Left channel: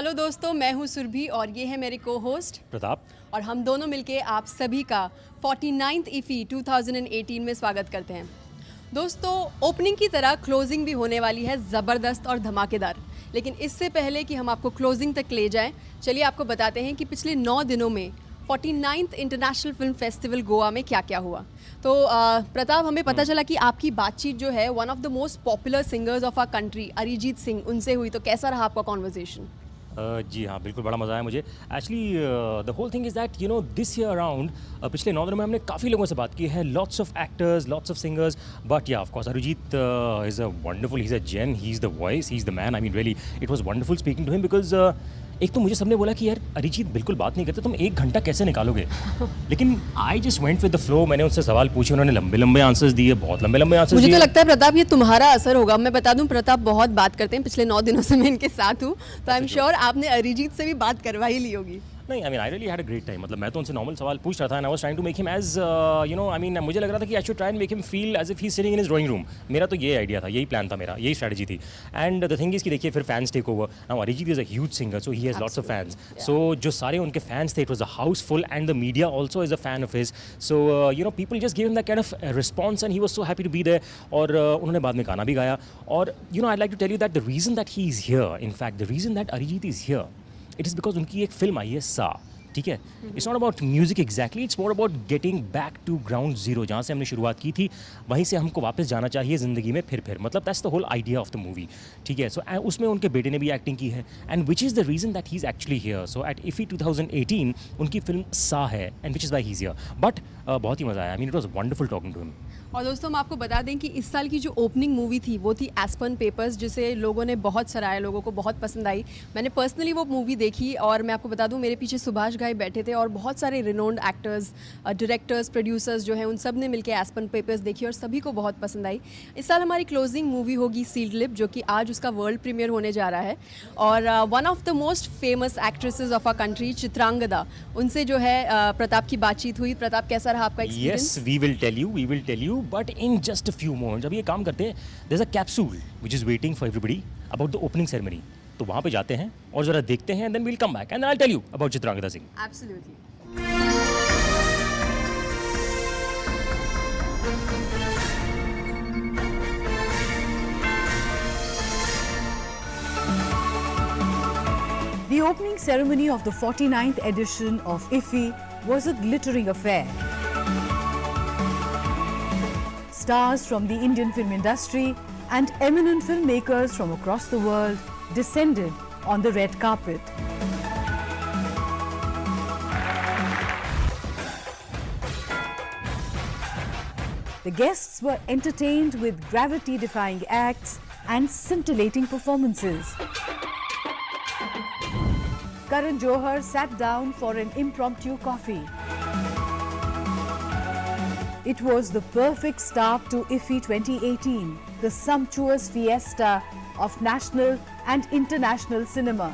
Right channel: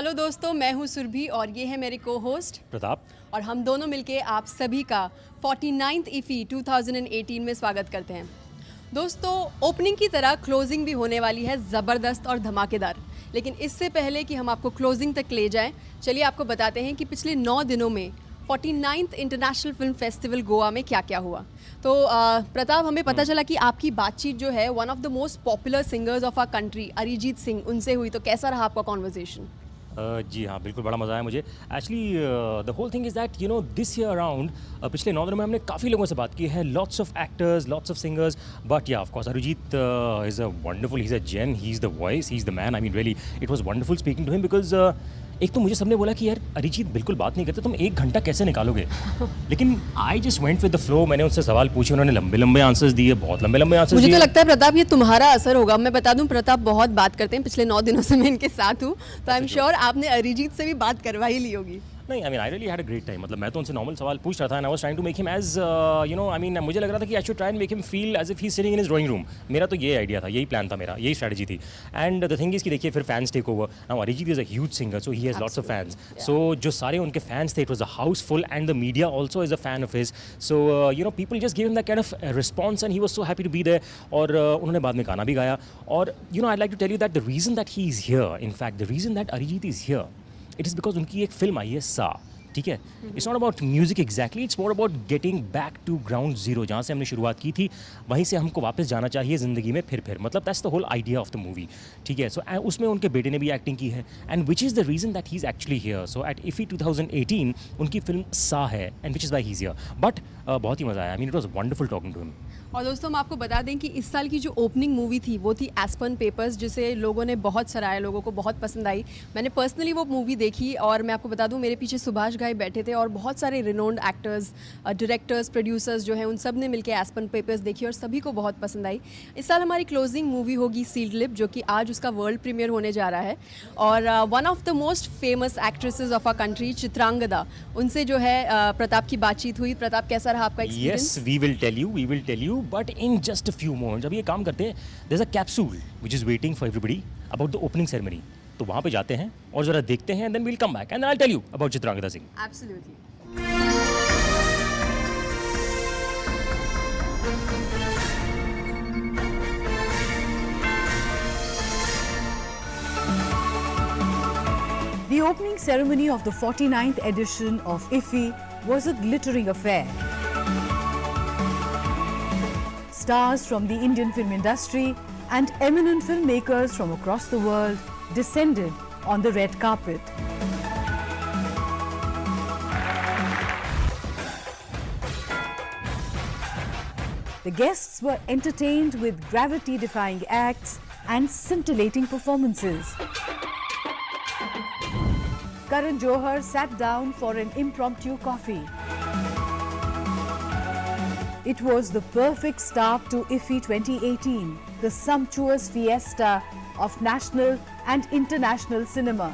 Hello दोस्तों, मैं हूं सुरभि और ये है मेरे को-होस्ट प्रताप और हम दोनों मिलके आप सभी का 49th IFFI 2018 में स्वागत करते हैं। दोस्तों, ओपनिंग की तरह क्लोजिंग भी होने वाली है ज़बरदस्त और धमाकेदार। लेकिन इससे पहले कि हम आपको क्लोजिंग तक ले जाएं, चलिए आपको बताते हैं कि पिछले 9 दिनों में 49th international film festival Goa में क्या क्या हुआ। तो प्रताप, हमें पता चला कि आपकी बातचीत जो है one of the most popular singers of our country Arijit Singh उनसे हुई, तो कैसा रहा आपका कॉन्वर्जेशन? जी हाँ, बिल्कुल बड़ा मज़ा आया मुझे। Actually the whole thing is that this year around पिछले 9 दिनों में हमने काफ़ी लोगों से बात की है, lots of actors, lots of singers, but yeah of course Arijit is a wonderful, he is a gem, he is the voice, he is the man. I mean really it was wonderful speaking to him because एक तो मुझे सबने बोला कि यार अरिजीत बिल्कुल बात नहीं करते, तुम 1 घंटा कैसे निकालोगे? लेकिन I just went with the flow. मैंने उनसे सवाल पूछे, उन्होंने लंबे लंबे आंसर्स दिए, बहुत लंबे लंबे आंसर्स दिए। मुझे तो लगता है प्रताप ये तुम्हारा असर होगा। मैं बता दूं, प्रताप बहुत बात करते हैं, पिछले 9 दिनों से मैं इनके साथ हूँ, तो आई एम श्योर आपने अरिजीत से भी बात करवा ही ली होगी। नहीं, I mean I really had a great time. मतलब मैं तो उनसे नॉर्मल सवाल पूछ रहा था and I was trying to make him as I mean मुझे लग रहा था कि I should try and make him feel as if he is sitting in his drawing room. मेरा तो ये आइडिया था, यही प्लान था मेरा, यही स्ट्रैटेजी थी। एंड द थिंग इज कि देखिए फिर fans take over. Now Arijit is a huge singer, so he has lots of fans. So जो सारे उनके फैंस थे, it was a house full and the media also is a fan of his. So people just give him that kind of response and he was so happy to be there. और उन्होंने बाद में गाना भी गाया। और I like to tell you that the reason that he is here, in fact the reason that Arijit is here, it is because उनकी एक फिल्म आई है सा। ठीक है, it's not about music exactly, it's more about getting back to ground zero. जहाँ से हमने शुरुआत की थी वहीं से हमको वापस जाना चाहिए ज़िंदगी में फिर मतलब that's the whole idea of the movie. ठीक है, सो उसमें उनके बेटे ने भी एक्टिंग की है and which is the reason that he is actually here. So at IFFI 2018 उनकी फिल्म सा है and which is why he is here. But बहुत ही मज़ा आया। I mean it was wonderful talking to him. और दोस्तों, हम आपको बता दें कि इस साल की जो ओपनिंग मूवी थी वो थी एस्पर्न पेपर्स, जिसे लोगों ने बहुत सराहा, लोगों को बहुत पसंद आई। मैंने पर्सनली वो मूवी देखी और मैं आपको बता दूं, मेरे पीछे सुभाष घाई बैठे थे और बहुत सारे रिनोन्ड एक्टर्स, डायरेक्टर्स, प्रोड्यूसर्स जो हैं उन सब ने मिलकर एस्पर्न पेपर्स देखी और सभी को बहुत पसंद आई। इस साल हमारी क्लोजिंग मूवी होगी सील्ड लिप, जो कि आज उसका वर्ल्ड प्रीमियर होने जा रहा है। और one of the most famous actresses of our country, Chitrangada, उनसे जो है प्रताप की बातचीत हुई। प्रताप, कैसा रहा आपका experience? Yes, we will tell you, but in just a few moments. अभी ये काम करते हैं, there's a capsule which is waiting for everybody about the opening ceremony. तो वहाँ पे जाते हैं और जरा देखते हैं, and then we'll come back and then I'll tell you about Chitrangada Singh. Absolutely. The opening ceremony of the 49th edition of IFFI was a glittering affair. Stars from the Indian film industry and eminent filmmakers from across the world descended on the red carpet. The guests were entertained with gravity-defying acts and scintillating performances. Karan Johar sat down for an impromptu coffee. It was the perfect start to IFFI 2018, the sumptuous fiesta of national and international cinema.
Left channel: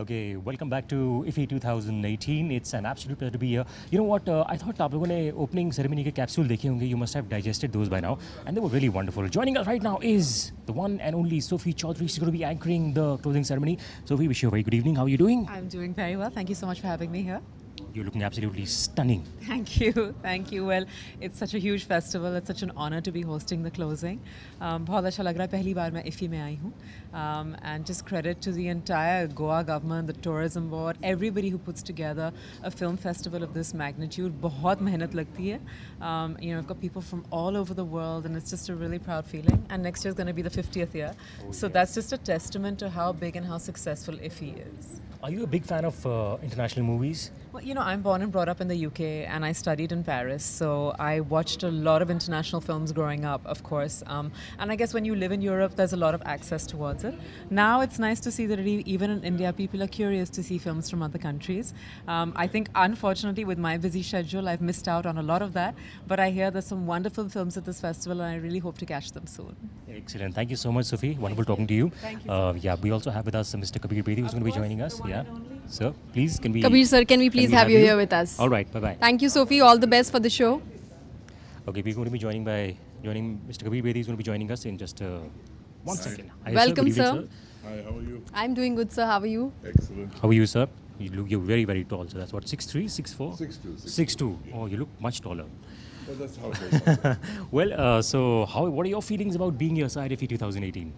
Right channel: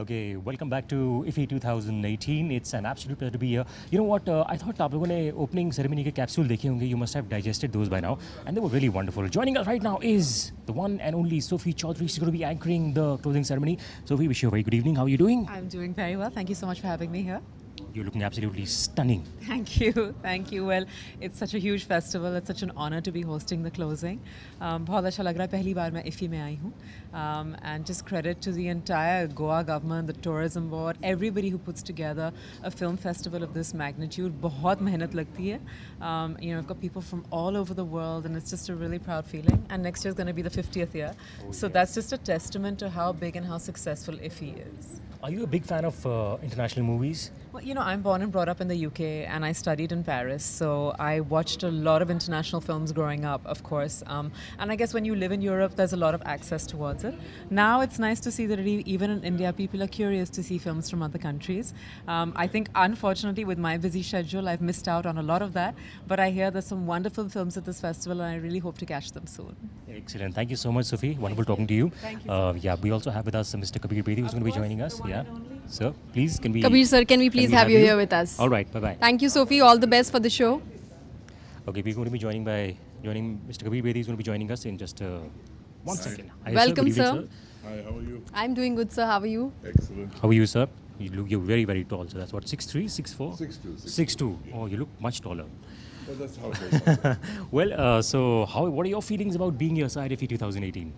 Okay, welcome back to IFFI 2018. It's an absolute pleasure to be here. You know what? I thought आप लोगों ने opening ceremony के capsule देखे होंगे. You must have digested those by now, and they were really wonderful. Joining us right now is the one and only Sophie Chaudhary. She's going to be anchoring the closing ceremony. Sophie, wish you a very good evening. How are you doing? I'm doing very well. Thank you so much for having me here. You're looking absolutely stunning. Thank you. Thank you. Well, it's such a huge festival. It's such an honor to be hosting the closing. बहुत अच्छा लग रहा है, पहली बार मैं IFFI में आई हूँ. And just credit to the entire Goa government, the tourism board, everybody who puts together a film festival of this magnitude. बहुत मेहनत लगती है. I've got people from all over the world, and it's just a really proud feeling. And next year is going to be the 50th year. So that's just a testament to how big and how successful IFFI is. Are you a big fan of international movies? Well, I'm born and brought up in the UK, and I studied in Paris, so I watched a lot of international films growing up, of course. And I guess when you live in Europe, there's a lot of access towards it. Now it's nice to see that even in India, people are curious to see films from other countries. I think, unfortunately, with my busy schedule, I've missed out on a lot of that. But I hear there's some wonderful films at this festival, and I really hope to catch them soon. Excellent. Thank you so much, Sophie. Wonderful talking to you. Thank you so much. Yeah, we also have with us Mr. Kabir Bedi, who's going to be joining us. The one Yeah. and only? Sir, please, can we... Kabir sir, can we please have you here with us? All right, bye-bye. Thank you, Sophie. All the best for the show. Okay, we're going to be joining Mr. Kabir Bedi is going to be joining us in just one second. Hi, Welcome, Good evening, sir. Hi, how are you? I'm doing good, sir. How are you? Excellent. How are you, sir? You're very, very tall. So that's what, 6'3", 6'4"? 6'2". 6'2". Oh, you look much taller. Well, that's how it is. Well, so what are your feelings about being here at IFFI 2018?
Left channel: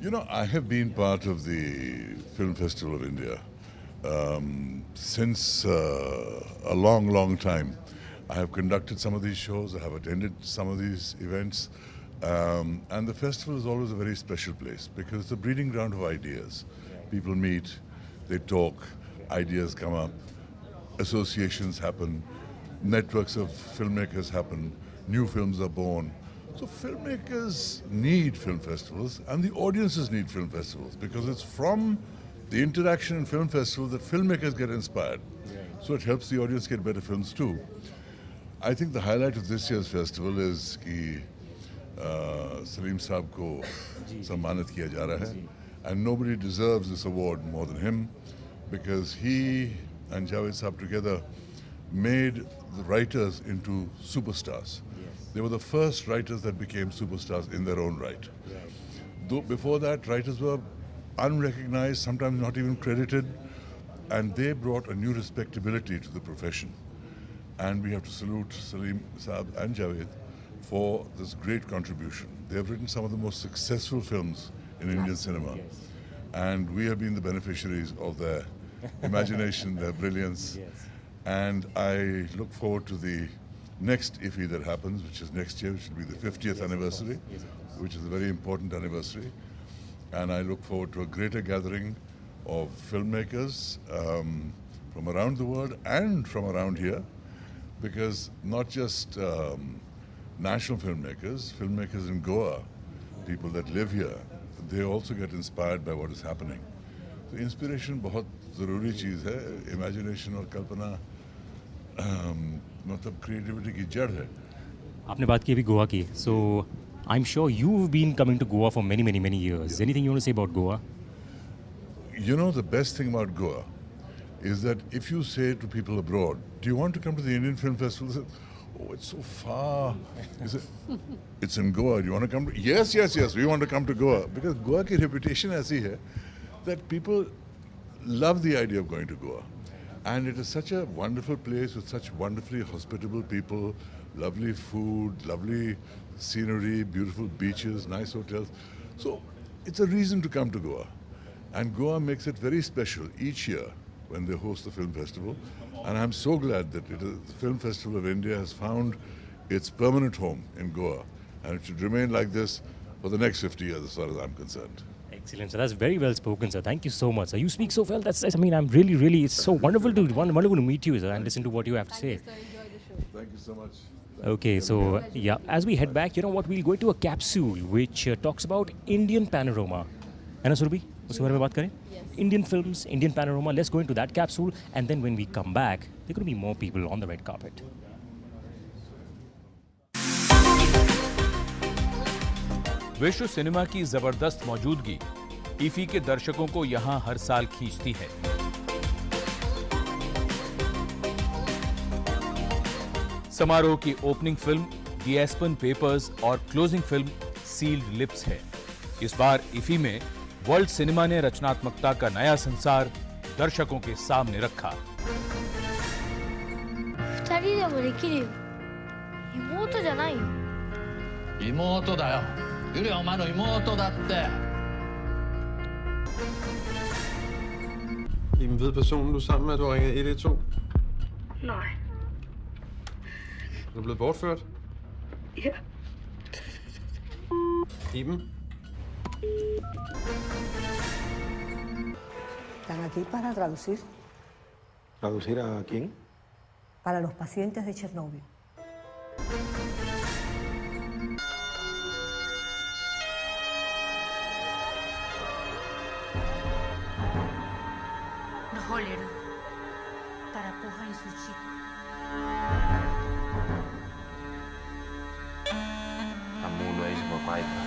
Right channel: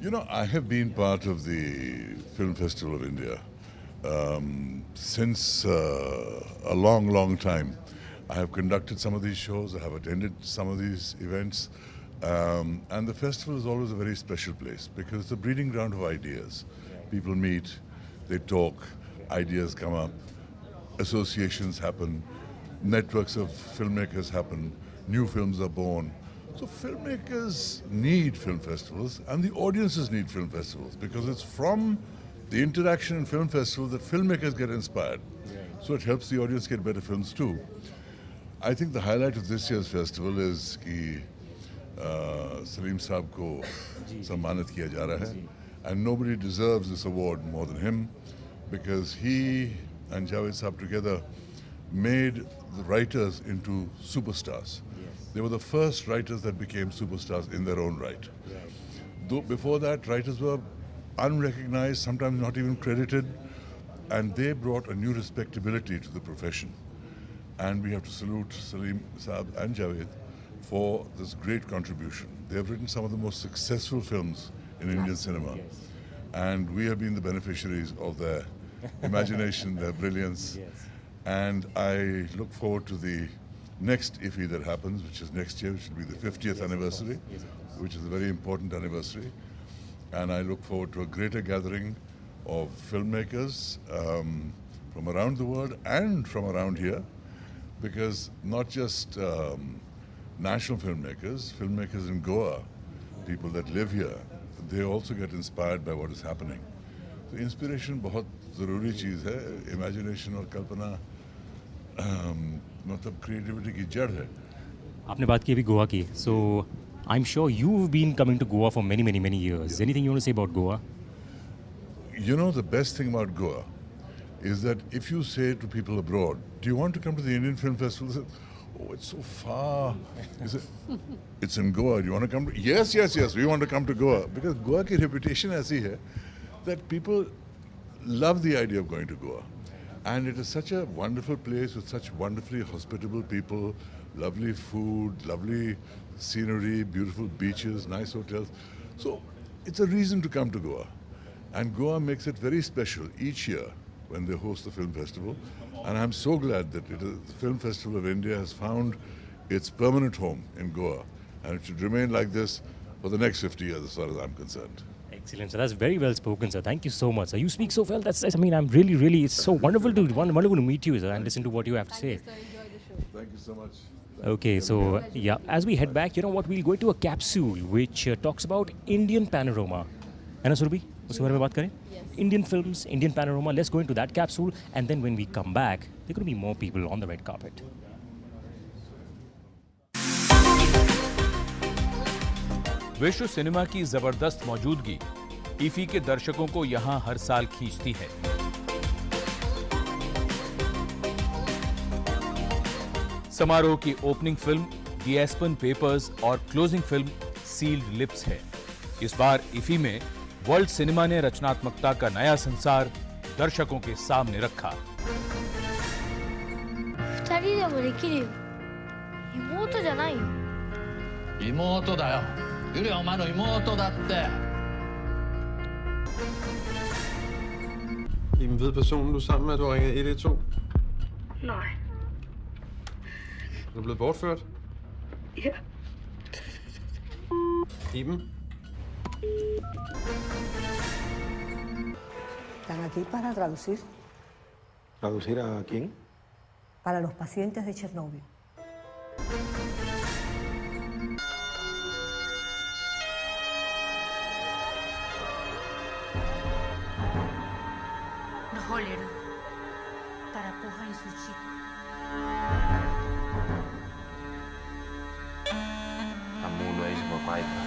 You know, I have been part of the Film Festival of India since a long, long time. I have conducted some of these shows, I have attended some of these events, and the festival is always a very special place because it's a breeding ground of ideas. People meet, they talk, ideas come up, associations happen, networks of filmmakers happen, new films are born. So filmmakers need film festivals and the audiences need film festivals because it's from the interaction in film festivals that filmmakers get inspired. So it helps the audience get better films too. I think the highlight of this year's festival is कि Salim साहब को सम्मानित किया जा रहा है, and nobody deserves this award more than him because he and Javed साहब together made the writers into superstars. They were the first writers that became superstars in their own right. Though before that, writers were unrecognized, sometimes not even credited, and they brought a new respectability to the profession. And we have to salute Salim Saab and Javed for this great contribution. They have written some of the most successful films in Indian cinema, and we have been the beneficiaries of their imagination, their brilliance. And I look forward to the next IFFI that happens, which is next year, which will be the 50th anniversary, which is a very important anniversary. And I look forward to a greater gathering of filmmakers from around the world and from around here, because not just national filmmakers in Goa, people that live here, they also get inspired by what is happening. So inspiration बहुत ज़रूरी चीज़ है, imagination और कल्पना मतलब creativity की जड़ है. आपने बात की अभी गोवा की. So I'm sure you've been coming to Goa for many, many, many years. Anything you want to say about Goa? You know, the best thing about Goa is that if you say to people abroad, do you want to come to the Indian Film Festival? They say, oh, it's so far. You say, it's in Goa. Do you want to come? Yes, we want to come to Goa. Because Goa की reputation ऐसी है that people love the idea of going to Goa. And it is such a wonderful place with such wonderfully hospitable people, lovely food, lovely scenery, beautiful beaches, nice hotels. So it's a reason to come to Goa. And Goa makes it very special each year when they host the film festival. And I'm so glad that the Film Festival of India has found its permanent home in Goa. And it should remain like this for the next 50 years as far as I'm concerned. Excellent, sir. That's very well spoken, sir. Thank you so much, sir. You speak so well. I'm really, it's so wonderful to meet you, sir, and listen to what you have to say. Thank you so much. Okay, so yeah, as we head back, you know what, we'll go into a capsule which talks about Indian panorama. है ना सुरभि? उसके बारे में बात करें? Indian films, Indian panorama. Let's go into that capsule, and then when we come back, there are going to be more people on the red carpet. विश्व cinema की जबरदस्त मौजूदगी IFFI के दर्शकों को यहां हर साल खींचती है. समारोह की ओपनिंग फिल्म द एस्पन पेपर्स और क्लोजिंग फिल्म सील्ड लिप्स है. इस बार IFFI में वर्ल्ड सिनेमा ने रचनात्मकता का नया संसार दर्शकों के सामने रखा. 二人でもできるよ。妹じゃないよ。妹だよ。ゆりはお前の妹だって。Jamen, ved personen, du er sammen med, at du har ringet 112? Nej. Er du blevet bortført? Ja. Iben? Están aquí para traducir ¿Traducir a quién? para los pacientes de Chernóbil. Naholera. Para poja en su chico. Kamu lo es bapak itu.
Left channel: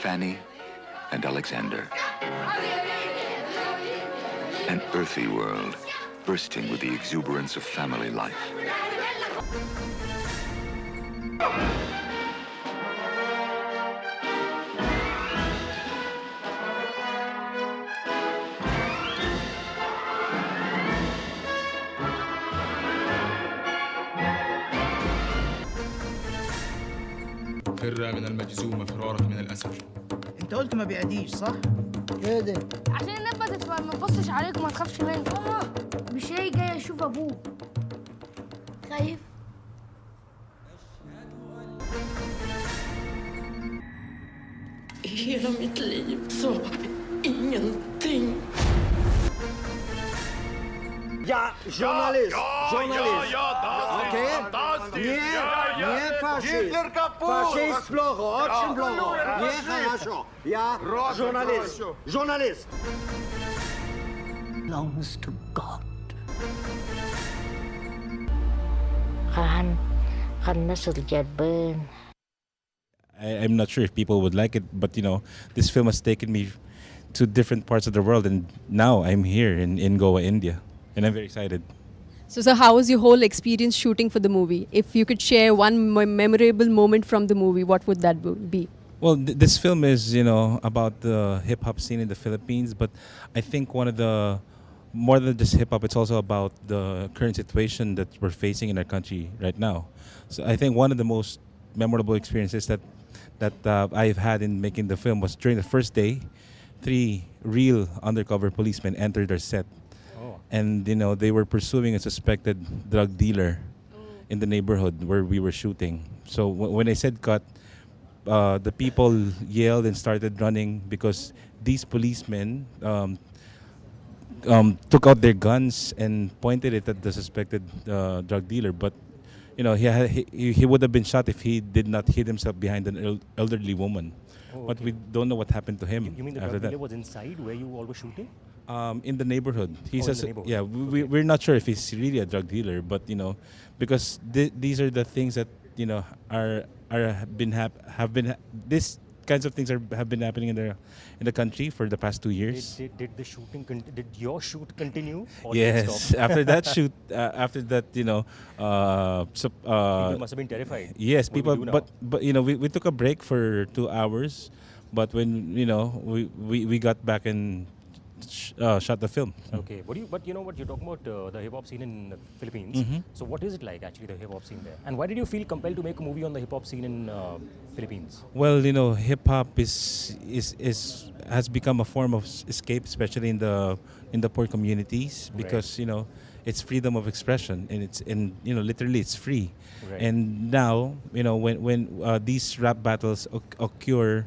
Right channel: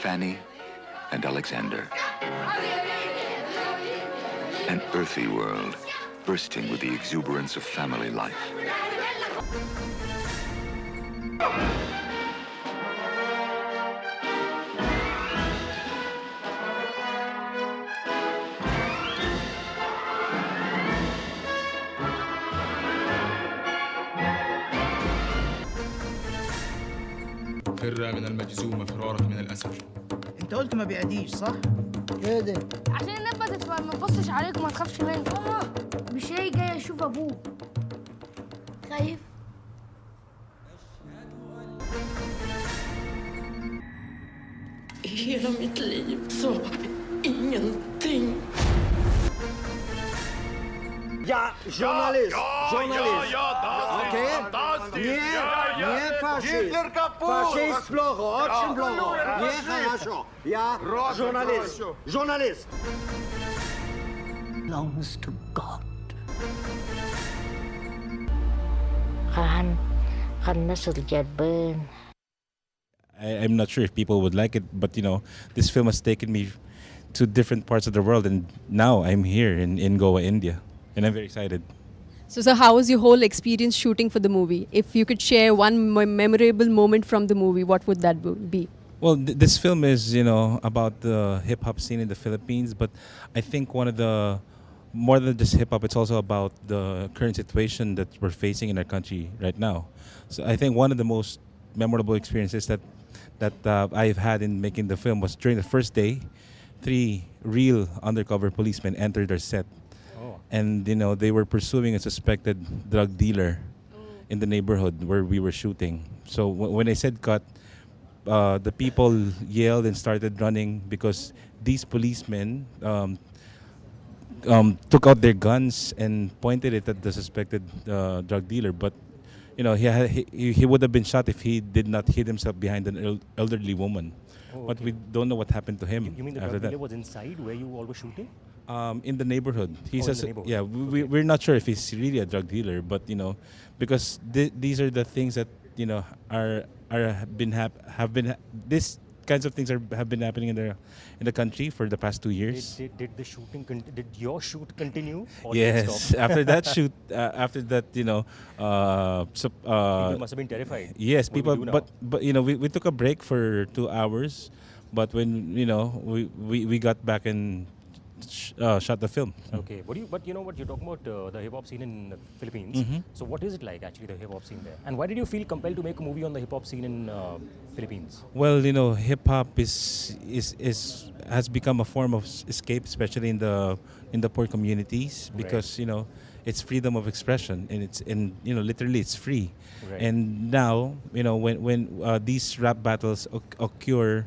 Fanny and Alexander. An earthy world, bursting with the exuberance of family life. فر من المجزوم فرارك من الأسد. انت قلت ما بيعديش صح؟ ايه ده؟ عشان نبدت ما تبصش عليك وما تخافش منه. ماما مش هي جاي اشوف ابوه. خايف؟ Hela mitt liv så ingenting. Ja, journalist. Journalist. Okej? Не фашист. Фашист плохо, очень плохо. Нехорошо. Я журналист. Журналист. Belongs to God. Khan nasıl gelbin? I'm not sure if people would like it, but this film has taken me to different parts of the world, and now I'm here in Goa, India, and I'm very excited. So how was your whole experience shooting for the movie? If you could share one memorable moment from the movie, what would that be? Well, this film is, about the hip-hop scene in the Philippines, but I think one of the, more than just hip-hop, it's also about the current situation that we're facing in our country right now. So I think one of the most memorable experiences that I've had in making the film was during the first day, 3 real undercover policemen entered our set. And they were pursuing a suspected drug dealer in the neighborhood where we were shooting. So when I said cut, the people yelled and started running because these policemen took out their guns and pointed it at the suspected drug dealer. But he would have been shot if he did not hid himself behind an elderly woman. But we don't know what happened to him. You mean the drug dealer was inside where you all were shooting? In the neighborhood. In the neighborhood. Yeah, we're not sure if he's really a drug dealer, but because these are the things that these kinds of things have been happening in the country for the past 2 years. Did the shooting did your shoot continue? Or Yes, did it stop? after that shoot, people must have been terrified. Yes, What do we do now? but we took a break for 2 hours, but when we got back and shot the film. Okay, but you're talking about the hip hop scene in the Philippines. Mhm. So what is it like actually, the hip hop scene there? And why did you feel compelled to make a movie on the hip hop scene in Philippines? Well, hip hop has become a form of escape, especially in the poor communities, because it's freedom of expression, and literally it's free. Right. And now when these rap battles occur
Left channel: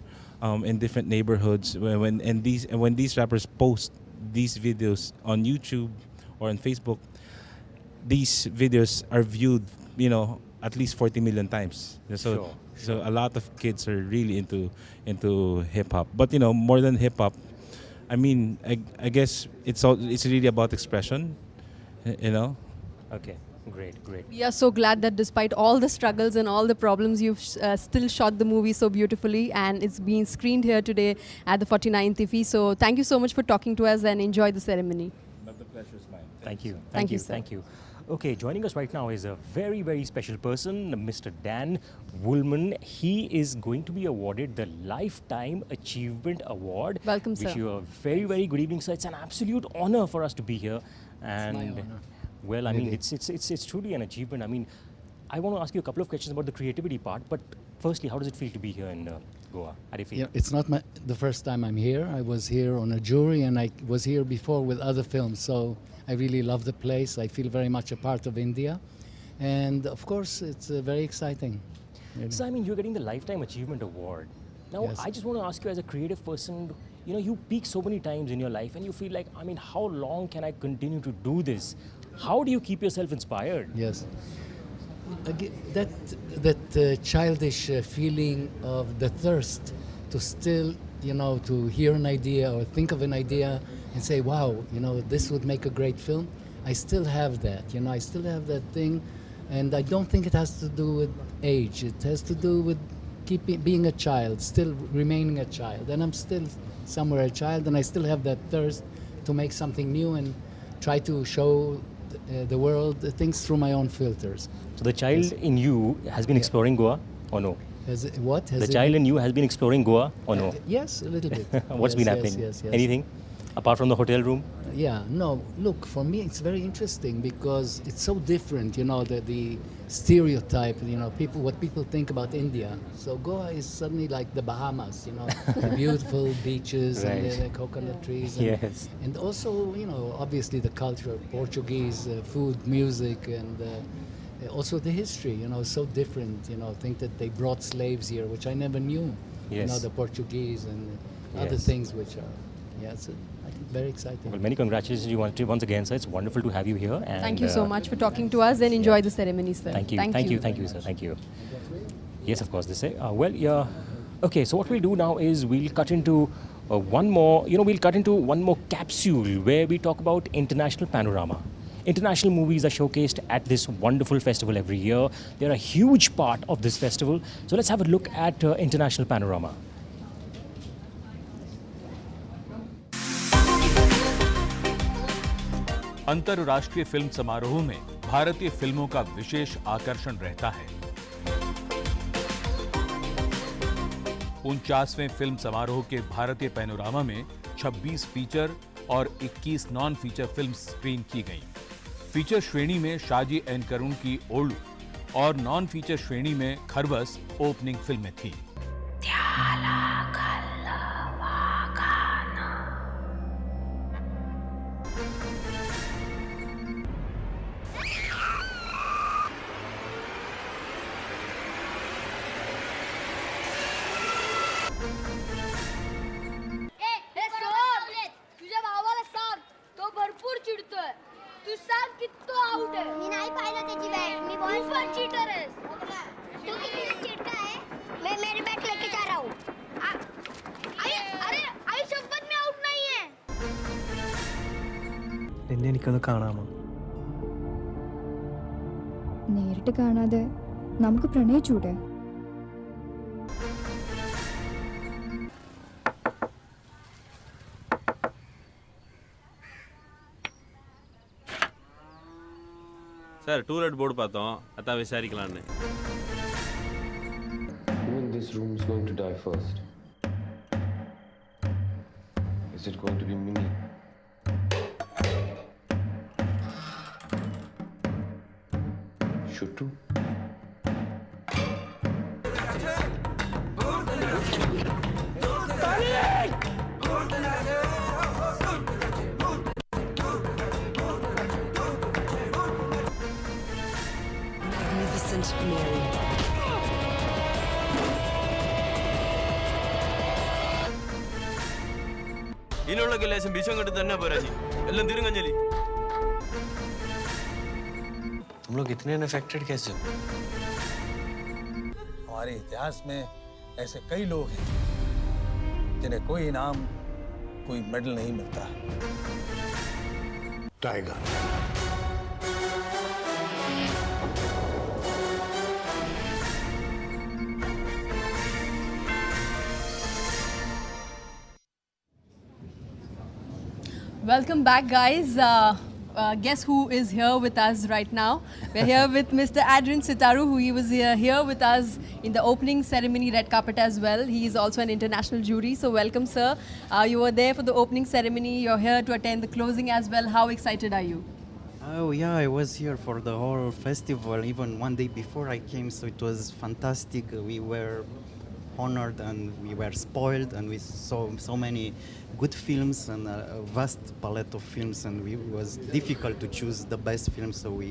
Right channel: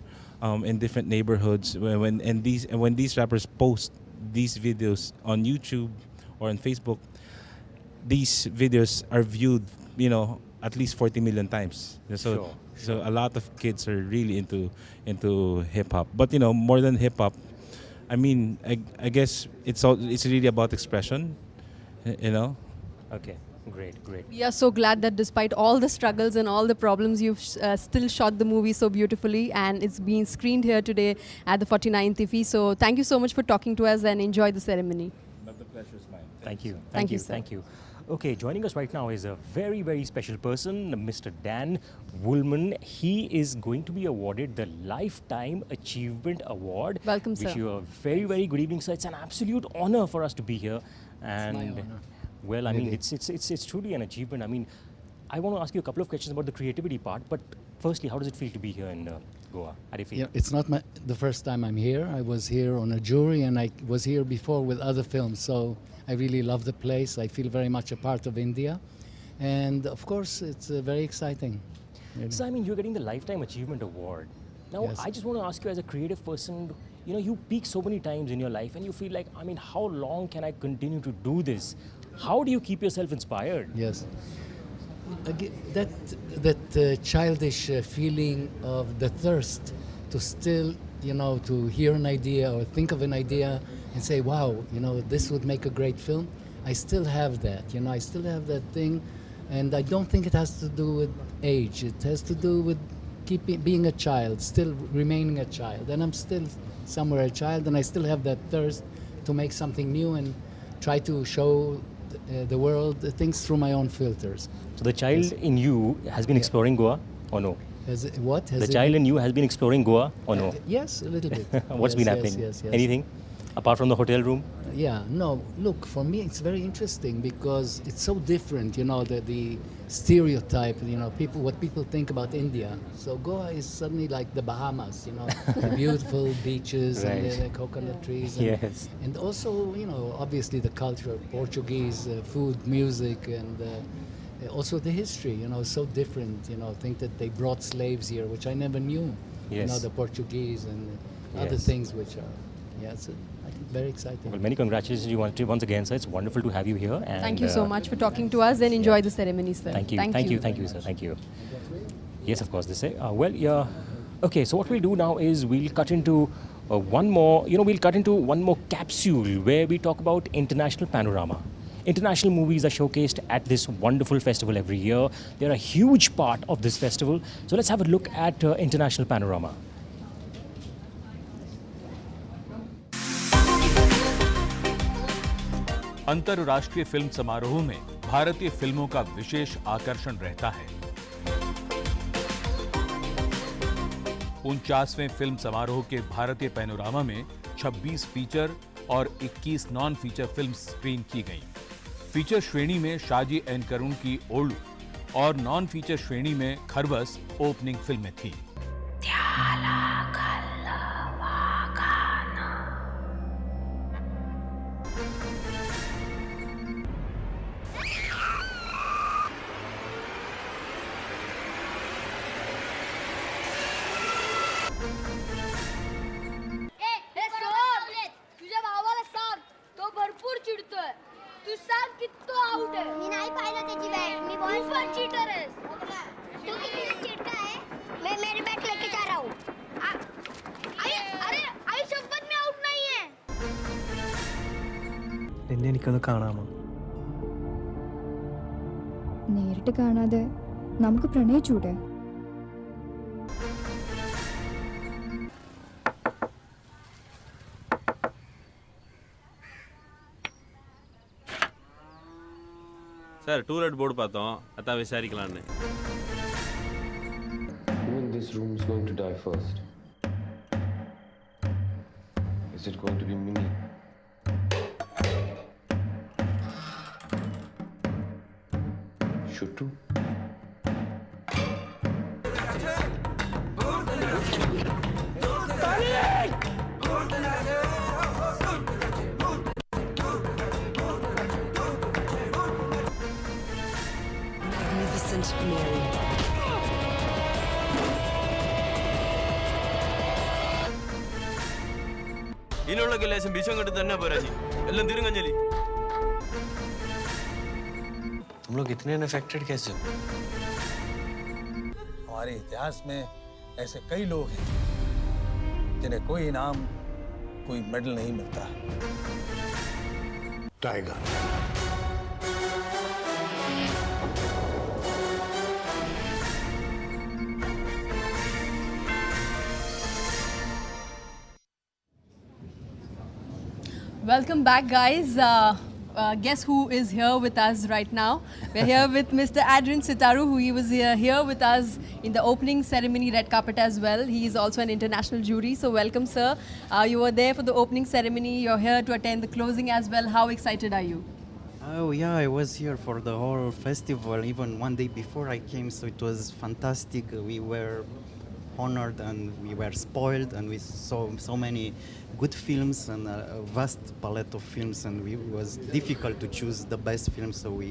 in different neighborhoods, when these rappers post these videos on YouTube or on Facebook, these videos are viewed at least 40 million times. So a lot of kids are really into hip hop. But more than hip hop, I mean, I guess it's really about expression. Okay, great. We are so glad that despite all the struggles and all the problems, you've still shot the movie so beautifully, and it's being screened here today at the 49th IFFI. So thank you so much for talking to us, and enjoy the ceremony. But the pleasure is mine. Thank you. Thank you, sir. Thank you. Okay, joining us right now is a very, very special person, Mr. Dan Woolman. He is going to be awarded the Lifetime Achievement Award. Welcome, sir. Wish you a very, very good evening, sir. It's an absolute honor for us to be here. And my honor. well, I mean, Really. it's truly an achievement. I mean, I want to ask you a couple of questions about the creativity part, but firstly, how does it feel to be here in Goa? How do you feel? Yeah, it's not the first time I'm here. I was here on a jury, and I was here before with other films. So I really love the place. I feel very much a part of India, and of course, it's very exciting. Really. So, I mean, you're getting the Lifetime Achievement Award. Now, Yes. I just want to ask you, as a creative person, you peak so many times in your life, and you feel like, I mean, how long can I continue to do this? How do you keep yourself inspired? Yes. That childish feeling of the thirst to still, to hear an idea or think of an idea and say, wow, this would make a great film. I still have that, I still have that thing. And I don't think it has to do with age. It has to do with being a child, still remaining a child. And I'm still somewhere a child, and I still have that thirst to make something new and try to show the world things through my own filters. So the child in you has been exploring Goa, or no? The child in you has been exploring Goa, or no? Yes, a little bit. What's been happening? Yes. Anything? Apart from the hotel room? Yeah, no, look, for me it's very interesting because it's so different, you know, the stereotype, you know, what people think about India. So Goa is suddenly like the Bahamas, you know, the beautiful beaches and the coconut trees. And, Yes. And also, you know, obviously the culture, Portuguese, food, music, and also the history, you know, so different, you know, think that they brought slaves here, which I never knew. Yes. You know, the Portuguese and other things which are, it's I think very exciting. Well, many congratulations to you once again, sir. It's wonderful to have you here. And, thank you so much for talking to us and enjoy the ceremony, sir. Thank you, sir. Thank you. Yes, of course, they say. Okay, so what we'll do now is we'll cut into one more capsule where we talk about international panorama. International movies are showcased at this wonderful festival every year. They're a huge part of this festival. So let's have a look at international panorama. अंतर्राष्ट्रीय film समारोह में भारतीय फिल्मों का विशेष आकर्षण रहता है। 49वें film समारोह के भारतीय पैनोरामा में 26 फीचर और 21 नॉन फीचर फिल्म स्क्रीन की गईं। फीचर श्रेणी में शाजी एन करुण की ओलू और नॉन फीचर श्रेणी में खरबस ओपनिंग फिल्में थी। എനിക്കൊന്ന് കാണാമോ? നേരിട്ട് കാണാതെ നമുക്ക് പ്രണയിച്ചൂടെ? சார் டூலெட் போர்டு பார்த்தோம், அதான் விசாரிக்கலான்னு. Who in this room is going to die first? Is it going to be Mimi? Shuttu? Magnificent Mary. ഇതിനുള്ള ലേശം വിഷം കെട്ട് തന്നെ പോരാജി, എല്ലാം തിരുങ്ങഞ്ഞലി. तुम लोग इतने अनअफेक्टेड कैसे हो? हमारे इतिहास में ऐसे कई लोग हैं जिन्हें कोई इनाम, कोई मेडल नहीं मिलता। Tiger. Welcome back, guys. Guess who is here with us right now? We're here with Mr. Adrian Sitaru, who he was here with us in the opening ceremony red carpet as well. He is also an international jury. So welcome, sir. You were there for the opening ceremony. You're here to attend the closing as well. How excited are you? Oh yeah, I was here for the whole festival, even one day before I came, so it was fantastic. We were honored and we were spoiled, and we saw so many good films and a vast palette of films, and it was difficult to choose the best film, so we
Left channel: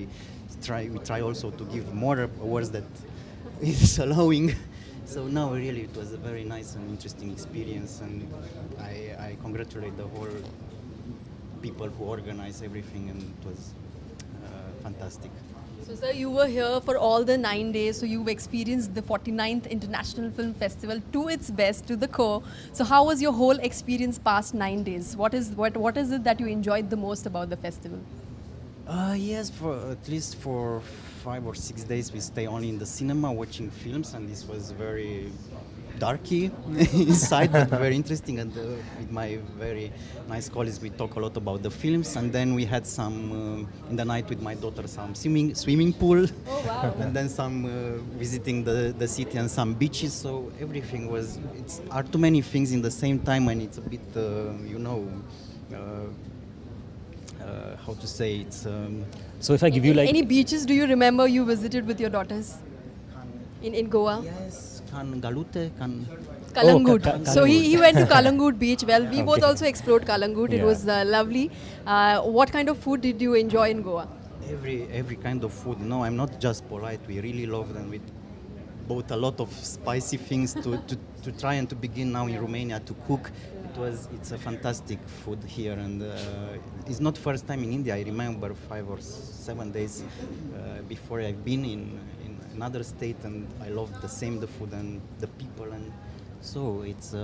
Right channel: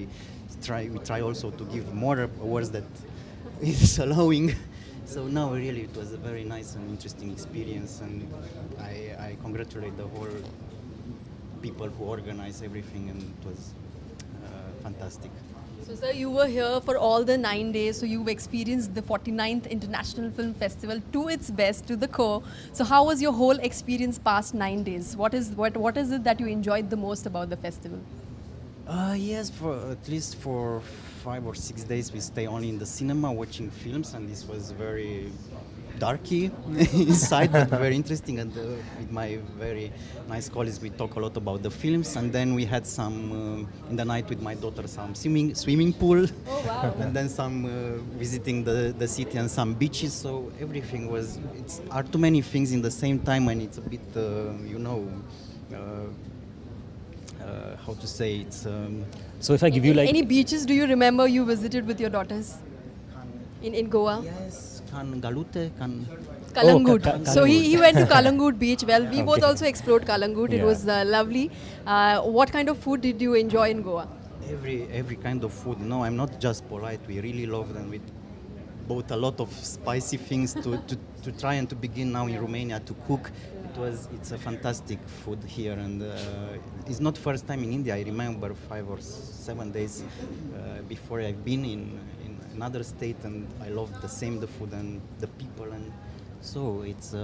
try also to give more awards that is allowing. So now really it was a very nice and interesting experience, and I congratulate the whole people who organized everything, and it was fantastic. So sir, you were here for all the 9 days, so you've experienced the 49th International Film Festival to its best, to the core. So how was your whole experience past 9 days? What is it that you enjoyed the most about the festival? Yes, for at least for 5 or 6 days we stay only in the cinema watching films, and this was very darky inside, but very interesting. And with my very nice colleagues, we talk a lot about the films. And then we had some in the night with my daughter, some swimming pool. Oh wow! And then some visiting the city and some beaches. So everything was. It's are too many things in the same time, and it's a bit how to say it's. So if I give you like any beaches, do you remember you visited with your daughters in Goa? Yes. Galute, Kalangut. Oh, So he went to Kalangut beach. Well, we both also explored Kalangut. It was lovely. What kind of food did you enjoy in Goa? Every kind of food. No, I'm not just polite. We really love them. We bought a lot of spicy things to try and to begin now in Romania to cook. It's a fantastic food here, and it's not first time in India. I remember 5 or 7 days before I've been in another state, and I love the food and the people, and so it's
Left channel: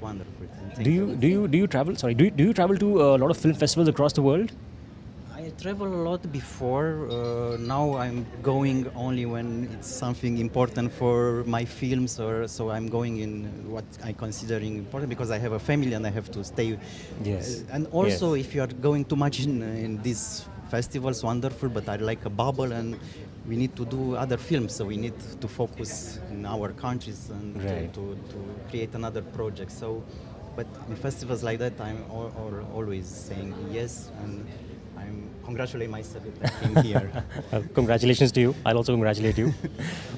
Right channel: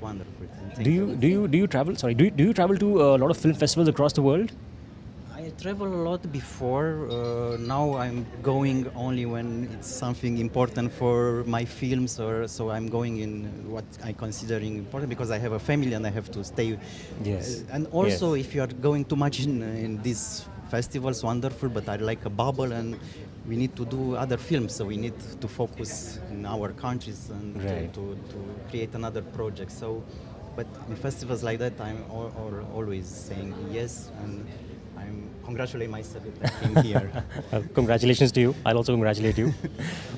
wonderful. do you travel? Sorry, do you travel to a lot of film festivals across the world? I travel a lot before. Now I'm going only when it's something important for my films, or so I'm going in what I considering important because I have a family and I have to stay. Yes. And also, if you are going too much in these festivals, wonderful. But I like a bubble, and we need to do other films, so we need to focus in our countries and to create another project. So, but in festivals like that, I'm always saying yes, and I'm congratulating myself that I came here. Congratulations to you. I'll also congratulate you.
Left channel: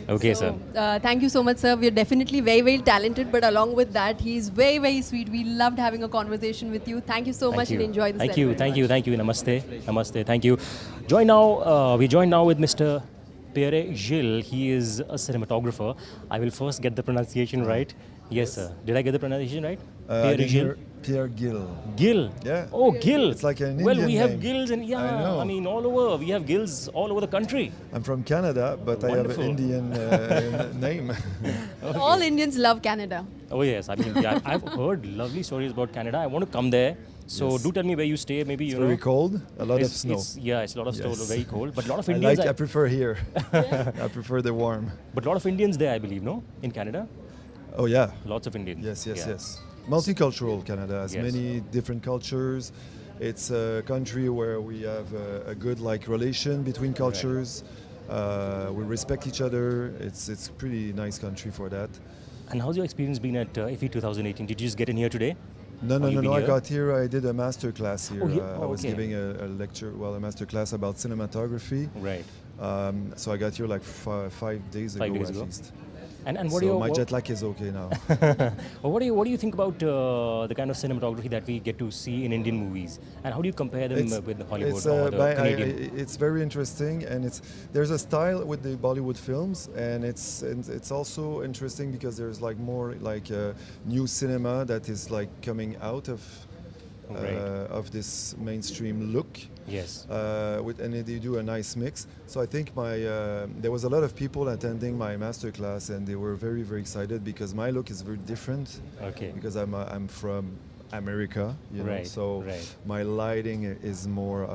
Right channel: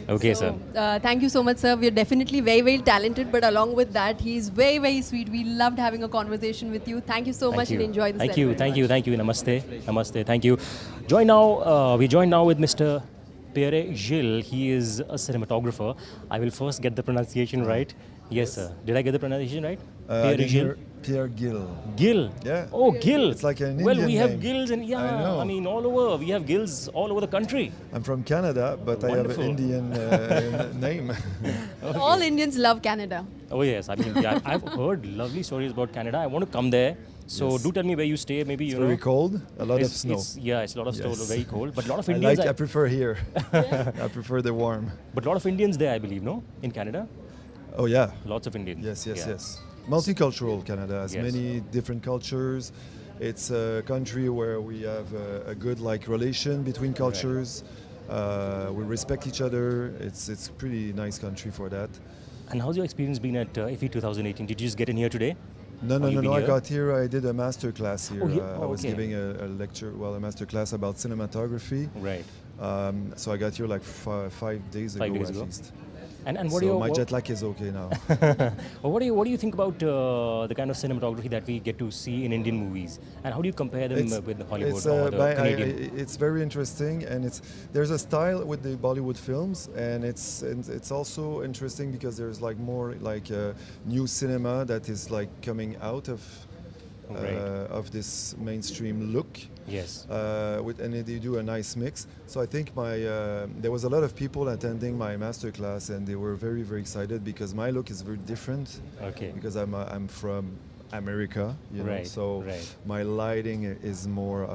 Okay, so, sir. Thank you so much, sir. We're definitely very, very talented, but along with that, he's very, very sweet. We loved having a conversation with you. Thank you so much and enjoy the Thank you. Namaste. Thank you. We join now with Mr. Pierre Gilles. He is a cinematographer. I will first get the pronunciation right. Yes, sir. Did I get the pronunciation right? Pierre Gilles. Gil. Yeah. Oh, Gil. It's like an Well, Indian we have name. Gils and I mean all over. We have Gils all over the country. I'm from Canada, but Wonderful. I have an Indian name. Okay. All Indians love Canada. Oh yes, I mean I've heard lovely stories about Canada. I want to come there. So do tell me where you stay. Maybe It's very cold. A lot of snow. It's a lot of snow. Very cold. But a lot of I Indians. I prefer here. I prefer the warm. But a lot of Indians there, I believe, no? In Canada. Oh yeah. Lots of Indians. Yes. Multicultural Canada has Yes. many different cultures. It's a country where we have a good relation between cultures. We respect each other. It's a pretty nice country for that. And how's your experience been at IFFI 2018? Did you just get in here today? No. I got here. I did a master class here. I was okay. giving a lecture, a master class about cinematography. Right. So I got here 5 days ago at least. And what so do you? My jet lag is okay now. Well, what do you think about the kind of cinematography that we get to see in Indian movies, and how do you compare them with Hollywood or the Canadian? It's very interesting, and there's a style with the Bollywood films, and it's also interesting because there's more new cinema that is coming out of this mainstream look. Yes. And they do a nice mix. So I think there was a lot of people attending my master class, and they were very, very excited because my look is very different. Okay. Because I'm from America, so my lighting is more.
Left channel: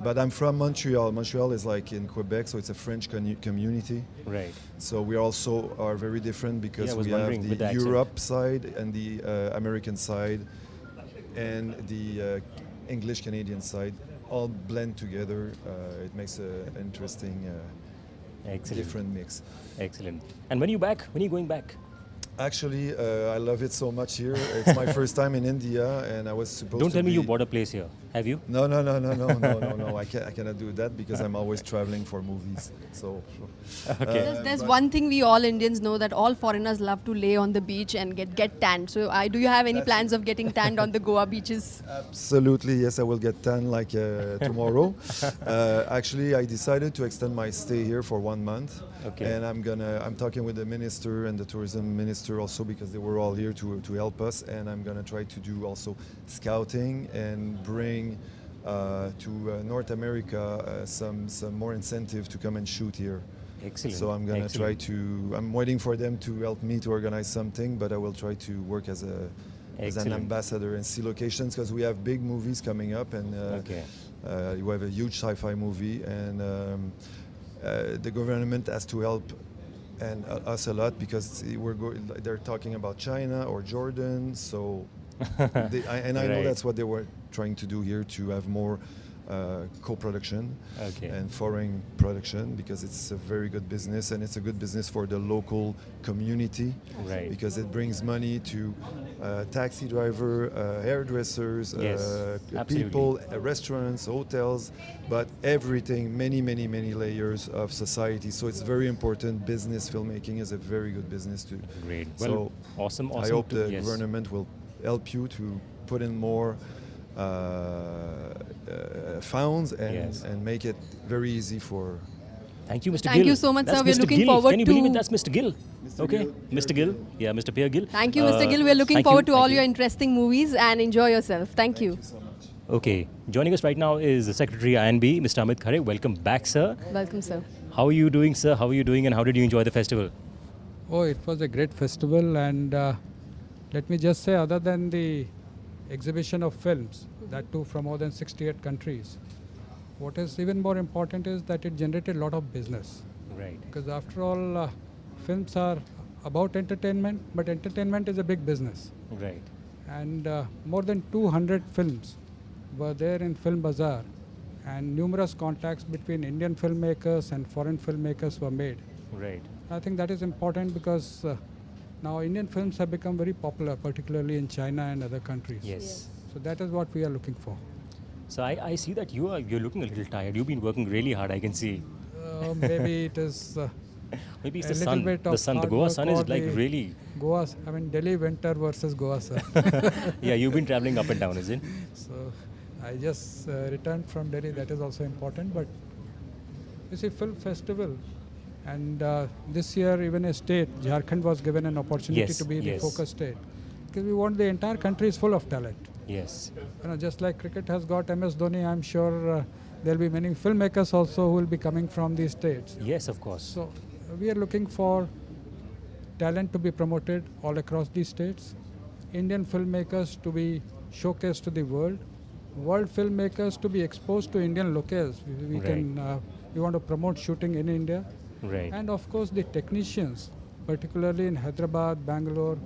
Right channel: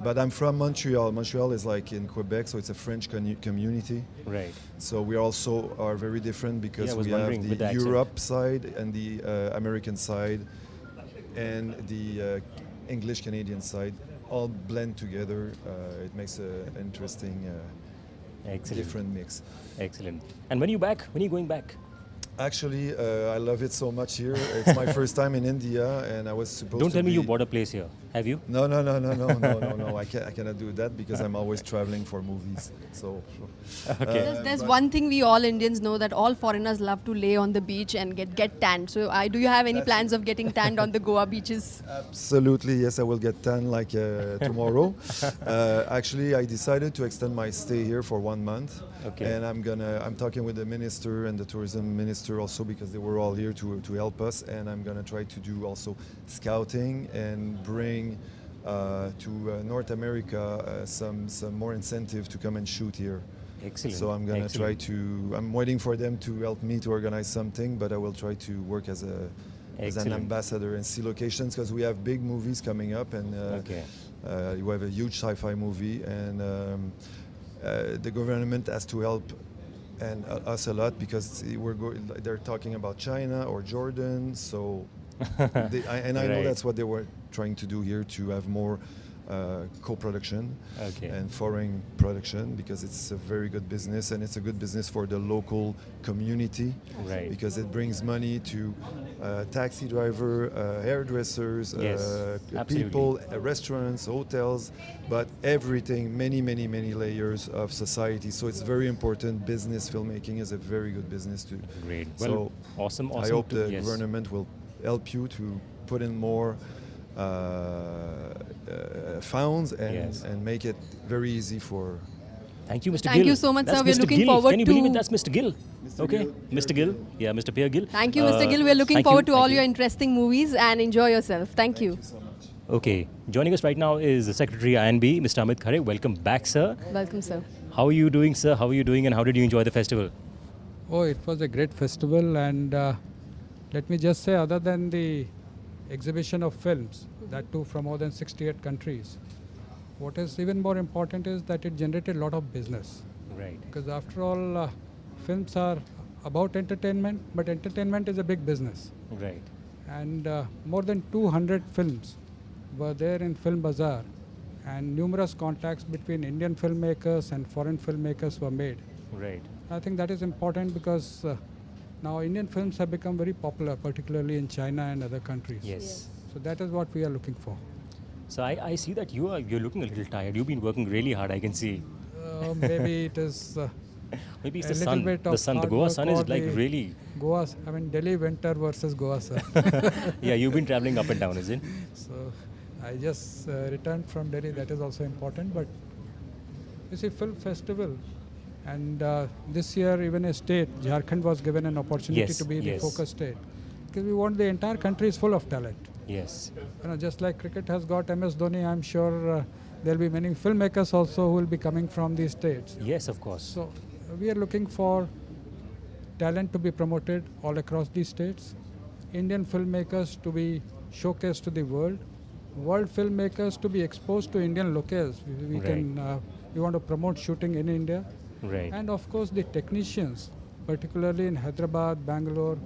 But I'm from Montreal. Montreal is in Quebec, so it's a French community. Right. So we also are very different because we have the Europe side and the American side, and the English Canadian side all blend together. It makes an interesting, different mix. Excellent. And when are you back? When are you going back? Actually, I love it so much here. It's my first time in India, and I was supposed to. Don't tell me you bought a place here. Have you? No. I cannot do that because I'm always traveling for movies. So. Okay. There's one thing we all Indians know, that all foreigners love to lay on the beach and get tanned. So do you have any plans of getting tanned on the Goa beaches? Absolutely, yes. I will get tan tomorrow. Actually, I decided to extend my stay here for 1 month. Okay. And I'm talking with the minister and the tourism minister also, because they were all here to help us. And I'm gonna try to do also scouting and bring to North America some more incentive to come and shoot here. Excellent. So I'm gonna try to. I'm waiting for them to help me to organize something, but I will try to work as an ambassador and see locations, because we have big movies coming up, and You have a huge sci-fi movie, and the government has to help and us a lot because they're talking about China or Jordan. So, I know that's what they were trying to do here, to have more co-production and foreign production, because it's a very good business, and it's a good business for the local community, because it brings money to taxi driver, hairdressers, people, restaurants, hotels, but everything, many layers of society. So it's very important. Business filmmaking is a very good business too. Great. So awesome. I hope the government will help you to put in more funds and make it very easy for. Thank you, Mr. Gill. Thank you so much, sir. We're looking forward to. Can you believe it? That's Mr. Gill. Mr. Gill. Yeah, Mr. Pierre Gill. Thank you, Mr. Gill. We're looking forward to all your interesting movies, and enjoy yourself. Thank you. So much. Okay, joining us right now is the Secretary INB, Mr. Amit Khare. Welcome back, sir. Welcome, sir. How are you doing, sir? How are you doing, and how did you enjoy the festival? Oh, it was a great festival, and let me just say, other than the exhibition of films, that too from more than 68 countries, what is even more important is that it generated a lot of business. Right. Because after all, films are about entertainment, but entertainment is a big business. Right. And more than 200 films were there in Film Bazaar, and numerous contacts between Indian filmmakers and foreign filmmakers were made. Right. I think that is important because now Indian films have become very popular, particularly in China and other countries. Yes. So that is what we are looking for. So I see that you're looking a little tired. You've been working really hard, I can see. Maybe it is maybe it's a the little sun. bit of The sun, the Goa sun is like really. Goa, I mean Delhi winter versus Goa sun. Yeah, you've been traveling up and down, is it? So I just returned from Delhi. That is also important. But you see, film festival, and this year even a state, Jharkhand, was given an opportunity to be the focus state, because we want the entire country is full of talent. Yes. You know, just like cricket has got MS Dhoni, I'm sure there'll be many filmmakers also who will be coming from these states. Yes, of course. So we are looking for talent to be promoted all across these states, Indian filmmakers to be showcased to the world, world filmmakers to be exposed to Indian locales. We want to promote shooting in India. Right. And of course the technicians, particularly in Hyderabad, Bangalore,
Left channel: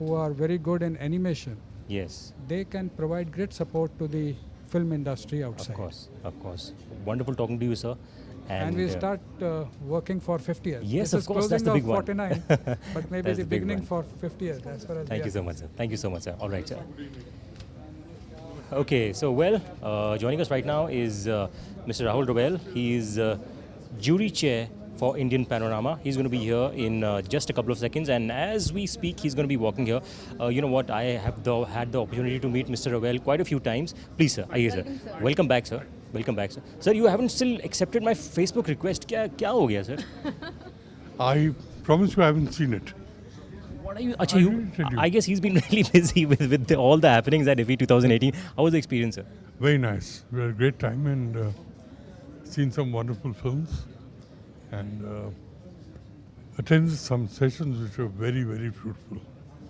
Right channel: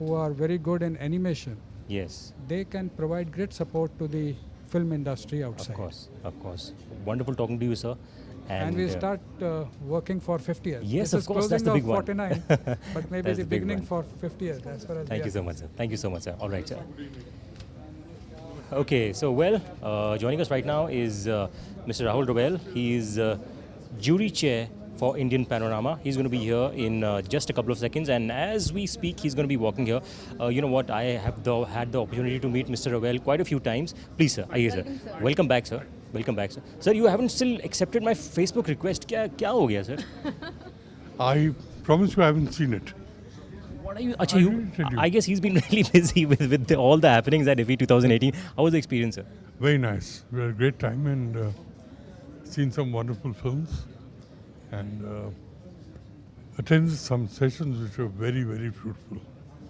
who are very good in animation. Yes. They can provide great support to the film industry outside. Of course. Wonderful talking to you, sir. And we start working for 50 years. Yes, this of course, that's the big 49, but maybe the beginning for 50 years. As far as Thank you so much, sir. Thank you so much, sir. All right, sir. Okay, so joining us right now is Mr. Rahul Robel. He is jury chair for Indian Panorama. He's going to be here in just a couple of seconds, and as we speak, he's going to be walking here. You know what? I have had the opportunity to meet Mr. Robel quite a few times. Please, sir. Aye, sir. Welcome back, sir. Welcome back, sir. Sir, you haven't still accepted my Facebook request. Kya ho gaya, sir? I promise you I haven't seen it. What are you? I guess he's been really busy with all the happenings at IFFI 2018. How was the experience, sir? Very nice. We had a great time and seen some wonderful films and attended some sessions which were very, very fruitful.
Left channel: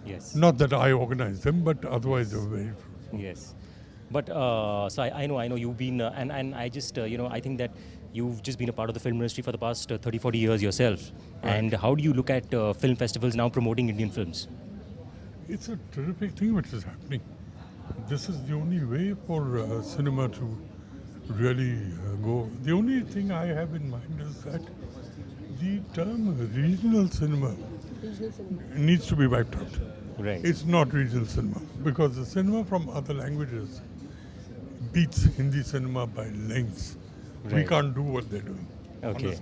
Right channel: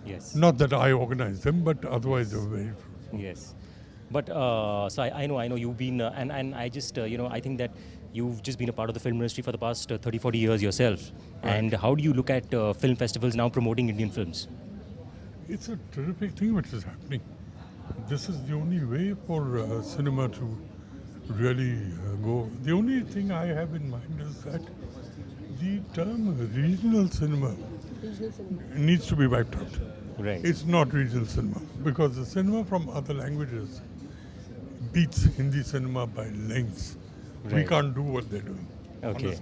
Yes. Not that I organized them, but otherwise they were very fruitful. Yes. But so I know you've been, and I just, I think that you've just been a part of the film industry for the past 30, 40 years yourself. Right. And how do you look at film festivals now promoting Indian films? It's a terrific thing which is happening. This is the only way for cinema to really go. The only thing I have in mind is that the term regional cinema needs to be wiped out. Right. It's not regional cinema because the cinema from other languages beats Hindi cinema by lengths. Right. We can't do what they're doing. Okay.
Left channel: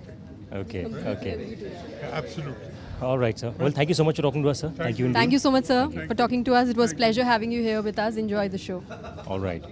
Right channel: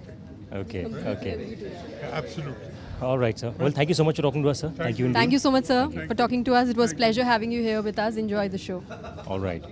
Okay. Yeah, absolutely. All right, sir. Well, thank you so much for talking to us, sir. Thank you. Thank you so much, sir, for talking to us. It was a pleasure having you here with us. Enjoy the show. All right.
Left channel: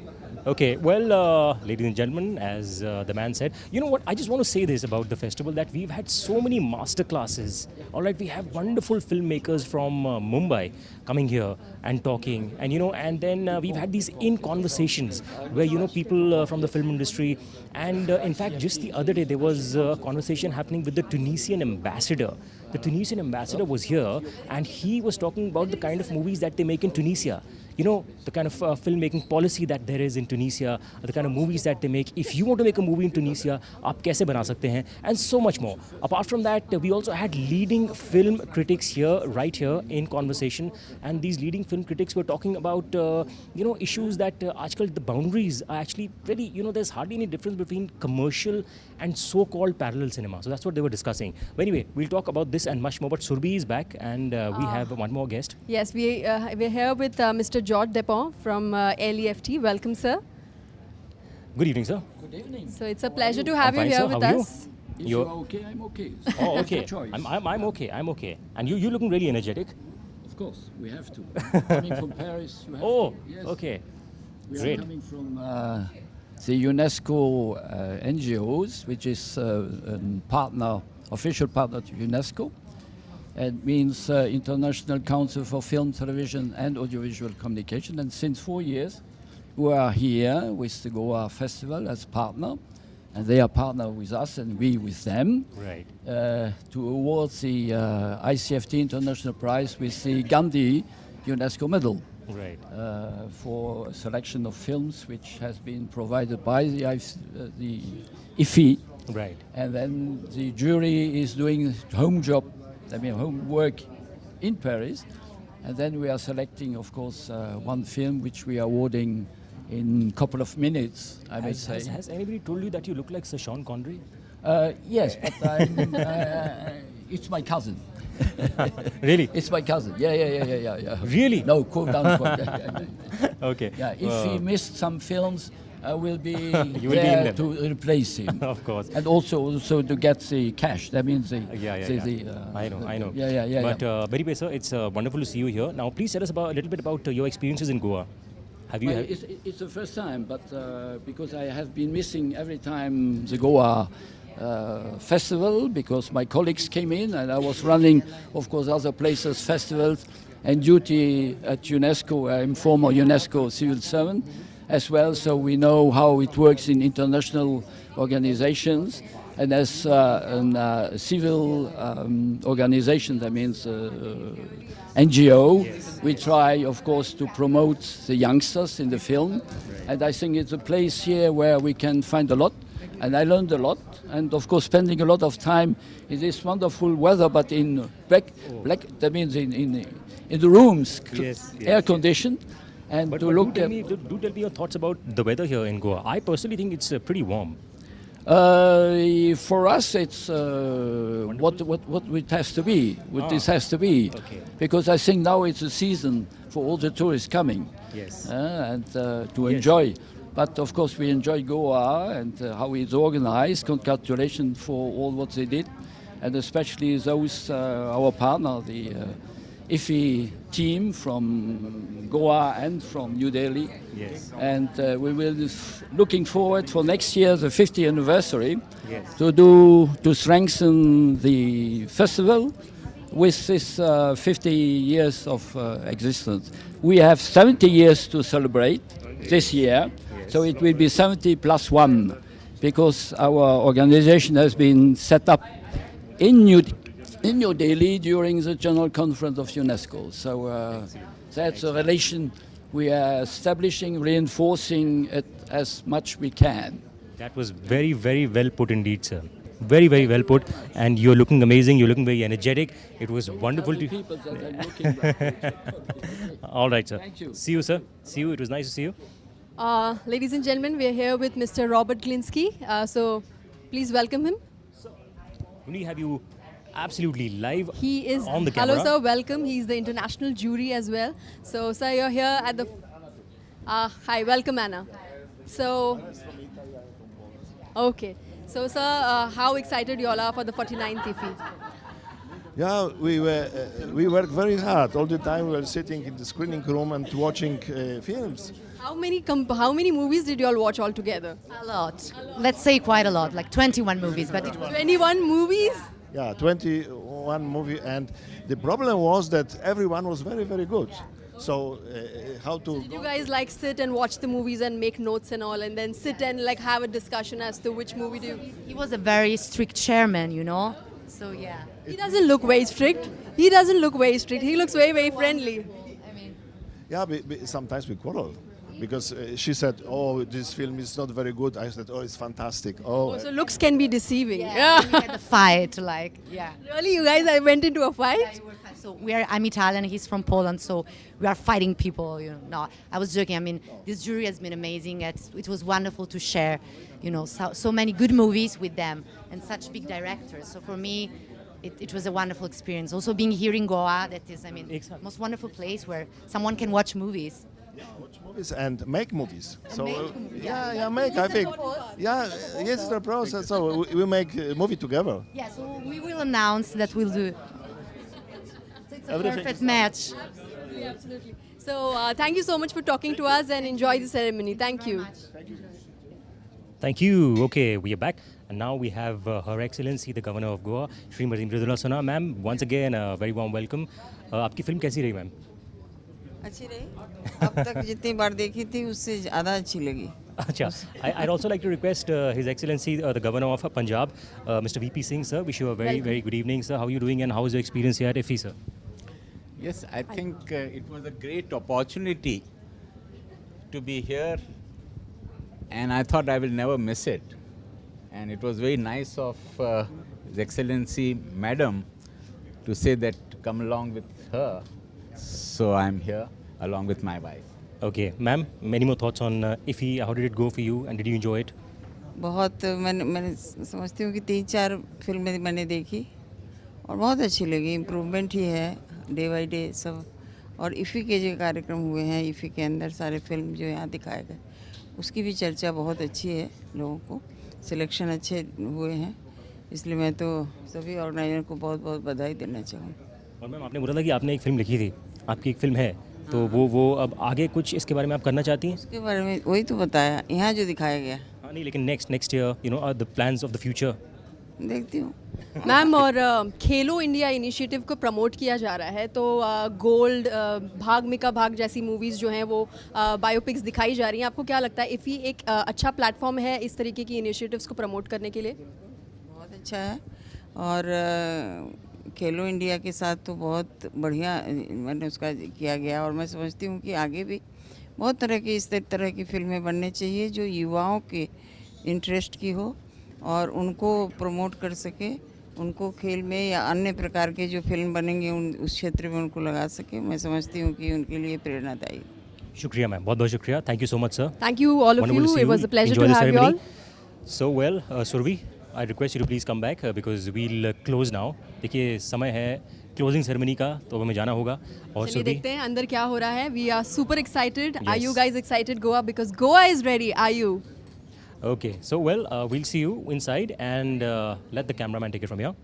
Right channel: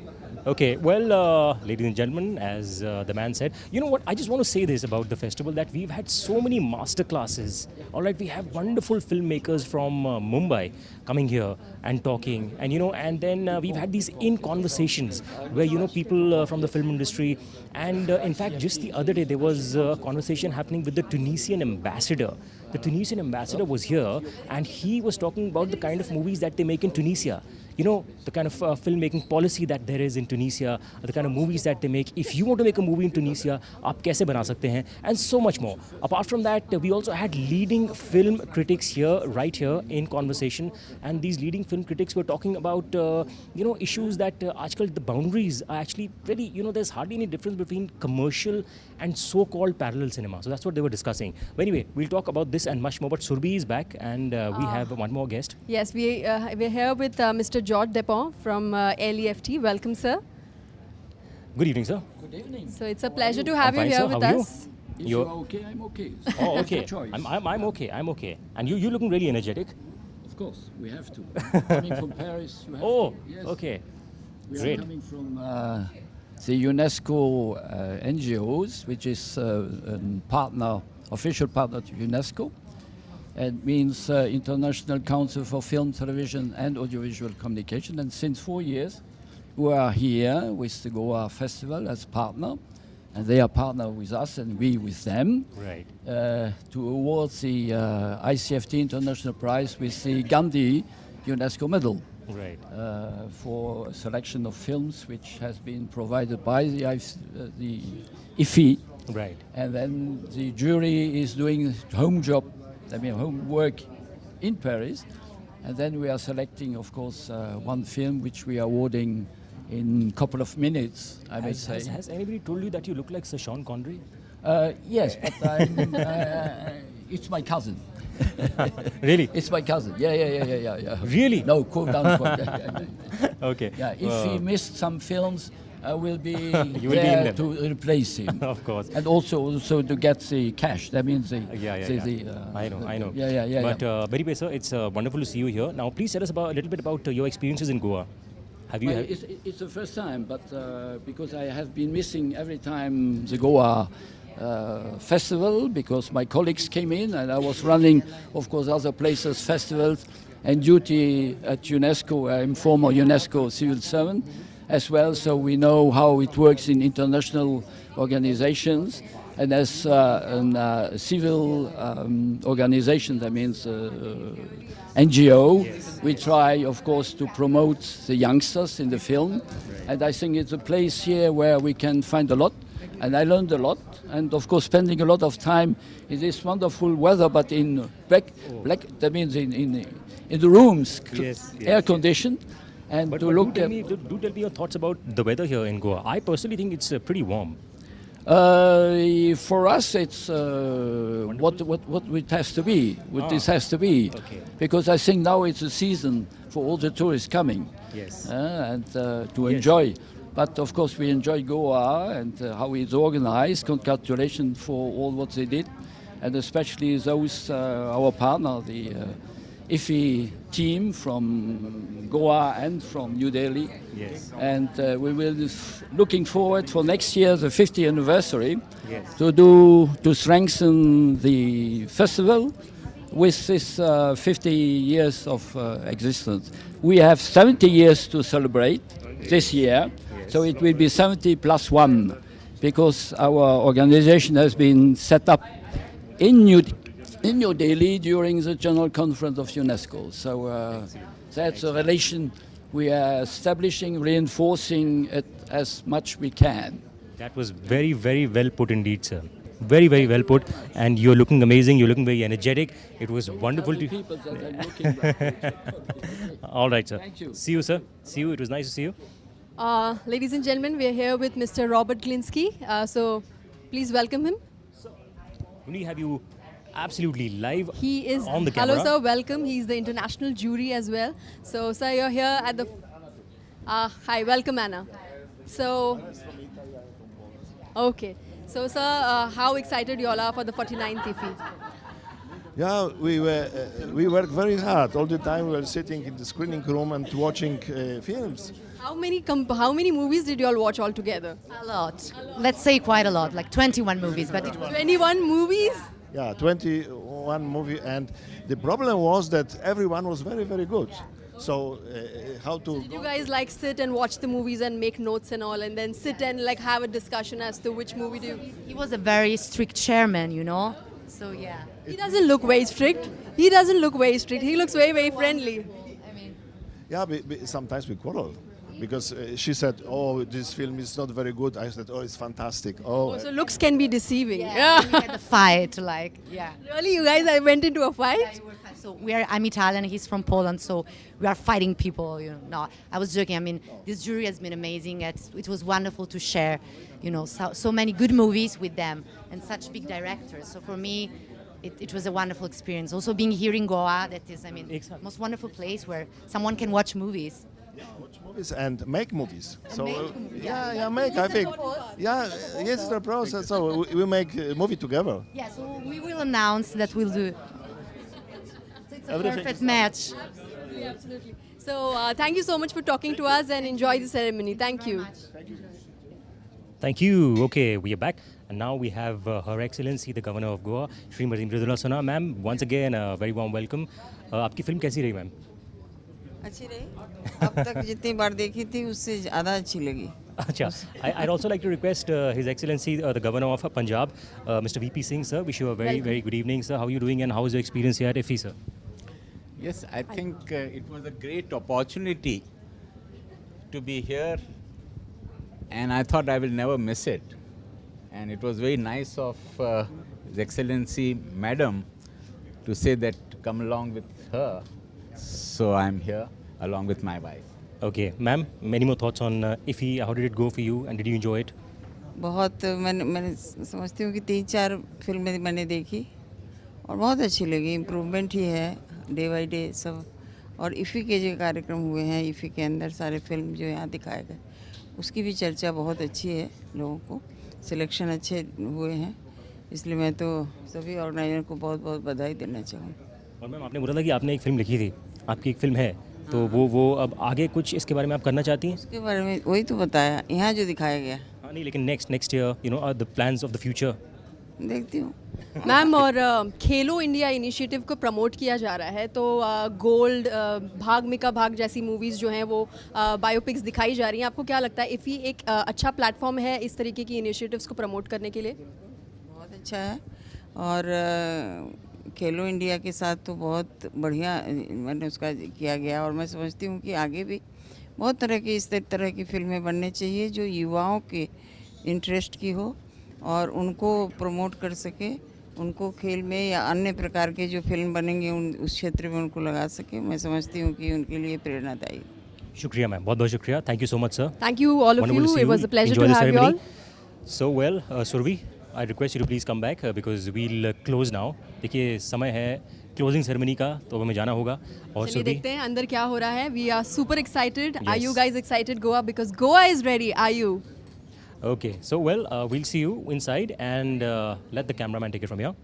Okay, well, ladies and gentlemen, as the man said, you know what, I just want to say this about the festival, that we've had so many master classes. All right, we have wonderful filmmakers from Mumbai coming here and talking, and and then we've had these conversations where people from the film industry, and in fact just the other day there was a conversation happening with the Tunisian ambassador. The Tunisian ambassador was here and he was talking about the kind of movies that they make in Tunisia. you know, the kind of filmmaking policy that there is in Tunisia, the kind of movies that they make. If you want to make a movie in Tunisia, आप कैसे बना सकते हैं? And so much more. Apart from that, we also had leading film critics here, right here in conversation, and these leading film critics were talking about, you know, issues that आजकल the boundaries are actually very, you know, there's hardly any difference between commercial and so-called parallel cinema. So that's what they were discussing. But anyway, we'll talk about this and much more. But Surbhi is back, and we have one more guest. Yes, we're here with Mr. George Depon from IFFI. Welcome, sir. Good evening, sir. Good evening. So it's a pleasure to have you here with us. If you're okay, I'm okay. Oh, okay. It's your choice. I'm okay. I'm okay. And you're looking really energetic. Of course, we have to. Coming from Paris, you have oh, to. Yes. Okay. We Great. are coming from the UNESCO NGOs, which is a partner, official partner to UNESCO. It means International Council for Film, Television and Audiovisual Communication. And since 4 years, we are here with the Goa Festival as partner. And they are partner with us and we with them. Right. To award the ICFT International Prize with the Gandhi UNESCO Medal. Right. For a selection of films which has been provided by the IFFI. Right. And then the jury is doing homework in Paris. And then we are selecting, of course, one film which we are awarding in a couple of minutes, I may say. Has anybody told you that you look like Sir Sean Connery? Yes, but it's my cousin. Really? It's my cousin. Yeah. Really? No, quote unquote. Okay. Yeah, if he missed some films, I will be you will there be in to replace him. Of course. And also to get the cash. That means the... I know. Yeah. But Bedi sir, it's wonderful to see you here. Now, please tell us a little bit about your experiences in Goa. It's the first time, but because I have been missing every time the Goa festival, because my colleagues came in and I was running, of course, other places, festivals, and duty at UNESCO. I'm former UNESCO civil servant as well, so we know how it works in international organizations. And as a civil organization, that means NGO, we try, of course, to promote the youngsters in the film. And I think it's a place here where we can find a lot. And I learned a lot. And, of course, spending a lot of time in this wonderful weather, but in black that means in the rooms, air-conditioned. And but to look do tell me your thoughts about the weather here in Goa. I personally think it's pretty warm. For us, it's what it has to be. This has to be, because I think now it's a season for all the tourists coming, and to enjoy. But of course, we enjoy Goa and how it's organized. Congratulations for all what they did, and especially those our partner, the IFFI team from Goa and from New Delhi. Yes. And we will be looking forward for next year, the 50th anniversary, yes, to strengthen the festival with this 50 years of existence. We have 70 years to celebrate this year, so it will be 70 plus 1, because our organization has been set up in New Delhi during the General Conference of UNESCO. So that's a relation we are establishing, reinforcing it as much we can. That was very, very well put indeed, sir. Very, very well put. And you're looking amazing. You're looking very energetic. It was wonderful to... All right, sir. Thank you. See you, sir. See you. It was nice to see you. Ladies and gentlemen, we are here with Mr. Robert Glinsky. So please welcome him. We have you absolutely live he is on the camera. Hello, sir. Welcome. He's the international jury as well. So, sir, you're here at the... hi, welcome, Anna. So, okay. So, sir, how excited you all are for the 49th IFFI? Yeah, we work very hard. All the time we were sitting in the screening room and watching films. How many movies did you all watch all together? A lot. Let's say quite a lot, like 21 movies. But 21 movies? Yeah, 21 movies, and the problem was that everyone was very, very good. So how to... Did you guys like sit and watch the movies and make notes and all, and then sit and like have a discussion as to which movie do you... He was a very strict chairman, you know. So yeah. He doesn't look very strict. He doesn't look very strict. He looks very, very friendly. Yeah, sometimes we quarrel. Because she said, "Oh, this film is not very good." I said, "Oh, it's fantastic." Oh, so looks can be deceiving. Yeah, we had a fight, like, yeah. Really, you guys went into a fight? Yeah, we were fighting. So I'm Italian, he's from Poland, so we are fighting people, you know. No, I was joking. I mean, this jury has been amazing. It was wonderful to share, you know, so many good movies with them and such big directors. So for me, it was a wonderful experience. Also being here in Goa, that is, I mean, most wonderful place where someone can watch movies. Watch movies and make movies. And so make movies. make. I think. Yeah, yes, it's the process. So we make a movie together. Yeah, so we will announce that we'll do. So it's a Everything perfect match. Absolutely. So thank you so much for talking to us and enjoy the ceremony. Thank you. Thank you. Okay, we are back. And now we have Her Excellency, the Governor of Goa, Srimati Mridula. Ma'am, once again, a very warm welcome. आपकी film कैसी रही ma'am? अच्छी रही. अब तक जितनी बार देखी थी उससे ज़्यादा अच्छी लगी. Acha. I'd also like to request His Excellency, the Governor of Punjab, Mr. VP Singh, sir. Wish you a very, very good evening, sir. How are you doing and how is your experience here at IFFI, sir? Yes, I think it was a great opportunity to be here and I thought I will never miss it. And it was very nice of His Excellency, Madam, to say that to come along with her. So I'm here along with my wife. Okay, ma'am, many more thoughts on IFFI. How did it go for you and did you enjoy it? बहुत मैंने समझती हूँ कि 3-4 फिल्में मैंने देखी और बहुत अच्छी लगी. इम्प्रूवमेंट ही है डे बाई डे सब. और IFFI के जो कार्यक्रम हुए हैं, IFFI के अंदर सारे फिल्म जो यहाँ दिखाए गए, उसकी भी चर्चा बहुत अच्छी है. लोगों को सिलेक्शन अच्छे हुए हैं, इसलिए मैं तो सभी ऑर्गेनाइजर को बहुत बहुत बधाई देना चाहूँगी. और मैम आपने बोला था कि आपने एक फिल्म लिखी थी, आपकी एक फिल्म है, तो वो अब आगे कुछ इसके बारे में आप करना चाहती हैं? उसके बारे में वही तो बताया यहाँ जो दिखाया गया. हाँ नहीं, लेकिन next year you know the plans of the future. देखती हूँ. मैम, और खेलो इंडिया इनिशिएटिव को प्रमोट किया जा रहा है, तो गोल्ड, भाग मिका भाग जैसी मूवीज़ जो हैं वो बायोपिक्स दिखाई जा रही हैं. आपको क्या लगता है IFFI एक अच्छा प्लेटफॉर्म है इस तरीके की इनिशिएटिव्स को प्रमोट करने के लिए? बहुत अच्छा है. और खेलो इंडिया के साथ तो बहुत बढ़िया मैंने उसका किया गया. और मैं समझती हूँ कि आगे भी बहुत तरह की इस तरह की फिल्में बनने चाहिए जो युवाओं के इंटरेस्ट की हो और उनको प्रमोट कर सके, उनको खेल में या अन्य प्रकार के जो फिल्म बनेंगे उस क्षेत्र में उनको लगा सके. मैं समझती हूँ कि उनके लिए प्रेरणादायी. शुक्रिया मैम, बहुत बहुत शुक्रिया. Thank you so much sir. Thank you all of you. It was a pleasure to have you all. So well Surabhi, I request you to please come back because we'll close now. देखिए समय है closing ceremony का, तो हमें जाना होगा. और चलिए देखते हैं अंदर क्या हो रहा है. We are super excited. Are you guys excited, Goa? Because Goa is ready. Are you? Okay, so well, we'll see you inside and let the cameraman take it from here.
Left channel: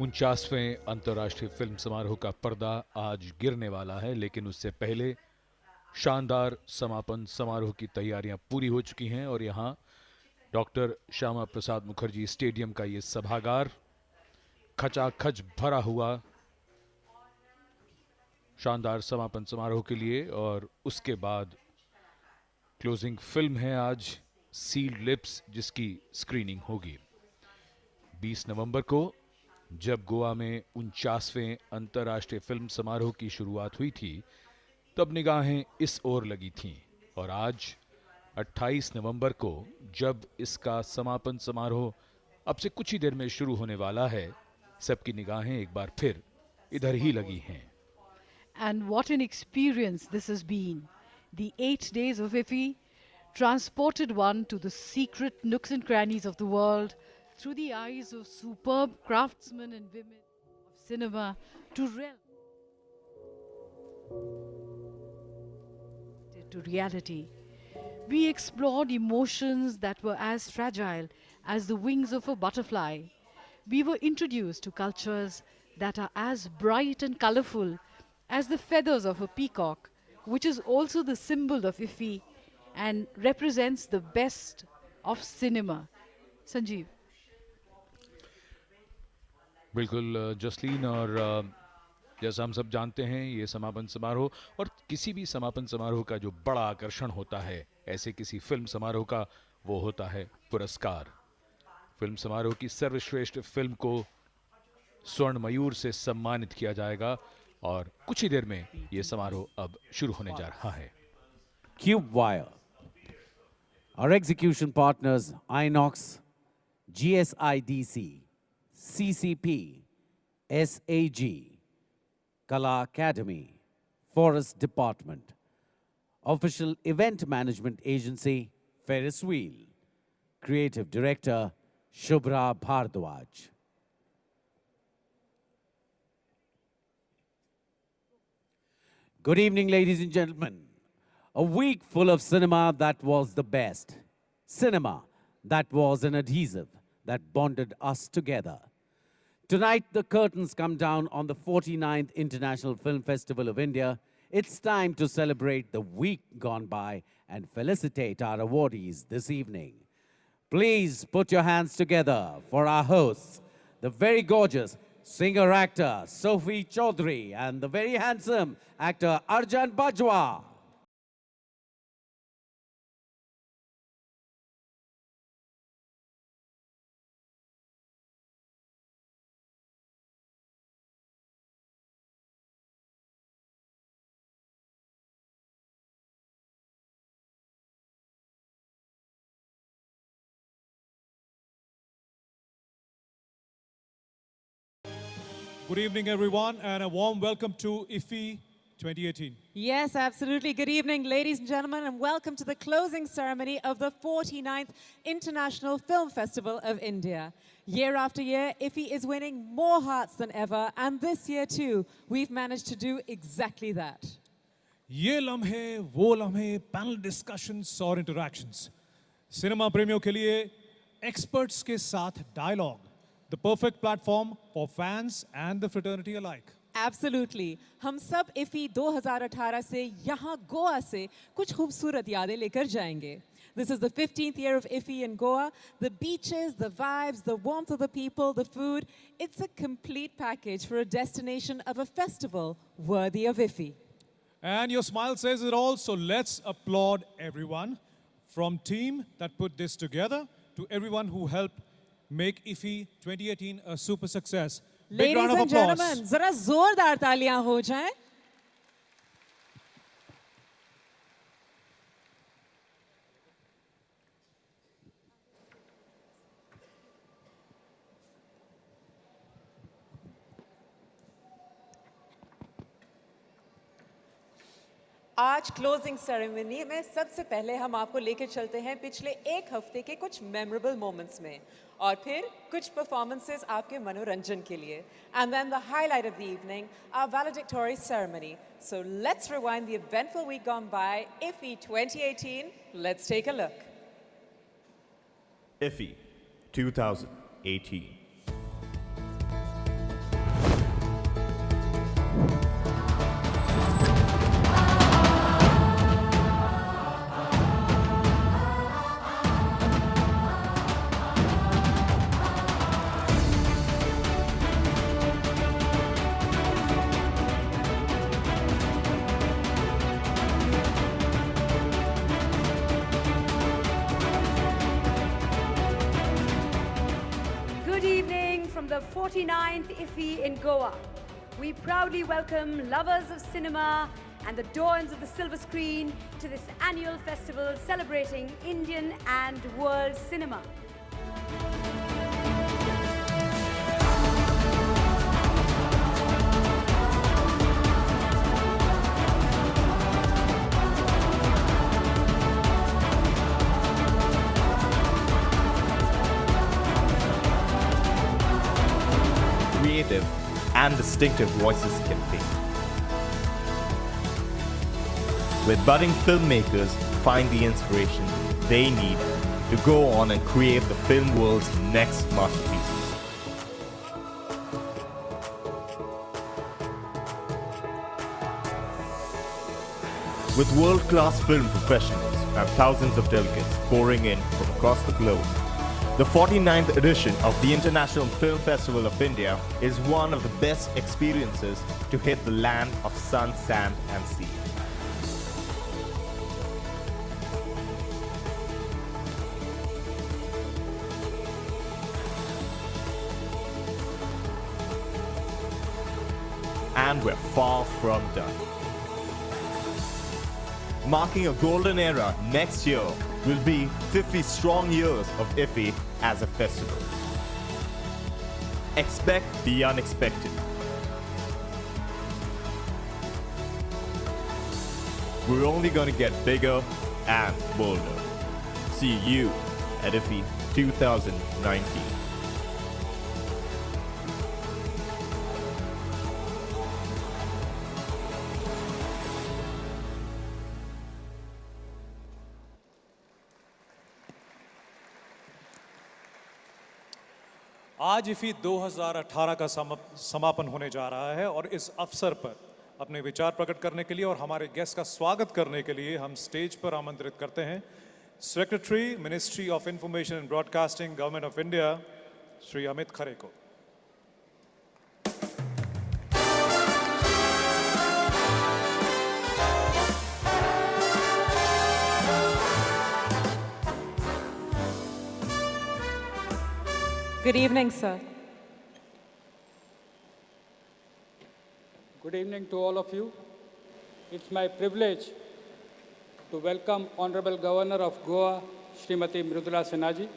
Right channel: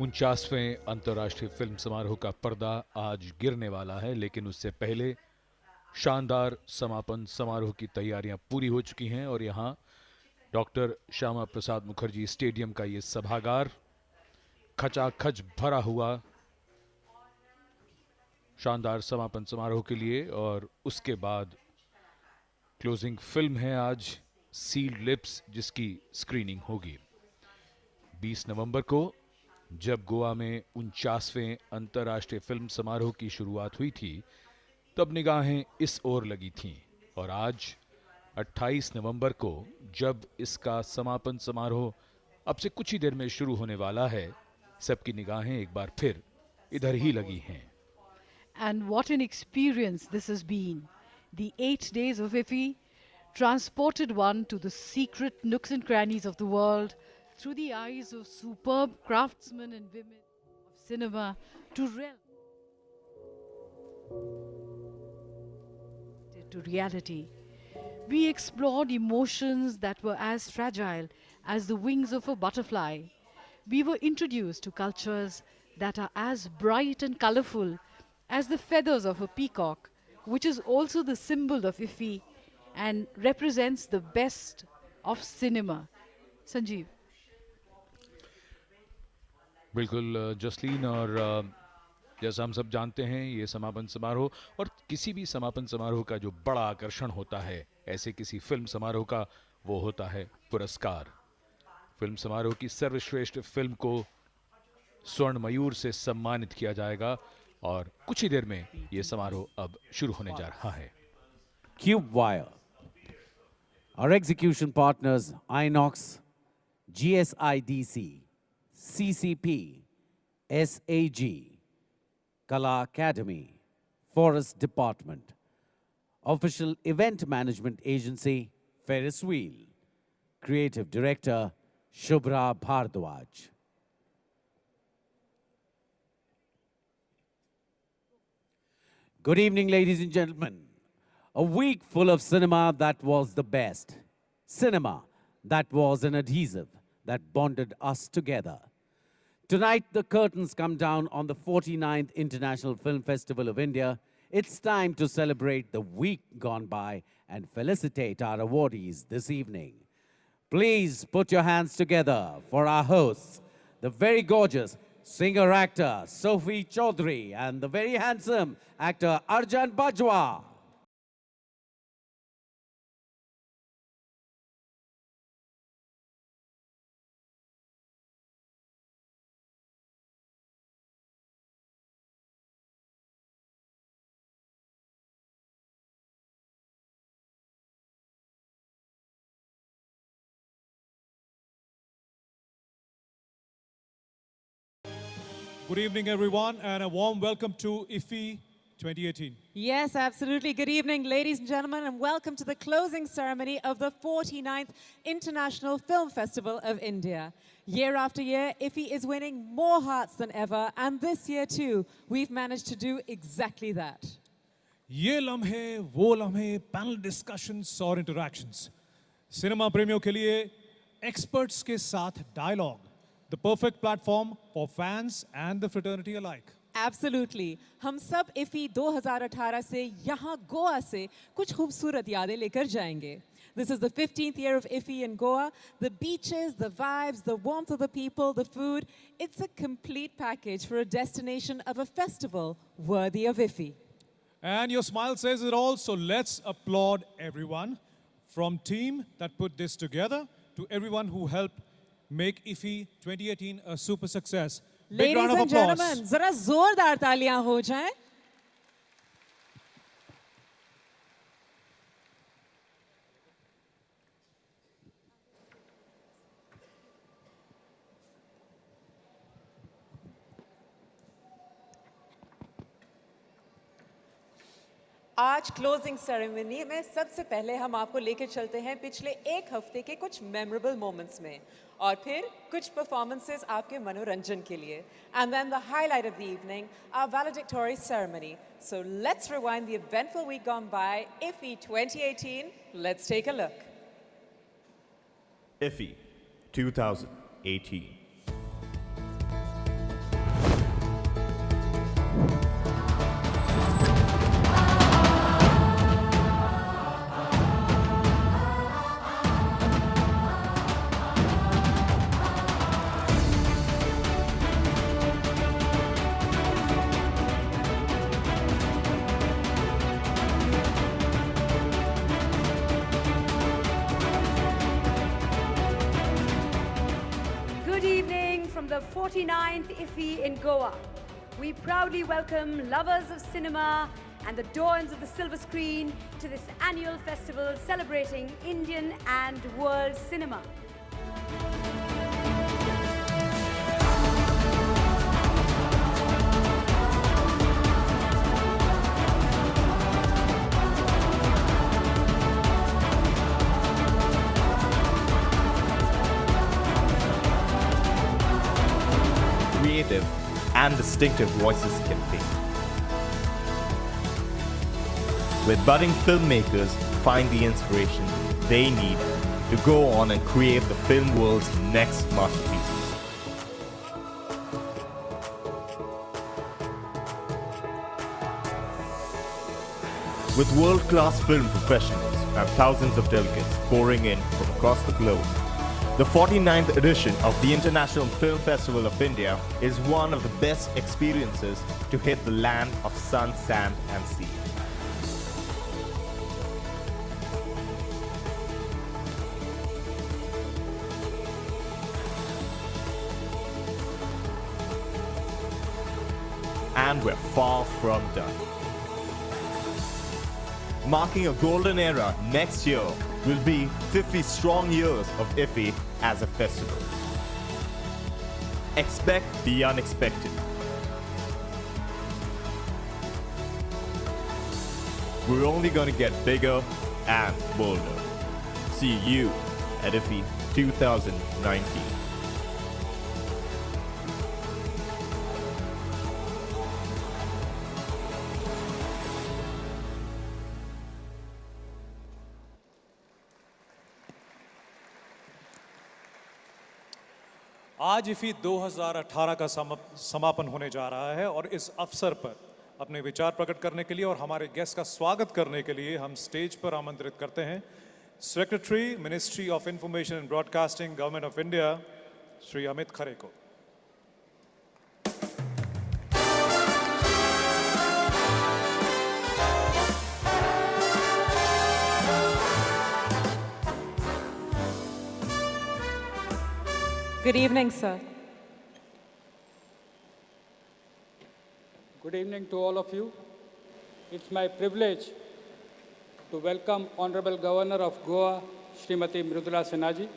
49वें अंतर्राष्ट्रीय फिल्म समारोह का पर्दा आज गिरने वाला है, लेकिन उससे पहले शानदार समापन समारोह की तैयारियां पूरी हो चुकी हैं और यहां डॉक्टर श्यामा प्रसाद मुखर्जी स्टेडियम का ये सभागार खचाखच भरा हुआ शानदार समापन समारोह के लिए। और उसके बाद क्लोजिंग फिल्म है आज सील्ड लिप्स, जिसकी स्क्रीनिंग होगी 20 नवंबर को। जब गोवा में 49वें अंतर्राष्ट्रीय फिल्म समारोह की शुरुआत हुई थी तब निगाहें इस ओर लगी थीं, और आज 28 नवंबर को जब इसका समापन समारोह अब से कुछ ही देर में शुरू होने वाला है, सबकी निगाहें एक बार फिर इधर ही लगी हैं। And what an experience this has been. The 8 days of IFFI transported one to the secret nooks and crannies of the world through the eyes of superb craftsmen and women of cinema to reality. We explored emotions that were as fragile as the wings of a butterfly. We were introduced to cultures that are as bright and colorful as the feathers of a peacock, which is also the symbol of IFFI and represents the best of cinema. Sanjeev. बिल्कुल जसलीन, और जैसा हम सब जानते हैं ये समापन समारोह, और किसी भी समापन समारोह का जो बड़ा आकर्षण होता है ऐसे किसी फिल्म समारोह का, वो होता है पुरस्कार। फिल्म समारोह की सर्वश्रेष्ठ फिल्म को स्वर्ण मयूर से सम्मानित किया जाएगा और कुछ ही देर में ये समारोह अब शुरू होने जा रहा है। Cube Wire. Our execution partners Inox, GSIDC, CCP, SAG, Kala Academy, Forest Department. Official Event Management Agency, Ferris Wheel. Creative Director, Shubhra Bhardwaj. Good evening, ladies and gentlemen. A week full of cinema that was the best. Cinema that was an adhesive that bonded us together. Tonight, the curtains come down on the 49th International Film Festival of India. It's time to celebrate the week gone by and felicitate our awardees this evening. Please put your hands together for our hosts, the very gorgeous singer-actor Sophie Chaudhary and the very handsome actor Arjan Bajwa. Good evening, everyone, and a warm welcome to IFFI 2018. Yes, absolutely. Good evening, ladies and gentlemen, and welcome to the closing ceremony of the 49th International Film Festival of India. Year after year, IFFI is winning more hearts than ever, and this year too, we've managed to do exactly that. ये लम्हे, वो लम्हे, panel discussions और interactions. Cinema प्रेमियों के लिए experts के साथ dialogue. The perfect platform for fans and the fraternity alike. Absolutely. हम सब IFFI 2018 से यहाँ गोवा से कुछ खूबसूरत यादें लेकर जाएंगे. This is the 15th year of IFFI in Goa. The beaches, the vibes, the warmth of the people, the food. It's a complete package for a destination of a festival worthy of IFFI. And your smile says it all, so let's applaud everyone. From team that put this together to everyone who helped make IFFI 2018 a super success. Big round of applause. Ladies and gentlemen, zara zordar taaliyan ho jaएं. आज closing ceremony में सबसे पहले हम आपको लेकर चलते हैं पिछले एक हफ्ते के कुछ मेमोरेबल मोमेंट्स में और फिर कुछ परफॉर्मेंसेस आपके मनोरंजन के लिए and then the highlight of the evening, our valedictory ceremony. So let's rewind the eventful week gone by, IFFI 2018. Let's take a look. IFFI 2018. 49th IFFI in Goa. We proudly welcome lovers of cinema and the dawns of the silver screen to this annual festival celebrating Indian and world cinema. Creative and distinctive voices campaign. With budding filmmakers find the inspiration they need to go on and create the film world's next masterpieces. With world-class film professionals and thousands of delegates pouring in from across the globe, the 49th edition of the International Film Festival of India is one of the best experiences to hit the land of sun, sand and sea. And we're far from done. Marking a golden era next year will be 50 strong years of IFFI as a festival. Expect the unexpected. We're only going to get bigger and bolder. See you at IFFI 2019. आज IFFI 2018 का समापन होने जा रहा है और इस अवसर पर अपने विचार प्रकट करने के लिए और हमारे गेस्ट का स्वागत करने के लिए हम स्टेज पर आमंत्रित करते हैं secretary ministry of information and broadcasting government of India Shri Amit Khare को। Good evening, sir. Good evening to all of you. It's my privilege to welcome Honorable Governor of Goa, Srimati Mridula Sinha ji,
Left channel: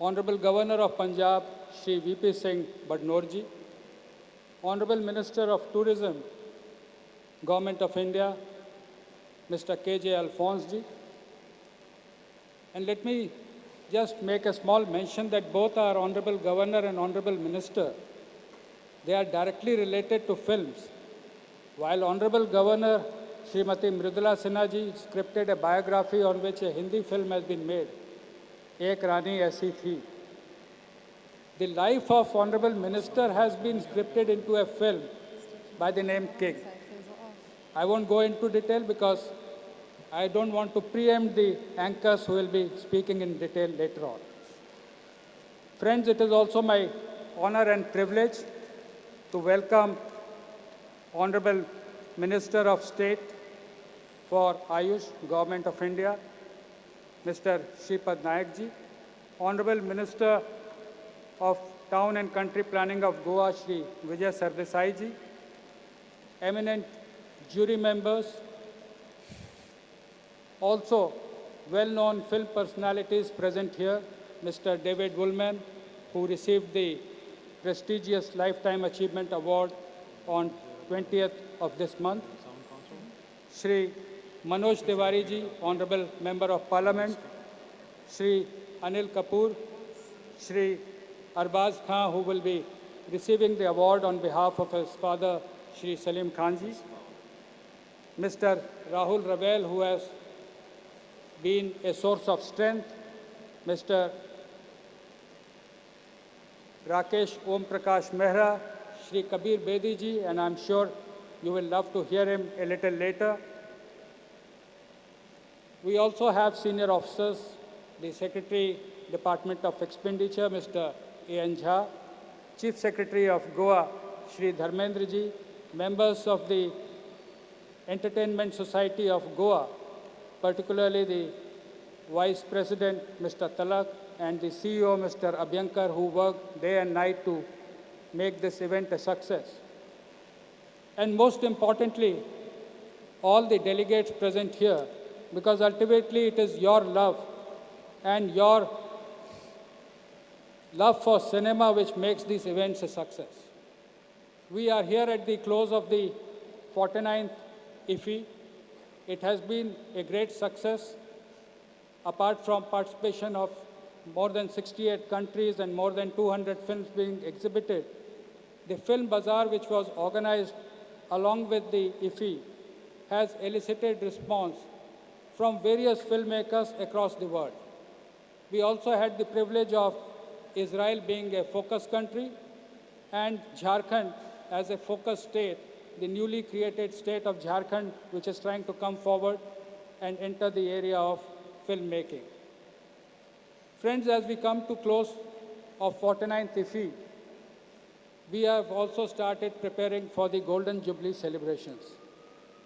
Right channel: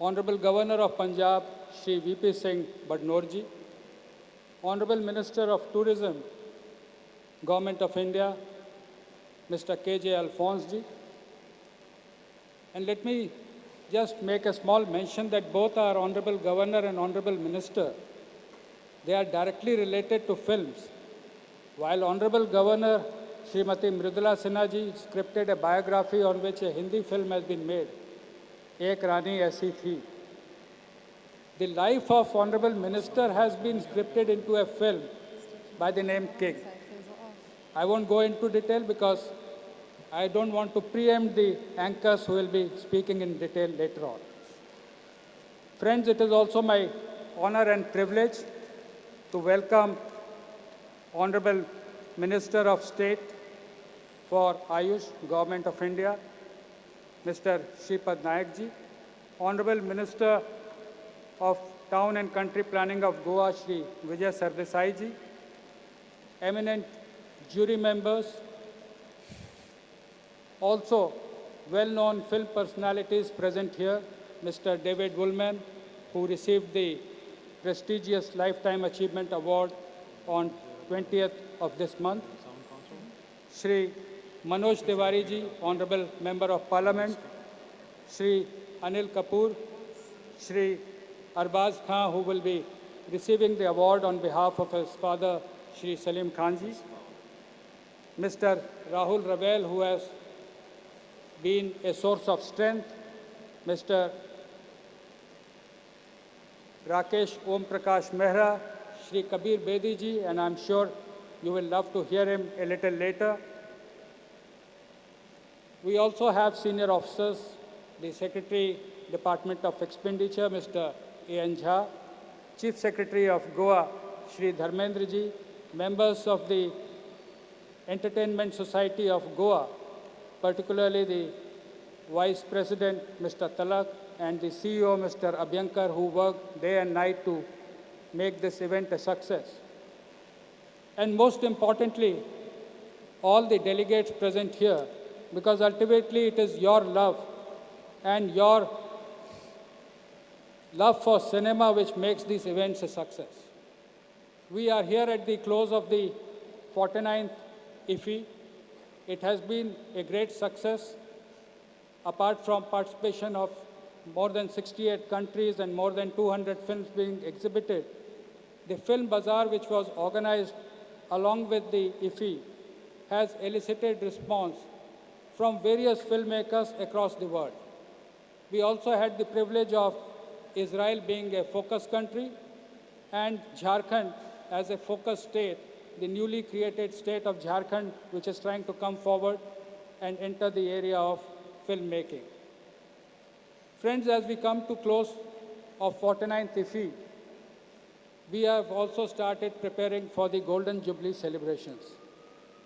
Honorable Governor of Punjab, Shri VP Singh Badnor ji, Honorable Minister of Tourism, Government of India, Mr. KJ Alphonse ji. And let me just make a small mention that both our Honorable Governor and Honorable Minister, they are directly related to films. While Honorable Governor Srimati Mridula Sinha ji scripted a biography on which a Hindi film has been made, Ek Rani Aisi Thi. The life of Honorable Minister has been scripted into a film by the name King. I won't go into detail because I don't want to preempt the anchors who will be speaking in detail later on. Friends, it is also my honor and privilege to welcome Honorable Minister of State for Ayush, Government of India, Mr. Shripad Nayak ji, Honorable Minister of Town and Country Planning of Goa, Shri Vijay Sardesai ji, eminent jury members, also well-known film personalities present here, Mr. David Woolman, who received the prestigious Lifetime Achievement Award on 20th of this month, Shri Manoj Tiwari ji, Honorable Member of Parliament, Shri Anil Kapoor, Shri Arbaz Khan, who will be receiving the award on behalf of his father, Shri Salim Khan ji, Mr. Rahul Ravel, who has been a source of strength, Mr. Rakesh Om Prakash Mehra, Shri Kabir Bedi ji, and I'm sure you will love to hear him a little later. We also have senior officers, the Secretary, Department of Expenditure, Mr. A.N. Jha, Chief Secretary of Goa, Shri Dharmendra ji, members of the Entertainment Society of Goa, particularly the Vice President, Mr. Talak, and the CEO, Mr. Abhyankar, who worked day and night to make this event a success. And most importantly, all the delegates present here, because ultimately it is your love and your love for cinema which makes these events a success. We are here at the close of the 49th IFFI. It has been a great success, apart from participation of more than 68 countries and more than 200 films being exhibited. The Film Bazaar, which was organized along with the IFFI, has elicited response from various filmmakers across the world. We also had the privilege of Israel being a focus country and Jharkhand as a focus state, the newly created state of Jharkhand, which is trying to come forward and enter the area of filmmaking. Friends, as we come to close of 49th IFFI, we have also started preparing for the Golden Jubilee celebrations.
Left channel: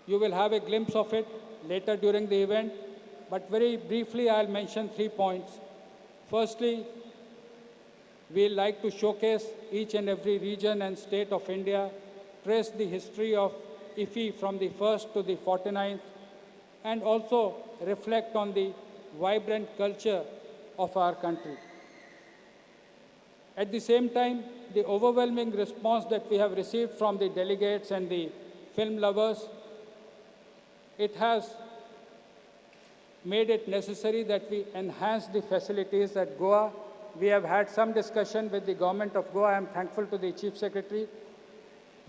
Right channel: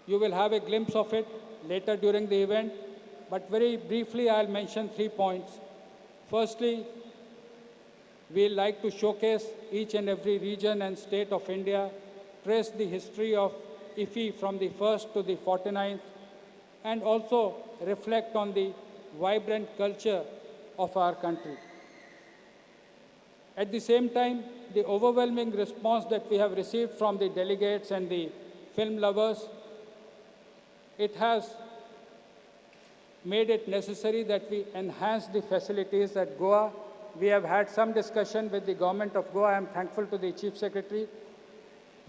You will have a glimpse of it later during the event, but very briefly I'll mention 3 points. Firstly, we like to showcase each and every region and state of India, trace the history of IFFI from the 1st to the 49th, and also reflect on the vibrant culture of our country. At the same time, the overwhelming response that we have received from the delegates and the film lovers, it has made it necessary that we enhance the facilities at Goa. We have had some discussion with the government of Goa. I am thankful to the Chief Secretary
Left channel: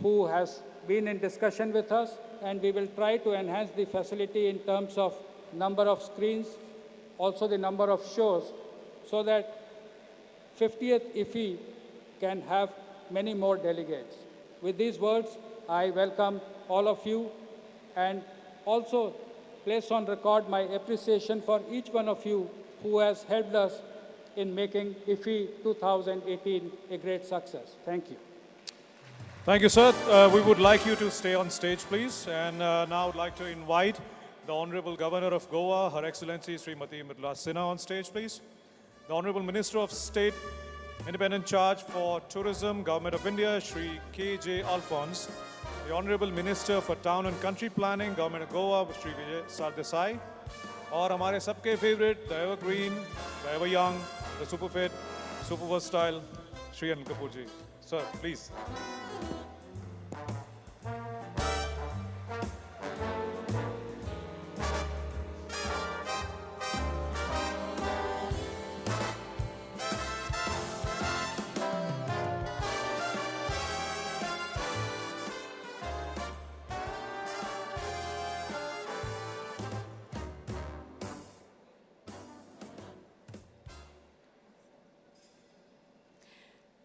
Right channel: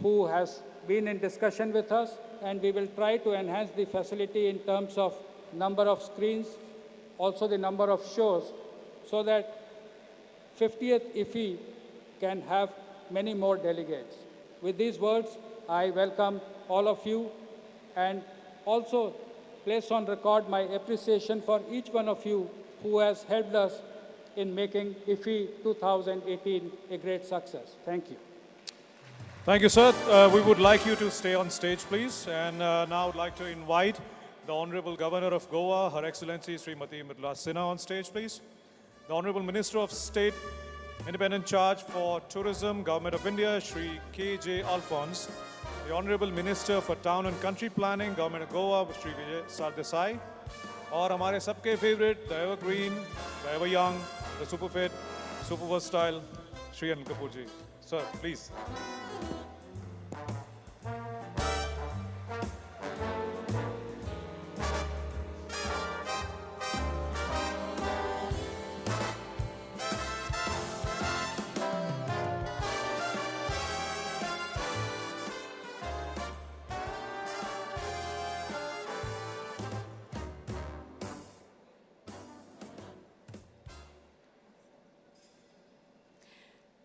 who has been in discussion with us, and we will try to enhance the facility in terms of number of screens, also the number of shows, so that 50th IFFI can have many more delegates. With these words, I welcome all of you and also place on record my appreciation for each one of you who has helped us in making IFFI 2018 a great success. Thank you. Thank you, sir. We would like you to stay on stage, please. And now I would like to invite the Honorable Governor of Goa, Her Excellency Srimati Mridula Sinha, on stage, please. The Honorable Minister of State, Independent Charge for Tourism, Government of India, Shri K.J. Alphonse. The Honorable Minister for Town and Country Planning, Government of Goa, Shri Vijay Sardesai. और हमारे सबके favourite, the evergreen, the ever young, the super fit, super versatile, Shri Anil Kapoor ji. Sir, please.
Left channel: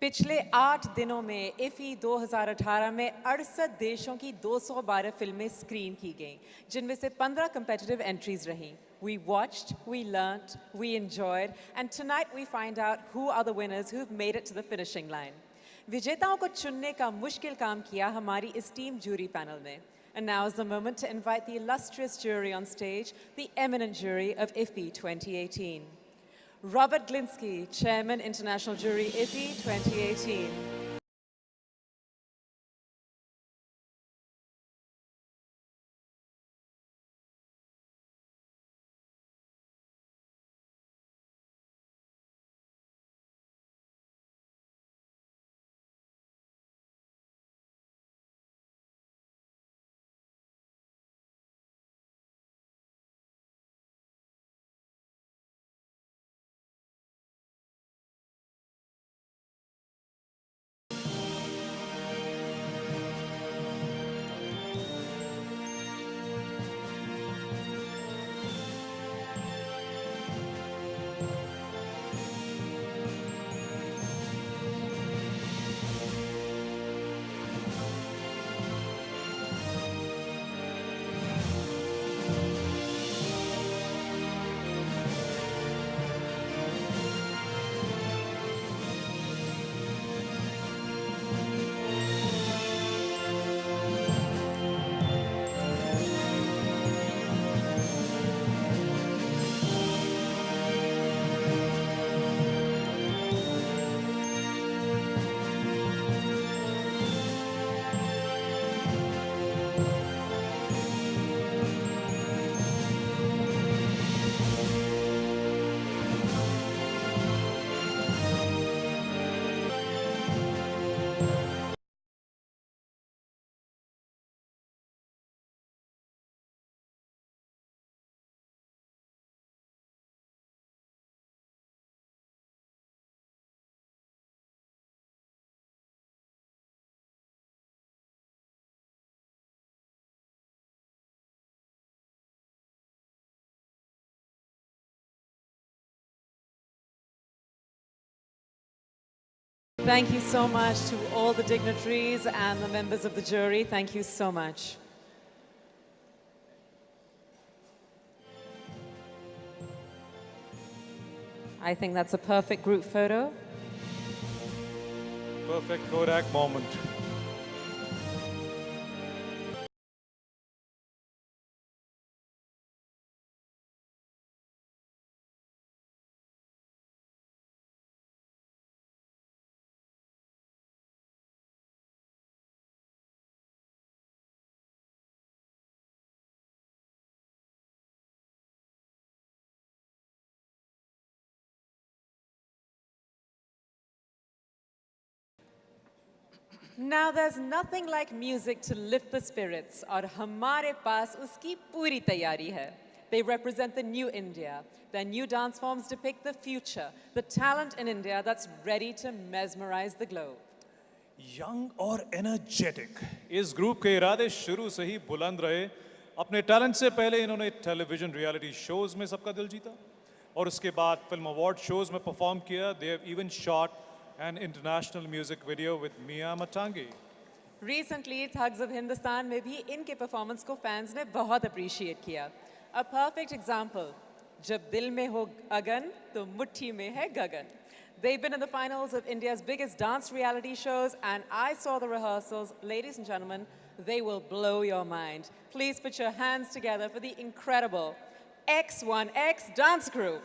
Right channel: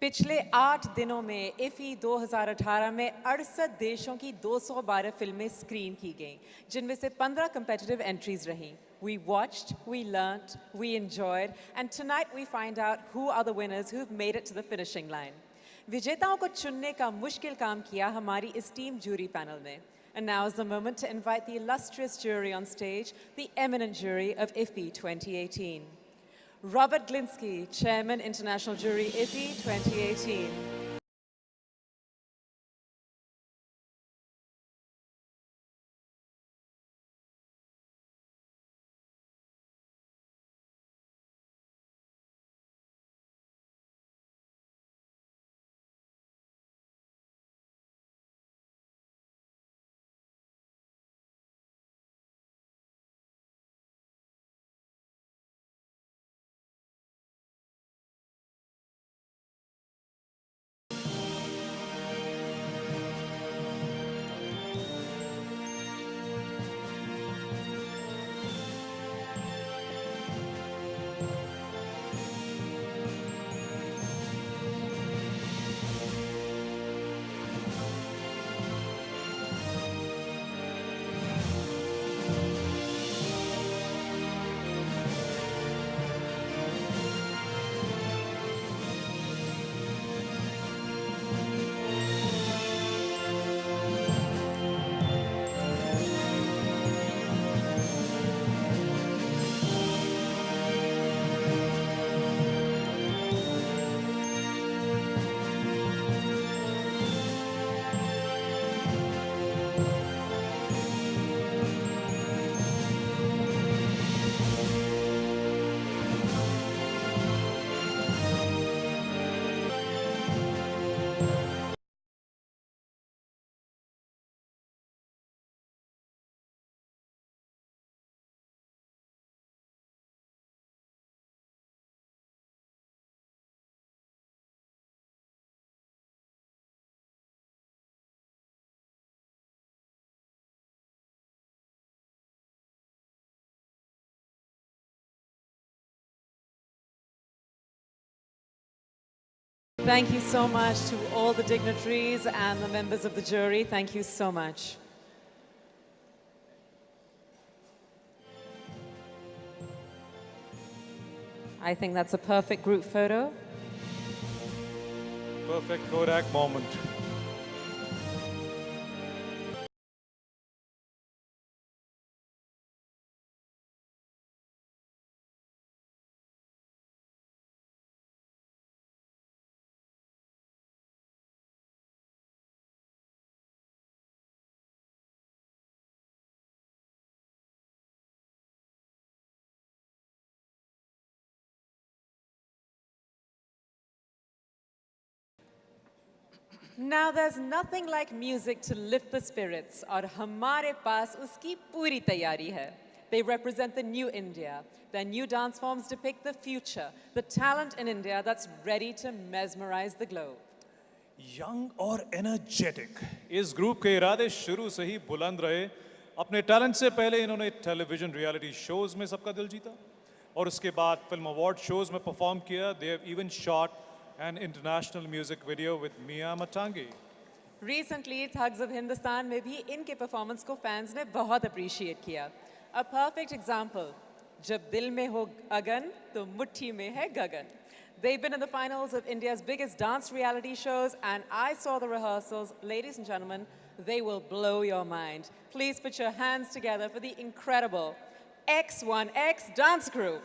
पिछले 8 दिनों में IFFI 2018 में 68 देशों की 212 फिल्में स्क्रीन की गईं, जिनमें से 15 competitive entries रहीं. We watched, we learnt, we enjoyed, and tonight we find out who are the winners who've made it to the finishing line. विजेताओं को चुनने का मुश्किल काम किया हमारी esteemed jury panel ने. And now is the moment to invite the illustrious jury on stage, the eminent jury of IFFI 2018. Robert Glinsky, Chairman, International Jury, IFFI 2018. Thank you so much to all the dignitaries and the members of the jury. Thank you so much. I think that's a perfect group photo. Perfect Kodak moment. Now there's nothing like music to lift the spirits और हमारे पास उसकी पूरी तैयारी है. They represent the new India. Their new dance forms depict the future, the talent in India that's ready to mesmerize the globe. Young और energetic इस group के इरादे शुरू से ही बुलंद रहे. अपने टैलेंट से पहले इन्होंने टेलीविजन रियलिटी शोज में सबका दिल जीता और उसके बाद फिल्म अवार्ड शोज में परफॉर्म किया. They have even shot an international music video with Mia Matangi. Recently, Thugs of Hindustan में भी इनके performance को fans ने बहुत appreciate किया. A perfect example. जब दिल में हो अगन, तो मुट्ठी में है गगन. They've been in the finals of India's biggest dance reality shows, and I saw the rehearsals. Ladies and gentlemen, they will blow your mind. Please put your hands together for the incredible X1X dance group.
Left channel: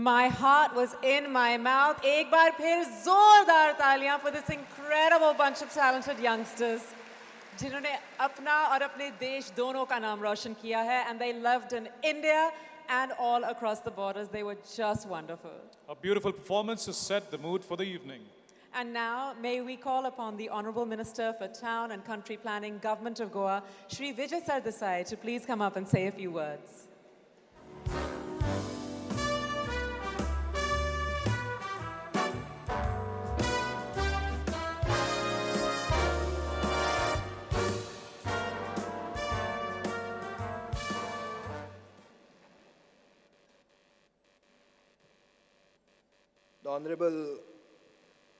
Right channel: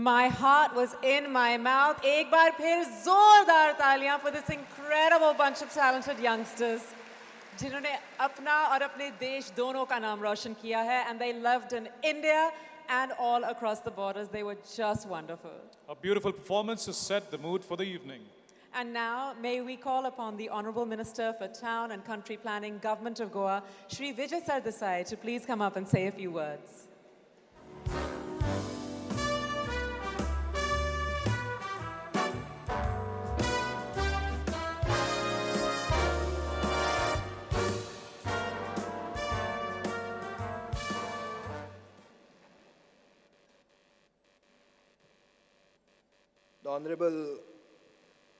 My heart was in my mouth. एक बार फिर जोरदार तालियां for this incredible bunch of talented youngsters जिन्होंने अपना और अपने देश दोनों का नाम रोशन किया है, and they loved in India and all across the borders. They were just wonderful. A beautiful performance to set the mood for the evening. And now, may we call upon the Honourable Minister for Town and Country Planning, Government of Goa, Shri Vijay Sardesai, to please come up and say a few words. The Honourable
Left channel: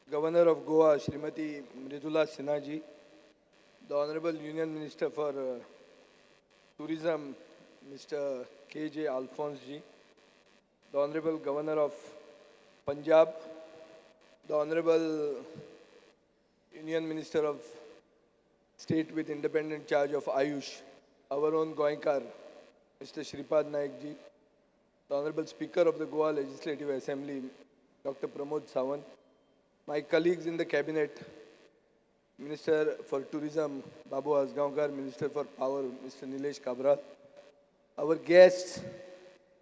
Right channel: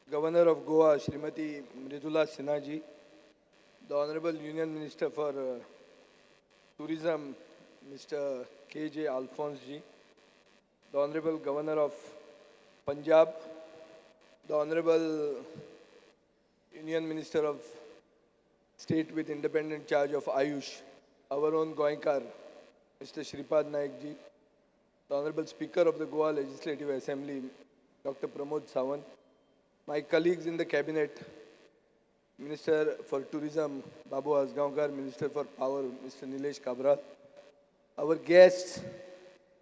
Governor of Goa, Srimati Mridula Sinha ji, the Honourable Union Minister for Tourism, Mr. K.J. Alphonse ji, the Honourable Governor of Punjab, the Honourable Union Minister of State with independent charge of Ayush, our own Goenkar, Mr. Shripad Naik ji, the Honourable Speaker of the Goa Legislative Assembly, Dr. Pramod Sawant, my colleagues in the Cabinet, Minister for Tourism, Babu Asgaonkar, Minister for Power, Mr. Nilesh Kabral, our guests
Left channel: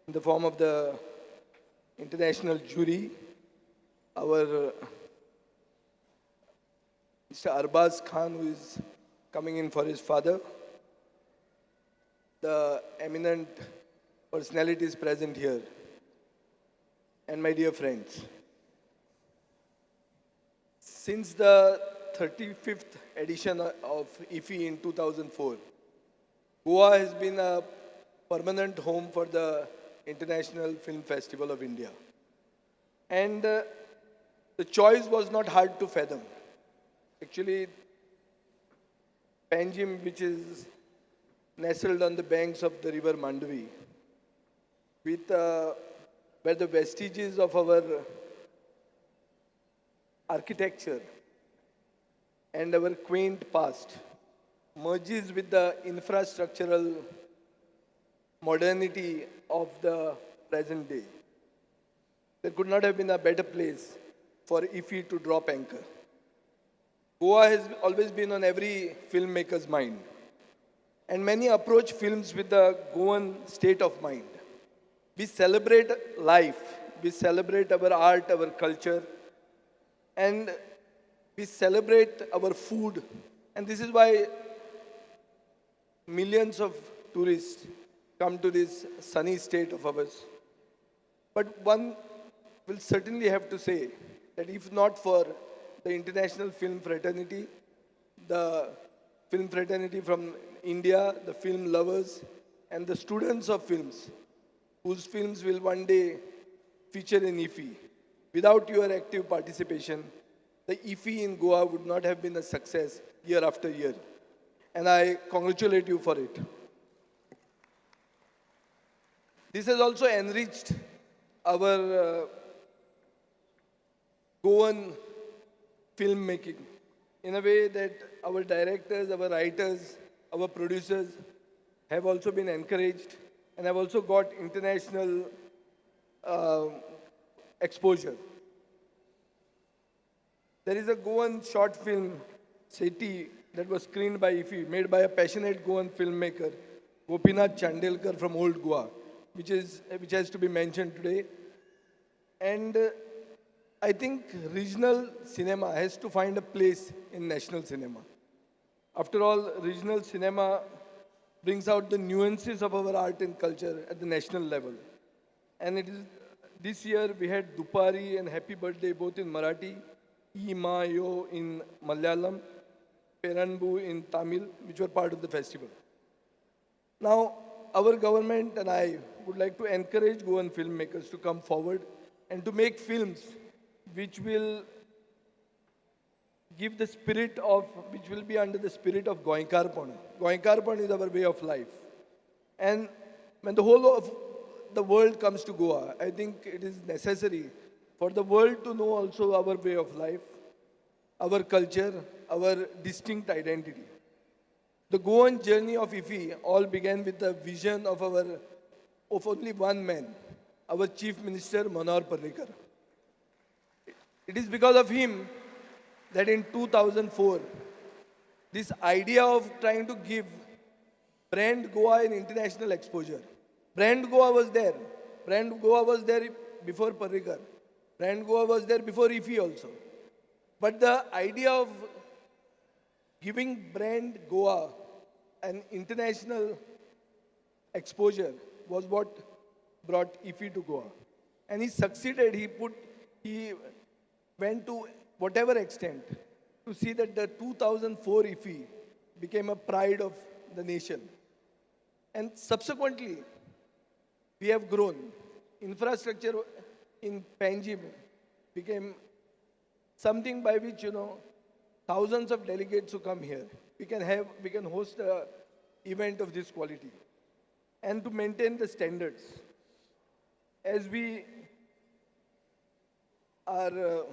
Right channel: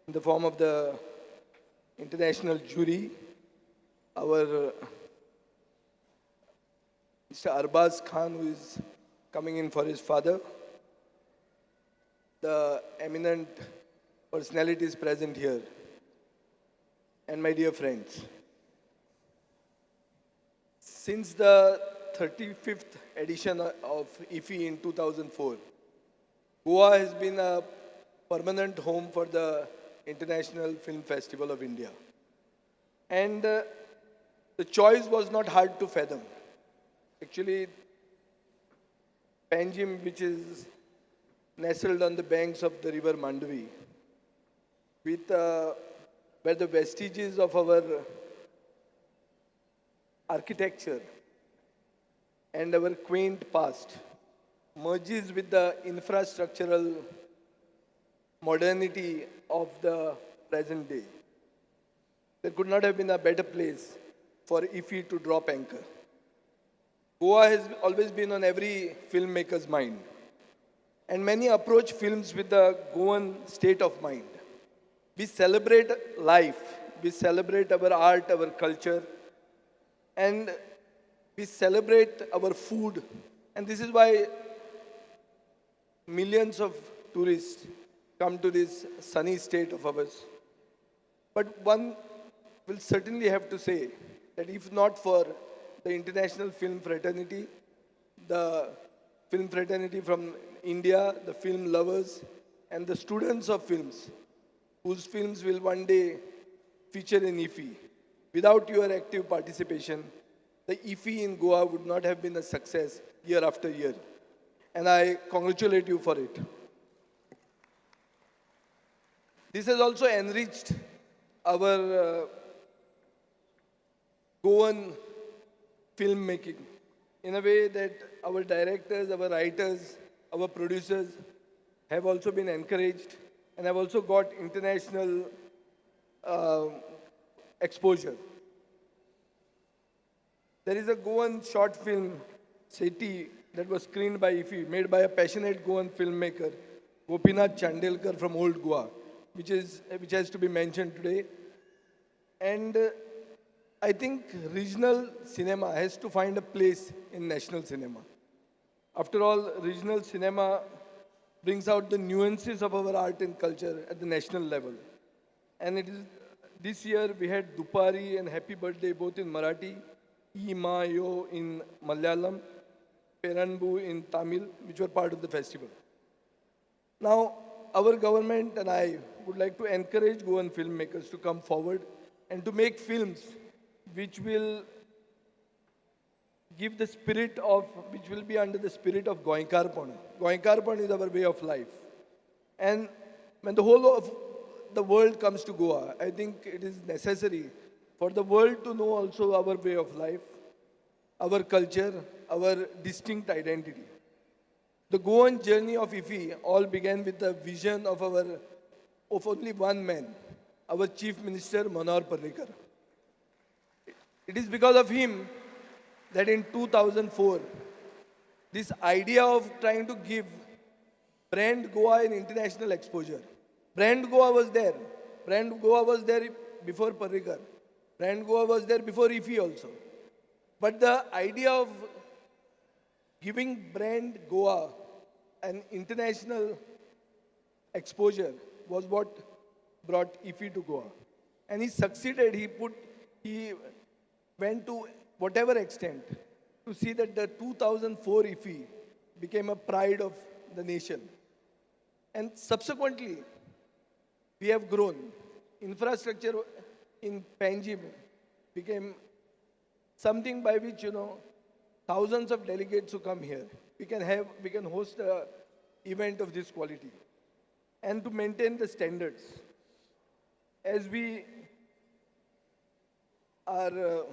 in the form of the international jury, our Mr. Arbaz Khan, who is coming in for his father, the eminent personalities present here, and my dear friends. Since the 35th edition of IFFI in 2004, Goa has been a permanent home for the International Film Festival of India. And the choice was not hard to fathom. Actually, Panjim, which is nestled on the banks of the river Mandavi, with where the vestiges of our architecture and our quaint past merges with the infrastructural modernity of the present day. There could not have been a better place for IFFI to drop anchor. Goa has always been on every filmmaker's mind, and many approach films with the Goan state of mind. We celebrate life, we celebrate our art, our culture, and we celebrate our food. And this is why millions of tourists come to this sunny state of ours. But one will certainly have to say that if not for the international film fraternity, the film fraternity from India, the film lovers, and the students of films, whose films will one day feature in IFFI. Without your active participation, the IFFI in Goa would not have been a success year after year. And I congratulate you for it. This has also enriched our Goan filmmaking in a way that our directors, our writers, our producers have also been encouraged and have also got international exposure. There is a Goan short film, Seti, that was screened by IFFI, made by a passionate Goan filmmaker, Gopinath Chandelkar from Old Goa, which has to be mentioned today. And I think regional cinema has to find a place in national cinema. After all, regional cinema brings out the nuances of our art and culture at the national level. And it is, this year we had Dupari and Happy Birthday both in Marathi, Mayo in Malayalam, Peranbu in Tamil, which were part of the festival. Now, our government and I would like to encourage Goan filmmakers to come forward and to make films which will give the spirit of, which will be under the spirit of Goenkarpon. Goenkarpon is our way of life. And when the whole of the world comes to Goa, I think it is necessary for the world to know also our way of life, our culture, our distinct identity. The Goan journey of IFFI all began with the vision of only one man, our Chief Minister Manohar Parrikar. It is because of him that in 2004, this idea of trying to give brand Goa an international exposure. Brand Goa was there. Brand Goa was there before Parrikar. Brand Goa was there before IFFI also. But the idea of giving brand Goa an international exposure was what brought IFFI to Goa. And he succeeded. He went to whatever extent to see that the 2004 IFFI became a pride of the nation. And subsequently, we have grown. Infrastructure in Panjim became something by which, thousands of delegates who come here, we can host an event of this quality. And to maintain the standards, as we are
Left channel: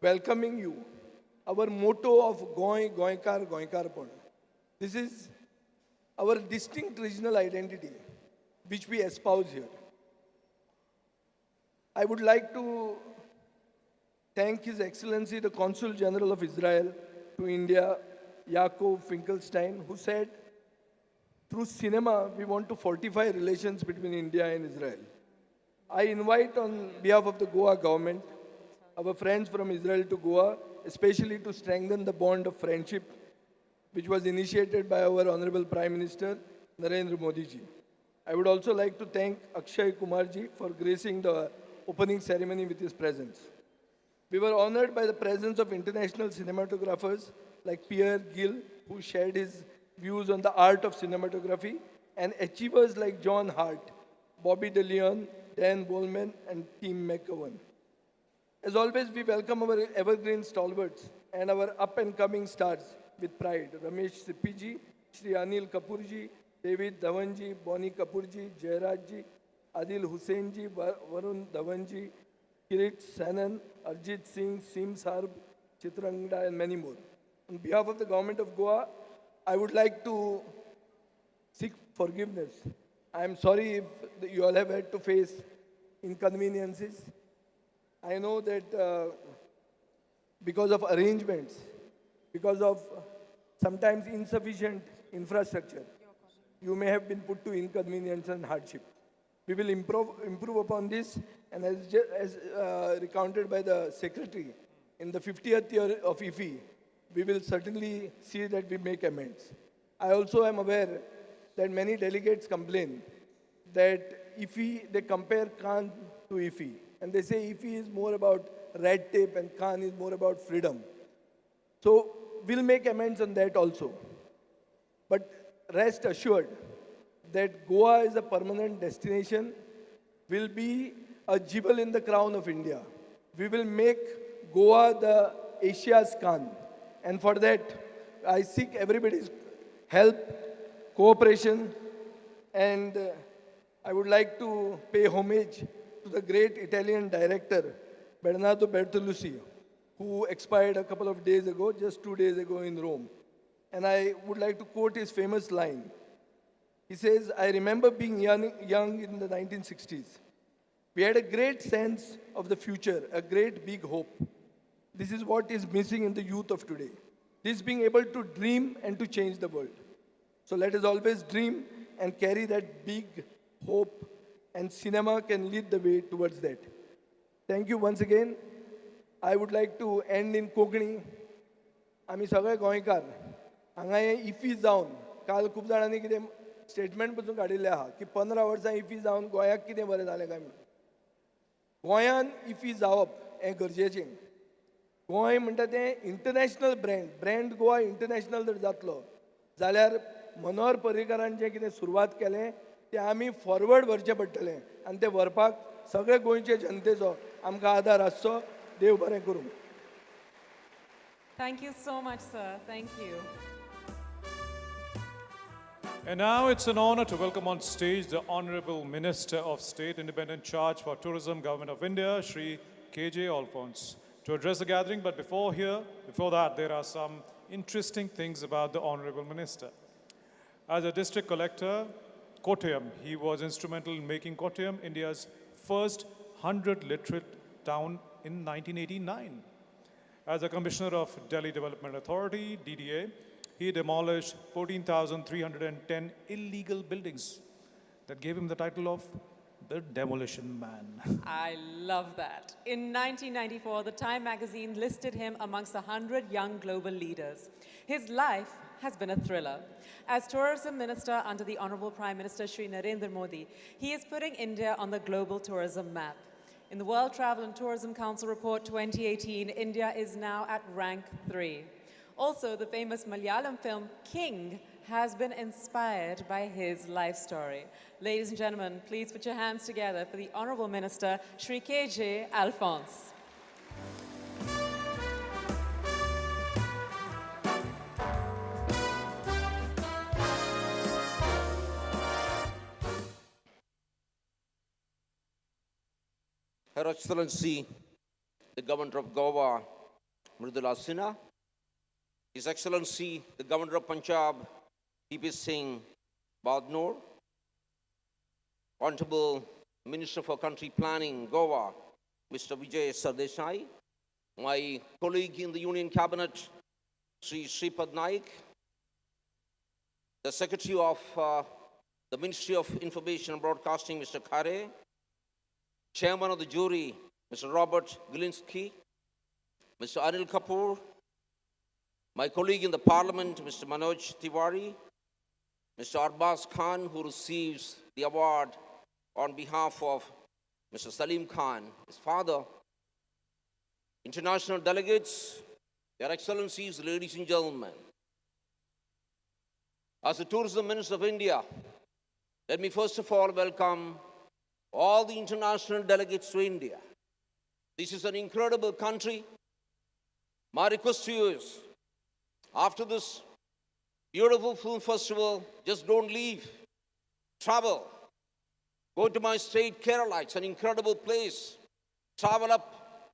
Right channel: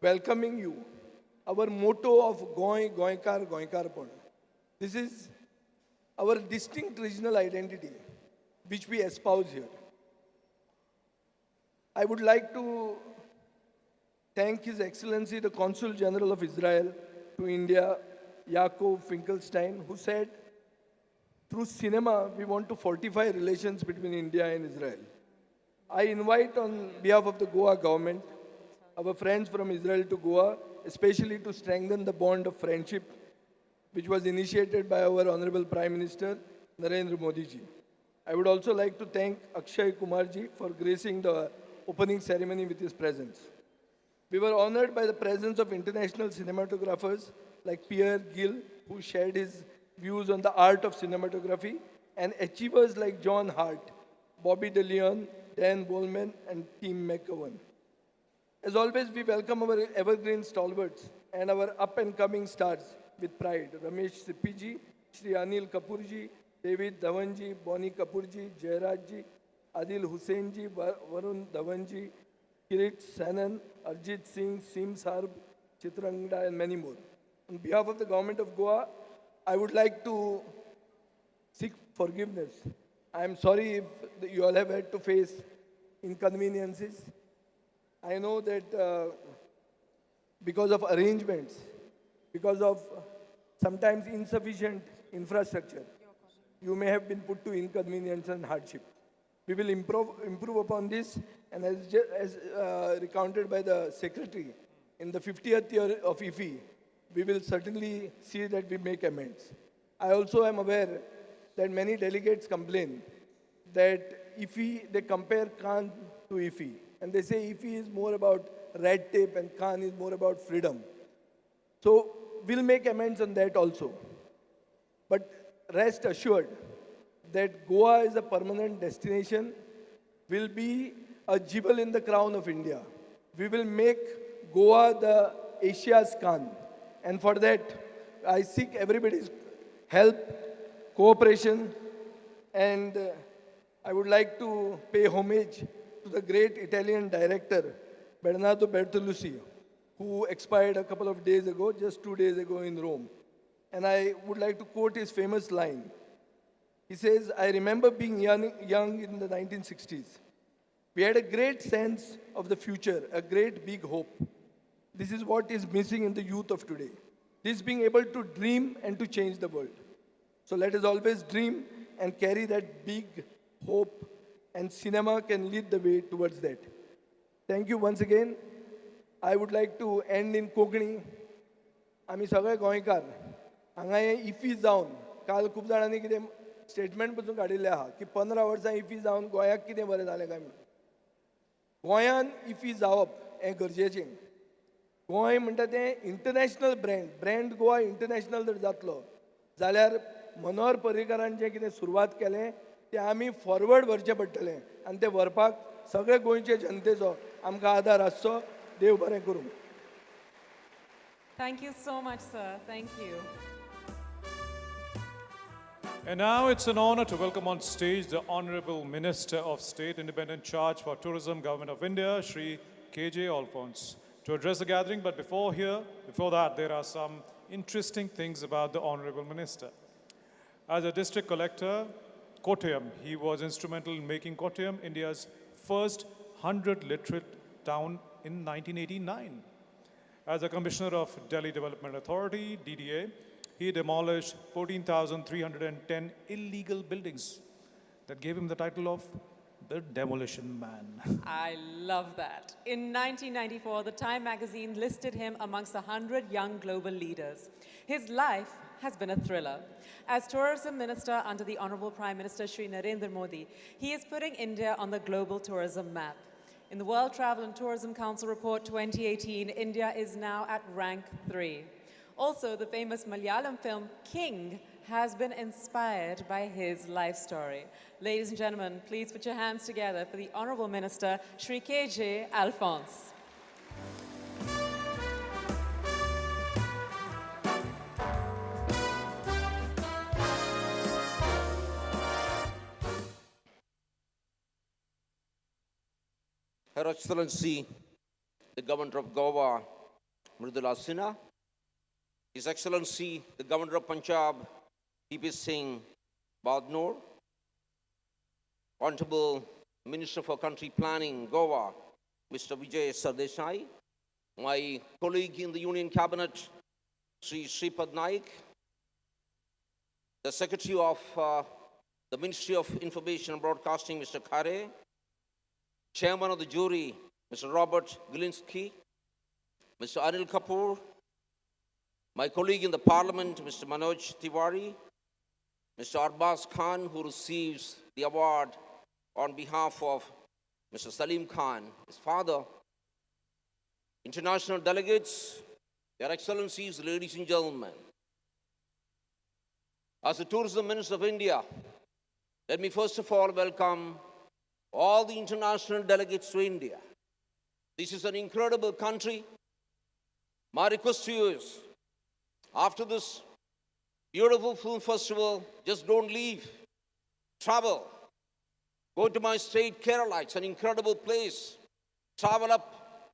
welcoming you, our motto of Goinkar Pon. This is our distinct regional identity, which we espouse here. I would like to thank His Excellency, the Consul General of Israel to India, Yaakov Finkelstein, who said, through cinema, we want to fortify relations between India and Israel. I invite on behalf of the Goa government, our friends from Israel to Goa, especially to strengthen the bond of friendship, which was initiated by our Honorable Prime Minister, Narendra Modi ji. I would also like to thank Akshay Kumar ji for gracing the opening ceremony with his presence. We were honored by the presence of international cinematographers like Pierre Gill, who shared his views on the art of cinematography, and achievers like John Hart, Bobby De Leon, Dan Bowman, and Team McGowan. As always, we welcome our evergreen stalwarts and our up-and-coming stars with pride. Ramesh Sippiji, Shri Anil Kapoorji, David Dhawanji, Bonnie Kapoorji, Jairajji, Adil Husseinji, Varun Dhawanji, Kirit Sanan, Arjit Singh, Sim Sarb, Chitrangda, and many more. On behalf of the government of Goa, I would like to seek forgiveness. I am sorry if you all have had to face inconveniences. I know that because of arrangements, because of sometimes insufficient infrastructure, you may have been put to inconvenience and hardship. We will improve upon this, and as recounted by the Secretary, in the 50th year of IFFI, we will certainly see that we make amends. I also am aware that many delegates complain that IFFI, they compare Khan to IFFI, and they say IFFI is more about red tape and Khan is more about freedom. So we'll make amends on that also. But rest assured that Goa is a permanent destination, will be a jewel in the crown of India. We will make Goa the Asia's Khan. And for that, I seek everybody's help, cooperation, and I would like to pay homage to the great Italian director, Bernardo Bertolucci, who expired a couple of days ago, just 2 days ago in Rome. And I would like to quote his famous line. He says, I remember being young in the 1960s. We had a great sense of the future, a great big hope. This is what is missing in the youth of today. This being able to dream and to change the world. So let us always dream and carry that big hope, and cinema can lead the way towards that. Thank you once again. I would like to end in Konkani. आम्ही सगळे गोंयकार हांगा IFFI जावन काल खूब जाणांनी कितें statement पसून काडिल्लें आहा की 15 वर्सां इफी जावन गोंयाक कितें बरें जालें काय म्हणून. गोंयान इफी जावप हें गरजेचें. गोंय म्हणटा तें इंटरनॅशनल ब्रँड गोवा इंटरनॅशनल जर जातलो जाल्यार मनोहर पर्रीकारान जें कितें सुरवात केलें तें आमी फॉरवर्ड व्हरचें पडटलें आनी तें व्हरपाक सगळे गोंयचे जनतेचो आमकां आदार आसचो. देव बरें करूं. Thank you so much, sir. Thank you. And now it's an honor to welcome on stage the Honorable Minister of State, Independent Charge for Tourism, Government of India, Shri K.J. Alphonse, to address the gathering. But before that, there are some interesting things about the Honorable Minister. As a district collector, Kottayam, he was instrumental in making Kottayam India's first 100 literate town in 1989. As a commissioner of Delhi Development Authority, DDA, he demolished 14,310 illegal buildings that gave him the title of the Demolition Man. I love that. In 1994, the Time magazine listed him amongst the 100 young global leaders. His life has been a thriller. As Tourism Minister under the Honorable Prime Minister Shri Narendra Modi, he is putting India on the global tourism map. In the World Travel and Tourism Council Report 2018, India is now at rank 3. Also, the famous Malayalam film King has been inspired by his life story. Ladies and gentlemen, please put your hands together for the Honorable Minister, Shri K.J. Alphonse. Her Excellency, the Governor of Goa, Mridula Sinha, His Excellency, the Governor of Punjab, P.P. Singh Badnoor, Honorable Minister for Country Planning, Goa, Mr. Vijay Sardesai, my colleague in the Union Cabinet, Sri Sripad Naik, the Secretary of the Ministry of Information and Broadcasting, Mr. Khare, Chairman of the jury, Mr. Robert Gilinski, Mr. Anil Kapoor, my colleague in the Parliament, Mr. Manoj Tiwari, Mr. Arbaz Khan, who receives the award on behalf of Mr. Salim Khan, his father, international delegates, Your Excellencies, ladies and gentlemen. As the Tourism Minister of India, let me first of all welcome all the international delegates to India. This is an incredible country. My request to you is, after this beautiful film festival, just don't leave. Travel. Go to my state, Kerala. It's an incredible place. Travel up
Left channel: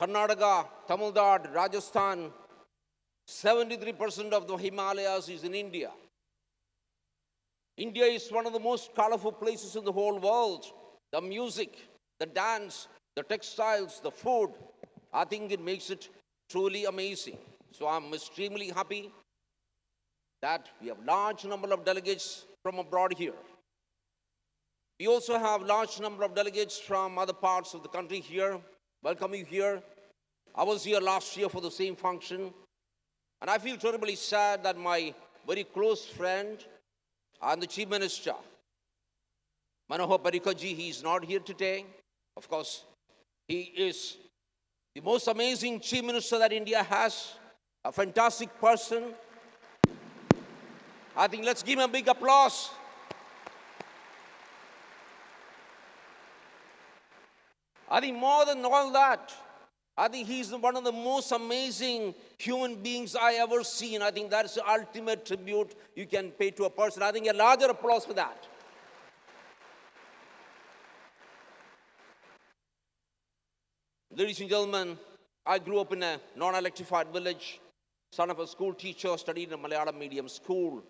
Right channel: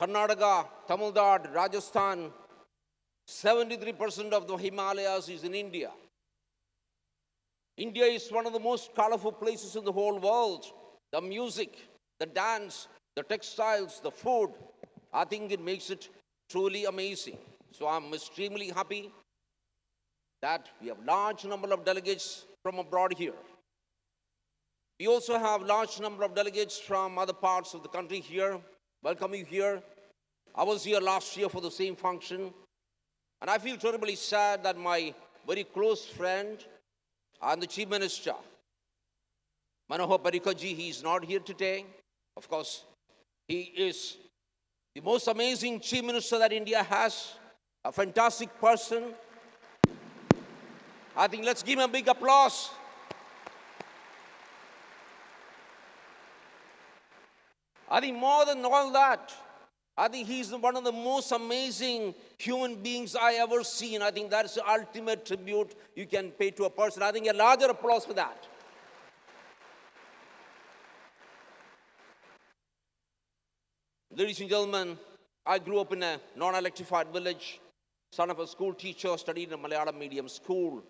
Karnataka, Tamil Nadu, Rajasthan. 73% of the Himalayas is in India. India is one of the most colorful places in the whole world. The music, the dance, the textiles, the food, I think it makes it truly amazing. So I'm extremely happy that we have large number of delegates from abroad here. We also have large number of delegates from other parts of the country here. Welcome you here. I was here last year for the same function. And I feel terribly sad that my very close friend and the Chief Minister, Manohar Parrikar ji, he is not here today. Of course, he is the most amazing Chief Minister that India has, a fantastic person. I think let's give him a big applause. I think more than all that, I think he's one of the most amazing human beings I ever seen. I think that's the ultimate tribute you can pay to a person. I think a larger applause for that. Ladies and gentlemen, I grew up in a non-electrified village, son of a school teacher, studied in a Malayalam medium school.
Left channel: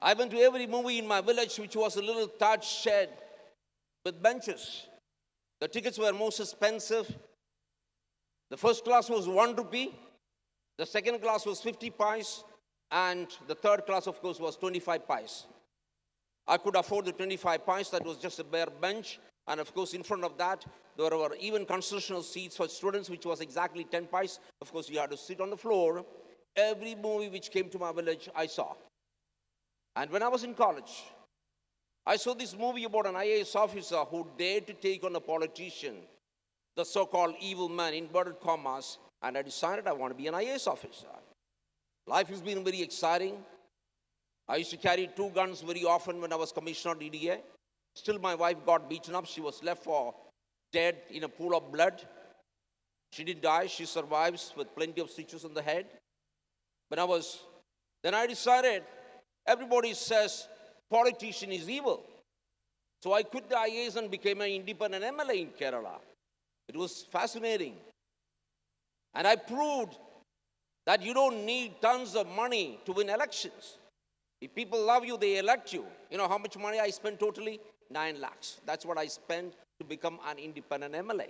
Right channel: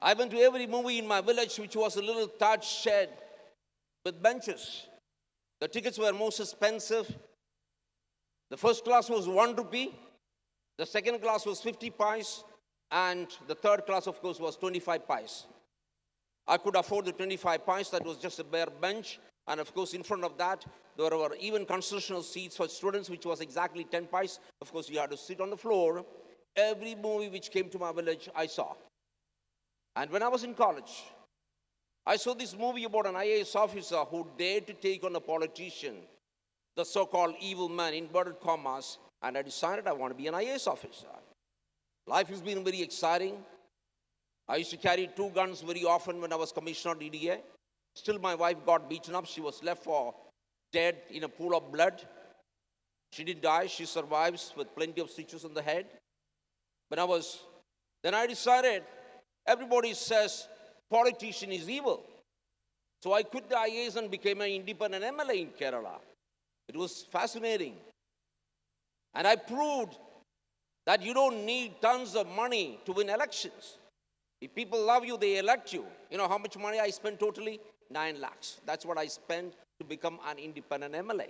I went to every movie in my village, which was a little thatched shed with benches. The tickets were most expensive. The first class was 1 rupee, the second class was 50 pice, and the third class, of course, was 25 pice. I could afford the 25 pice, that was just a bare bench, and of course, in front of that, there were even concessional seats for students, which was exactly 10 pice. Of course, you had to sit on the floor. Every movie which came to my village, I saw. And when I was in college, I saw this movie about an IAS officer who dared to take on a politician, the so-called evil man, inverted commas, and I decided I want to be an IAS officer. Life has been very exciting. I used to carry 2 guns very often when I was commissioner DDA. Still, my wife got beaten up. She was left for dead in a pool of blood. She didn't die. She survives with plenty of stitches on the head. Then I decided, everybody says politician is evil. So I quit the IAS and became an independent MLA in Kerala. It was fascinating. And I proved that you don't need tons of money to win elections. If people love you, they elect you. You know how much money I spent totally? 9 lakhs. That's what I spent to become an independent MLA.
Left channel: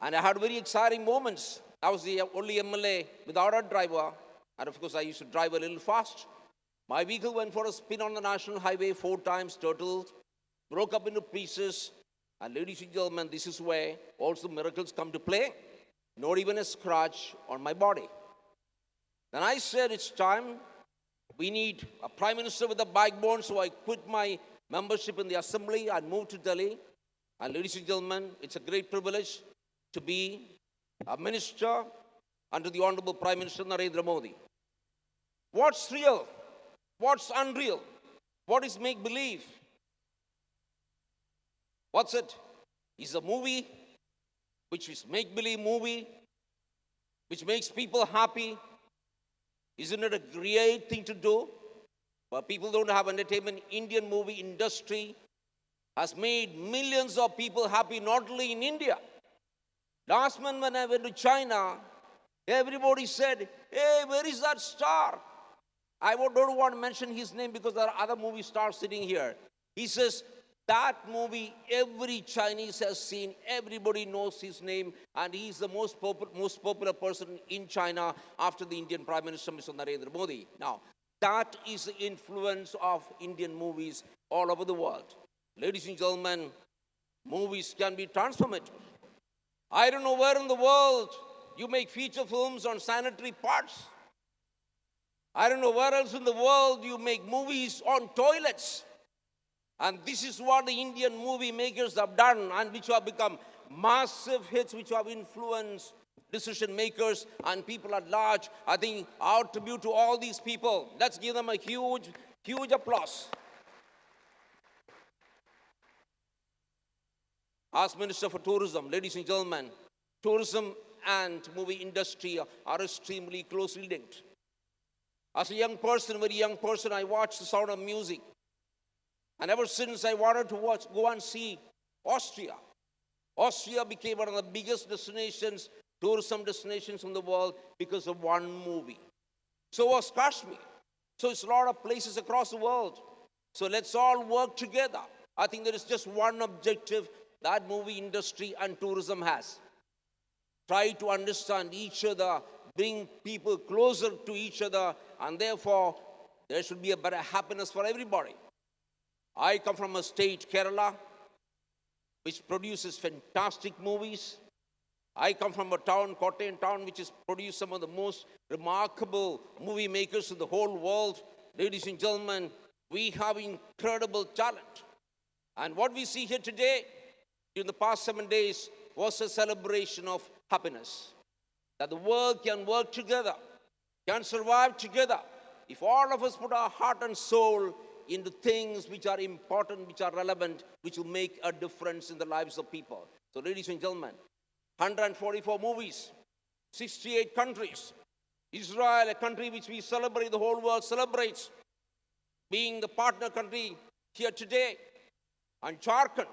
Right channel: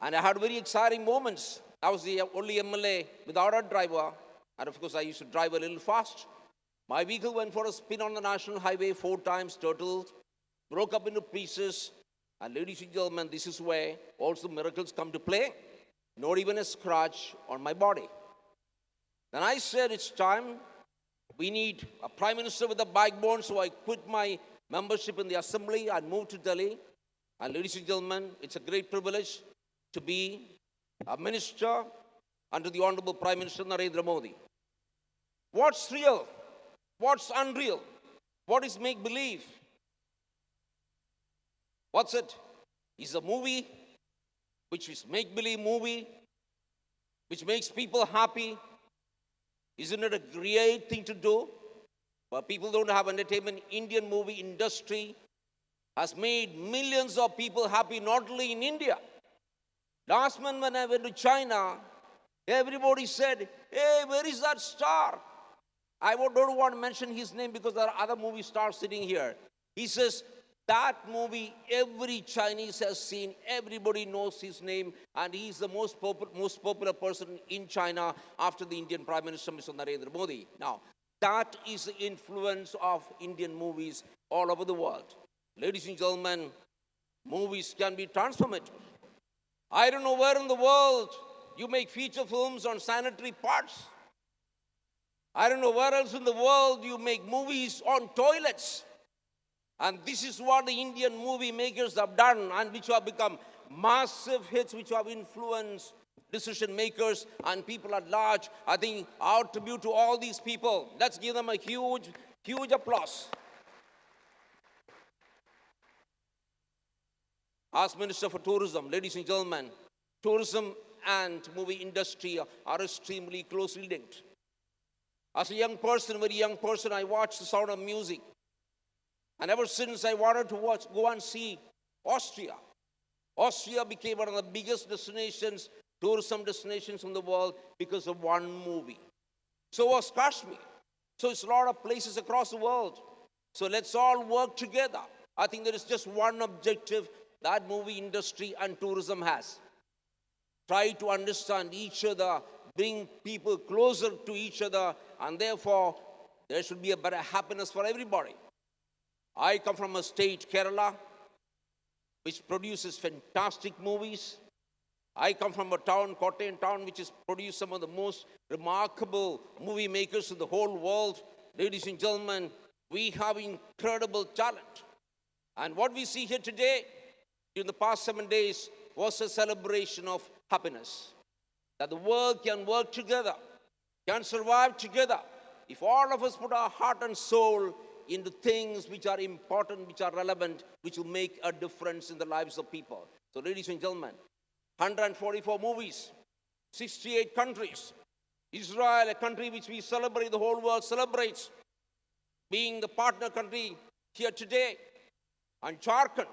And I had very exciting moments. I was the only MLA without a driver. And of course, I used to drive a little fast. My vehicle went for a spin on the national highway 4 times, turtled, broke up into pieces. And ladies and gentlemen, this is where also miracles come to play. Not even a scratch on my body. Then I said, it's time. We need a prime minister with a backbone. So I quit my membership in the assembly and moved to Delhi. And ladies and gentlemen, it's a great privilege to be a minister under the Honorable Prime Minister Narendra Modi. What's real? What's unreal? What is make-believe? What's it? It's a movie, which is make-believe movie, which makes people happy. Isn't it a great thing to do? But people don't have entertainment. Indian movie industry has made millions of people happy, not only in India. Last month when I went to China, everybody said, hey, where is that star? I don't want to mention his name because there are other movie stars sitting here. He says, that movie every Chinese has seen, everybody knows his name, and he's the most popular person in China after the Indian Prime Minister, Mr. Narendra Modi. Now, that is the influence of Indian movies all over the world. Ladies and gentlemen, movies can be transformative. I don't know where in the world you make feature films on sanitary parts. I don't know where else in the world you make movies on toilets. And this is what the Indian movie makers have done and which have become massive hits, which have influenced decision makers and people at large. I think our tribute to all these people, let's give them a huge, huge applause. As Minister for Tourism, ladies and gentlemen, tourism and movie industry are extremely closely linked. As a young person, very young person, I watched The Sound of Music. And ever since I wanted to go and see Austria. Austria became one of the biggest destinations, tourism destinations in the world because of one movie. So was Kashmir. So it's a lot of places across the world. So let's all work together. I think there is just one objective that movie industry and tourism has. Try to understand each other, bring people closer to each other, and therefore there should be a better happiness for everybody. I come from a state, Kerala, which produces fantastic movies. I come from a town, Kottayam town, which has produced some of the most remarkable movie makers in the whole world. Ladies and gentlemen, we have incredible talent. And what we see here today, during the past 7 days, was a celebration of happiness. That the world can work together, can survive together. If all of us put our heart and soul into things which are important, which are relevant, which will make a difference in the lives of people. So ladies and gentlemen, 144 movies, 68 countries. Israel, a country which we celebrate, the whole world celebrates, being the partner country here today. And Jharkhand,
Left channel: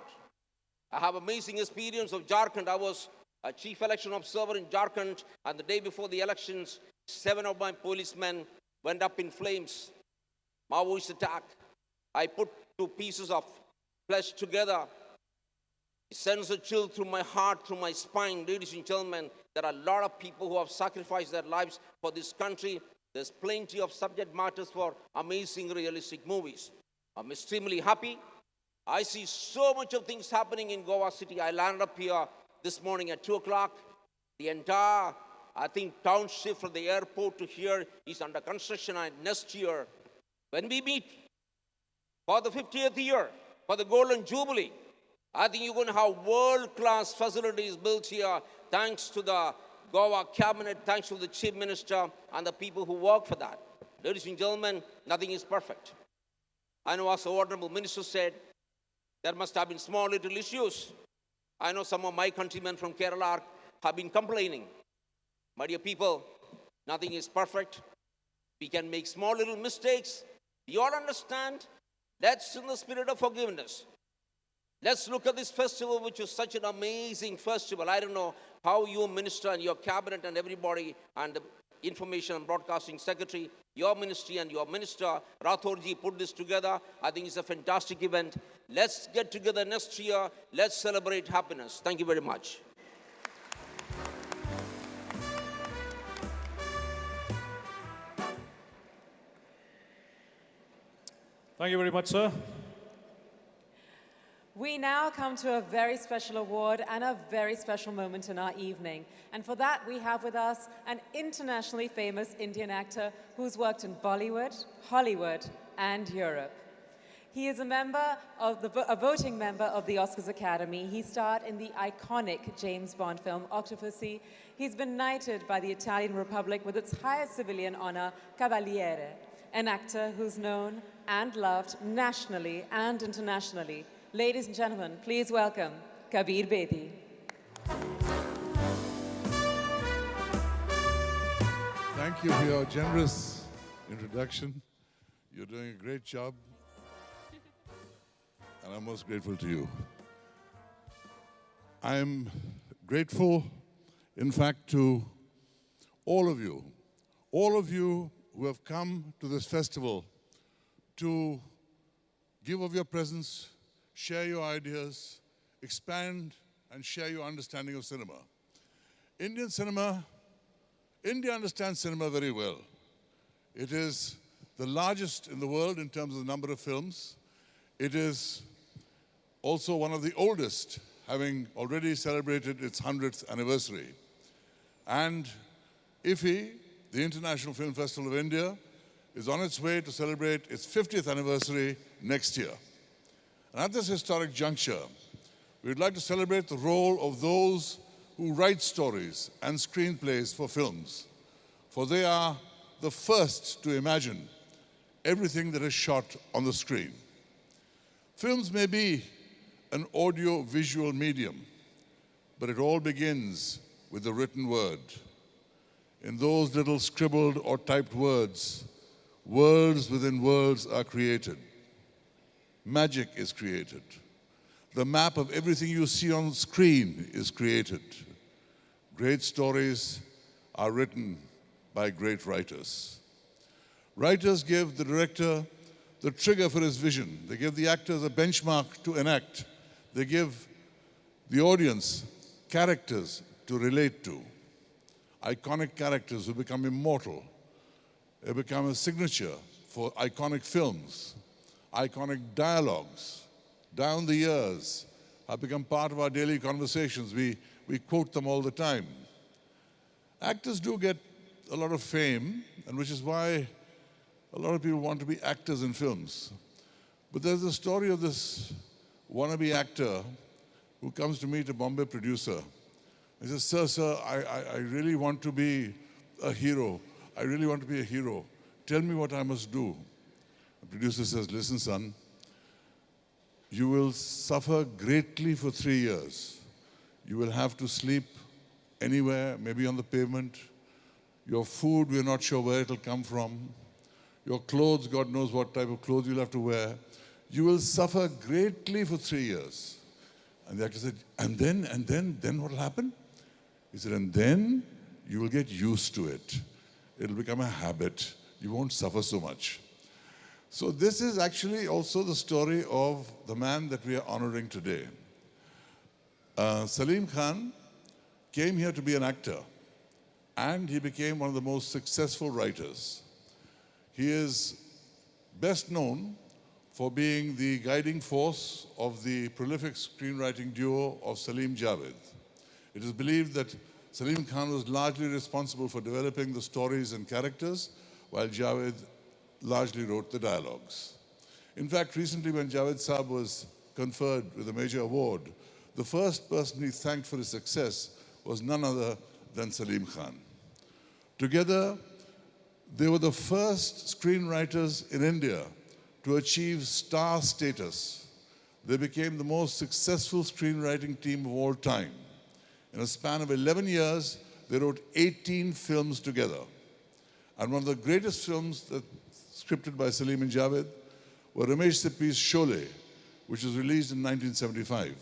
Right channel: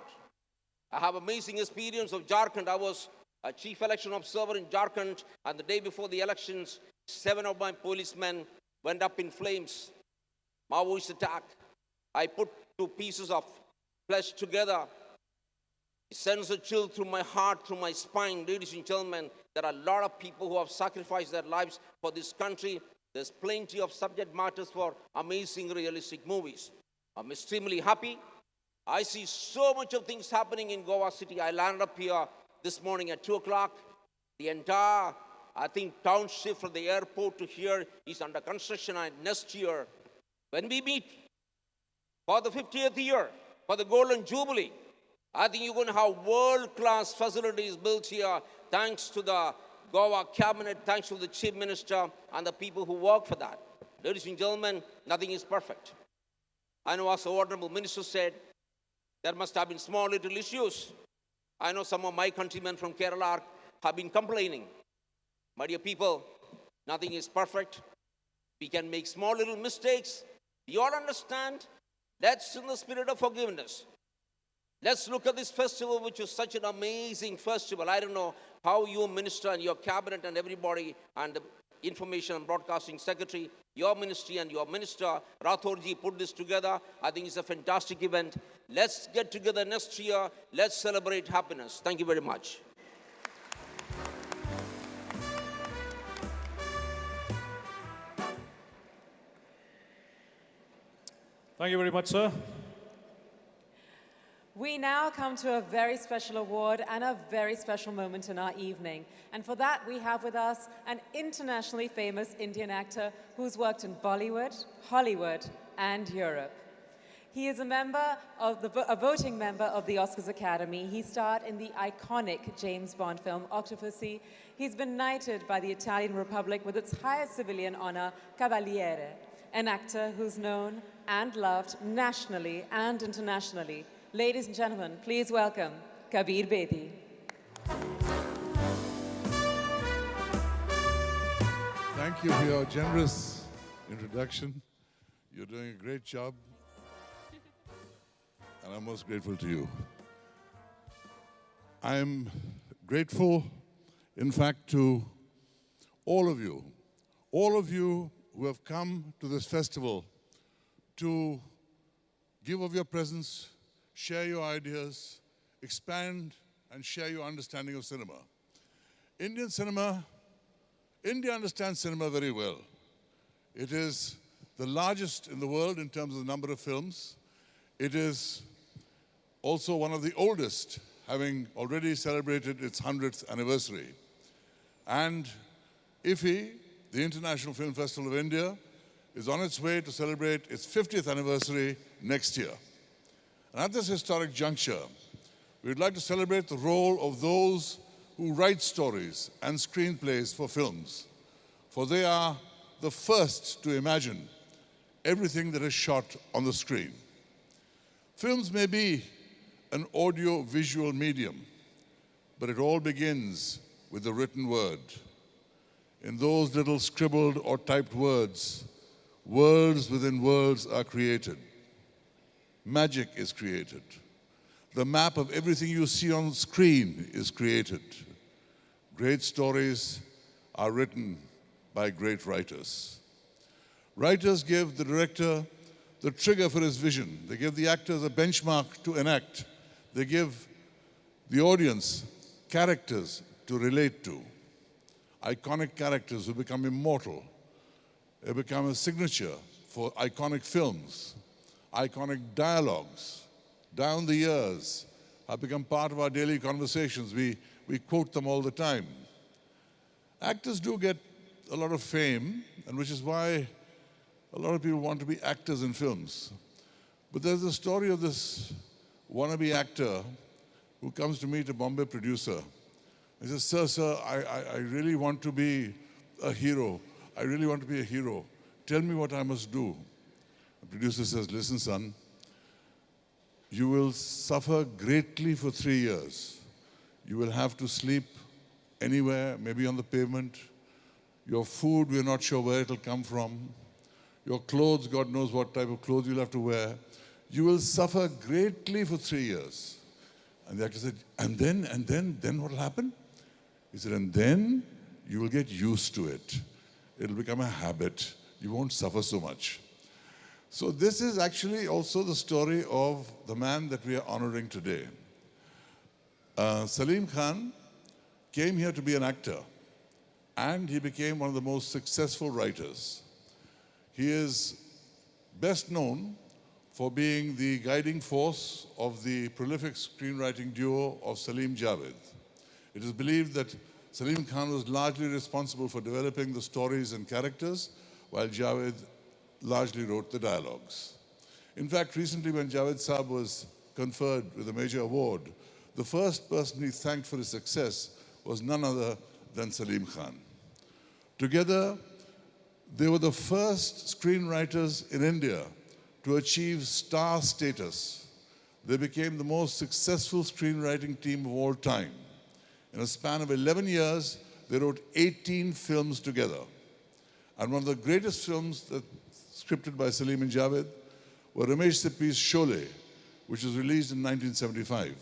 I have amazing experience of Jharkhand. I was a chief election observer in Jharkhand, and the day before the elections, 7 of my policemen went up in flames. Maoist attack. I put 2 pieces of flesh together. It sends a chill through my heart, through my spine. Ladies and gentlemen, there are a lot of people who have sacrificed their lives for this country. There's plenty of subject matters for amazing, realistic movies. I'm extremely happy. I see so much of things happening in Goa City. I landed up here this morning at 2 o'clock. The entire, I think, township from the airport to here is under construction, and next year, when we meet for the 50th year, for the Golden Jubilee, I think you're going to have world-class facilities built here, thanks to the Goa cabinet, thanks to the chief minister and the people who work for that. Ladies and gentlemen, nothing is perfect. I know, as the honorable minister said, there must have been small little issues. I know some of my countrymen from Kerala have been complaining. My dear people, nothing is perfect. We can make small little mistakes. You all understand? That's in the spirit of forgiveness. Let's look at this festival, which is such an amazing festival. I don't know how you, minister, and your cabinet and everybody and the Information and Broadcasting Secretary, your ministry and your minister, Rathorji, put this together. I think it's a fantastic event. Let's get together next year. Let's celebrate happiness. Thank you very much. Thank you very much, sir. We now come to a very special award and a very special moment in our evening. And for that, we have with us an internationally famous Indian actor who's worked in Bollywood, Hollywood, and Europe. He is a voting member of the Oscars Academy. He starred in the iconic James Bond film Octopussy. He's been knighted by the Italian Republic with its highest civilian honor, Cavaliere, an actor who's known and loved nationally and internationally. Ladies and gentlemen, please welcome Kabir Bedi. Thank you for your generous introduction. You're doing a great job, and I'm most grateful to you. I'm grateful, in fact, to all of you who have come to this festival to give of your presence, share your ideas, expand and share your understanding of cinema. India understands cinema very well. It is the largest in the world in terms of the number of films. It is also one of the oldest, having already celebrated its 100th anniversary. And IFFI, the International Film Festival of India, is on its way to celebrate its 50th anniversary next year. And at this historic juncture, we would like to celebrate the role of those who write stories and screenplays for films, for they are the first to imagine everything that is shot on the screen. Films may be an audio-visual medium, but it all begins with the written word. In those little scribbled or typed words, worlds within worlds are created. Magic is created. The map of everything you see on screen is created. Great stories are written by great writers. Writers give the director the trigger for his vision. They give the actors a benchmark to enact. They give the audience characters to relate to. Iconic characters who become immortal. They become a signature for iconic films. Iconic dialogues down the years have become part of our daily conversations. We quote them all the time. Actors do get a lot of fame, and which is why a lot of people want to be actors in films. But there's a story of this wannabe actor who comes to meet a Bombay producer. He says, Sir, I really want to be a hero. I really want to be a hero. Tell me what I must do. The producer says, listen, son, you will suffer greatly for 3 years. You will have to sleep anywhere, maybe on the pavement. Your food, we're not sure where it'll come from. Your clothes, God knows what type of clothes you'll have to wear. You will suffer greatly for 3 years. And the actor said, and then what will happen? He said, and then you will get used to it. It'll become a habit. You won't suffer so much. So this is actually also the story of the man that we are honoring today. Salim Khan came here to be an actor, and he became one of the most successful writers. He is best known for being the guiding force of the prolific screenwriting duo of Salim Javed. It is believed that Salim Khan was largely responsible for developing the stories and characters, while Javed largely wrote the dialogues. In fact, recently when Javed Saab was conferred with a major award, the first person he thanked for his success was none other than Salim Khan. Together, they were the first screenwriters in India to achieve star status. They became the most successful screenwriting team of all time. In a span of 11 years, they wrote 18 films together. And one of the greatest films that scripted by Salim and Javed were Ramesh Sippy's Sholay, which was released in 1975.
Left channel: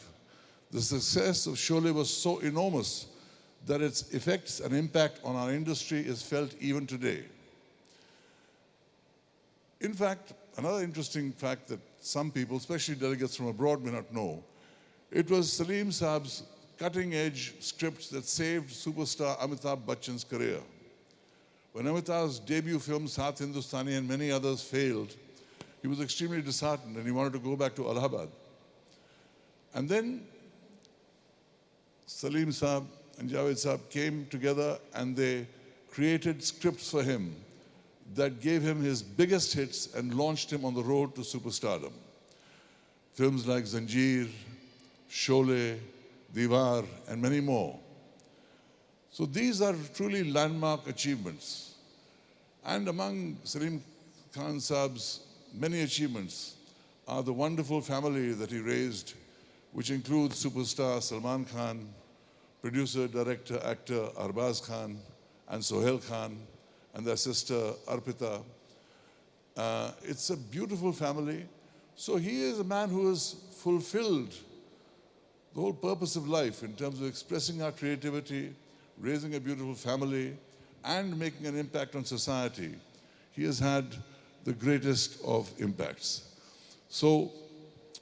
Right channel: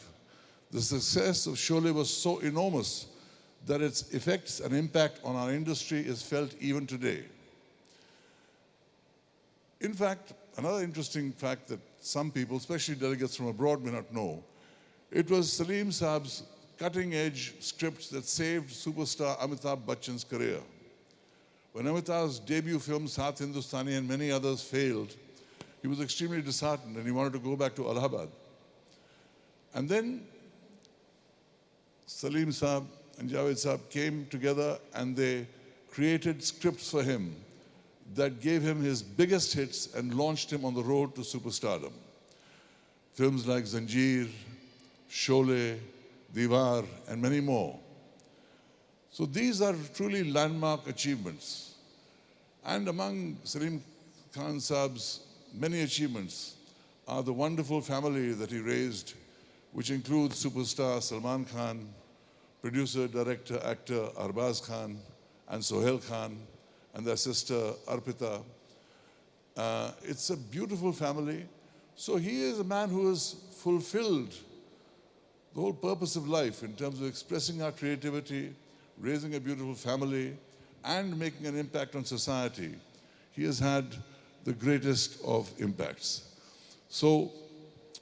The success of Sholay was so enormous that its effects and impact on our industry is felt even today. In fact, another interesting fact that some people, especially delegates from abroad, may not know, it was Salim Saab's cutting-edge scripts that saved superstar Amitabh Bachchan's career. When Amitabh's debut film, Saath Hindustani, and many others failed, he was extremely disheartened and he wanted to go back to Allahabad. And then Salim Saab and Javed Saab came together and they created scripts for him that gave him his biggest hits and launched him on the road to superstardom. Films like Zanjeer, Sholay, Diwar, and many more. So these are truly landmark achievements. And among Salim Khan Saab's many achievements are the wonderful family that he raised, which includes superstar Salman Khan, producer, director, actor Arbaz Khan, and Sohail Khan, and their sister Arpita. It's a beautiful family. So he is a man who has fulfilled the whole purpose of life in terms of expressing our creativity, raising a beautiful family, and making an impact on society. He has had the greatest of impacts. So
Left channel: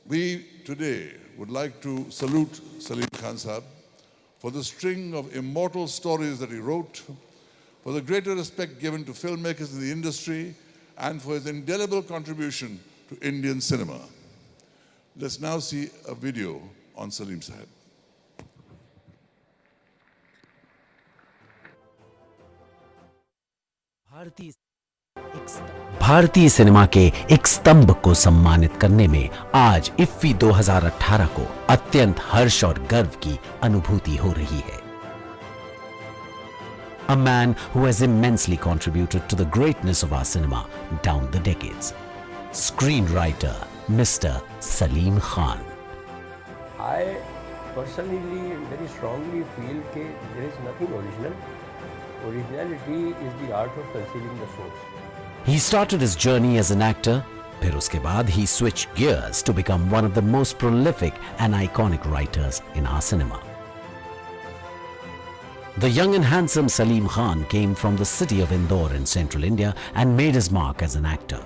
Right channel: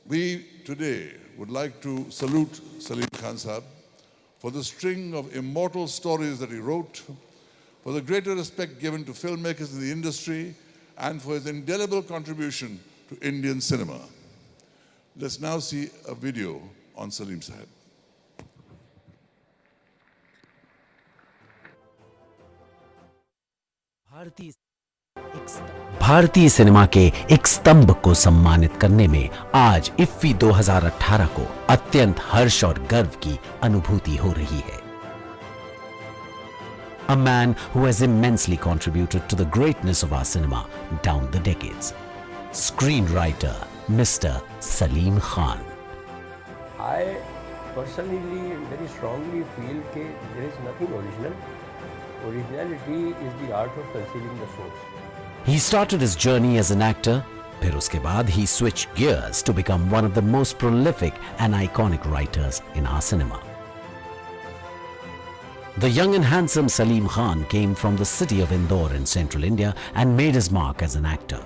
we today would like to salute Salim Khan Saab for the string of immortal stories that he wrote, for the greater respect given to filmmakers in the industry, and for his indelible contribution to Indian cinema. Let's now see a video on Salim Sahib. भारतीय cinema के एक स्तंभ को सम्मानित करने में आज IFFI 2018 को अत्यंत हर्ष और गर्व की अनुभूति हो रही है. A man who has immensely contributed to the greatness of our cinema down the decades. Screenwriter Mr. Salim Khan. I personally very strongly feel that there is nothing original. Originality is the art of concealing the source. He started his journey as an actor. फिर उसके बाद he switched gears to become one of the most prolific and iconic writers in our cinema. The young and handsome Salim Khan came from the city of Indore in central India and made his mark as an actor.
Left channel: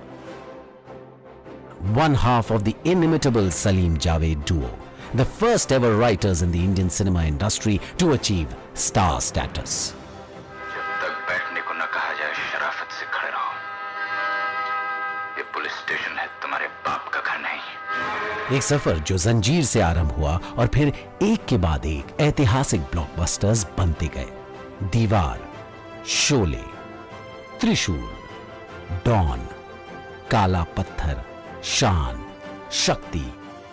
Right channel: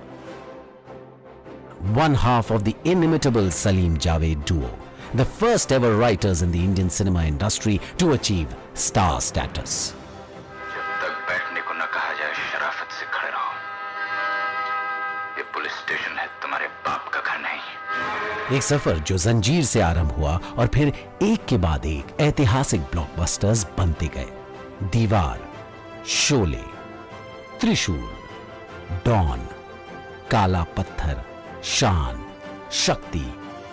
One half of the inimitable Salim Javed duo, the first ever writers in the Indian cinema industry to achieve star status. एक सफर जो जंजीर से आरंभ हुआ और फिर एक के बाद एक ऐतिहासिक ब्लॉकबस्टर्स बनते गए. दीवार, शोले, त्रिशूल, डॉन, काला पत्थर, शान, शक्ति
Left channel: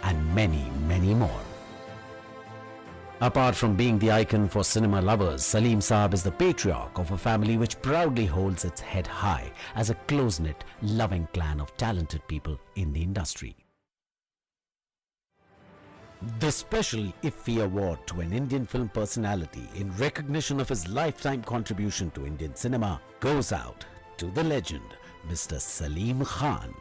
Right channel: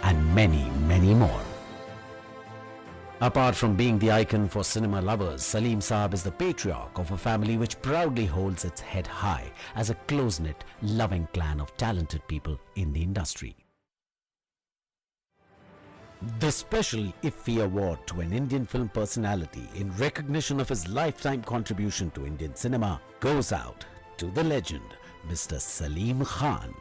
and many more. Apart from being the icon for cinema lovers, Salim Saab is the patriarch of a family which proudly holds its head high as a close-knit, loving clan of talented people in the industry. The special IFFI award to an Indian film personality in recognition of his lifetime contribution to Indian cinema goes out to the legend, Mr. Salim Khan.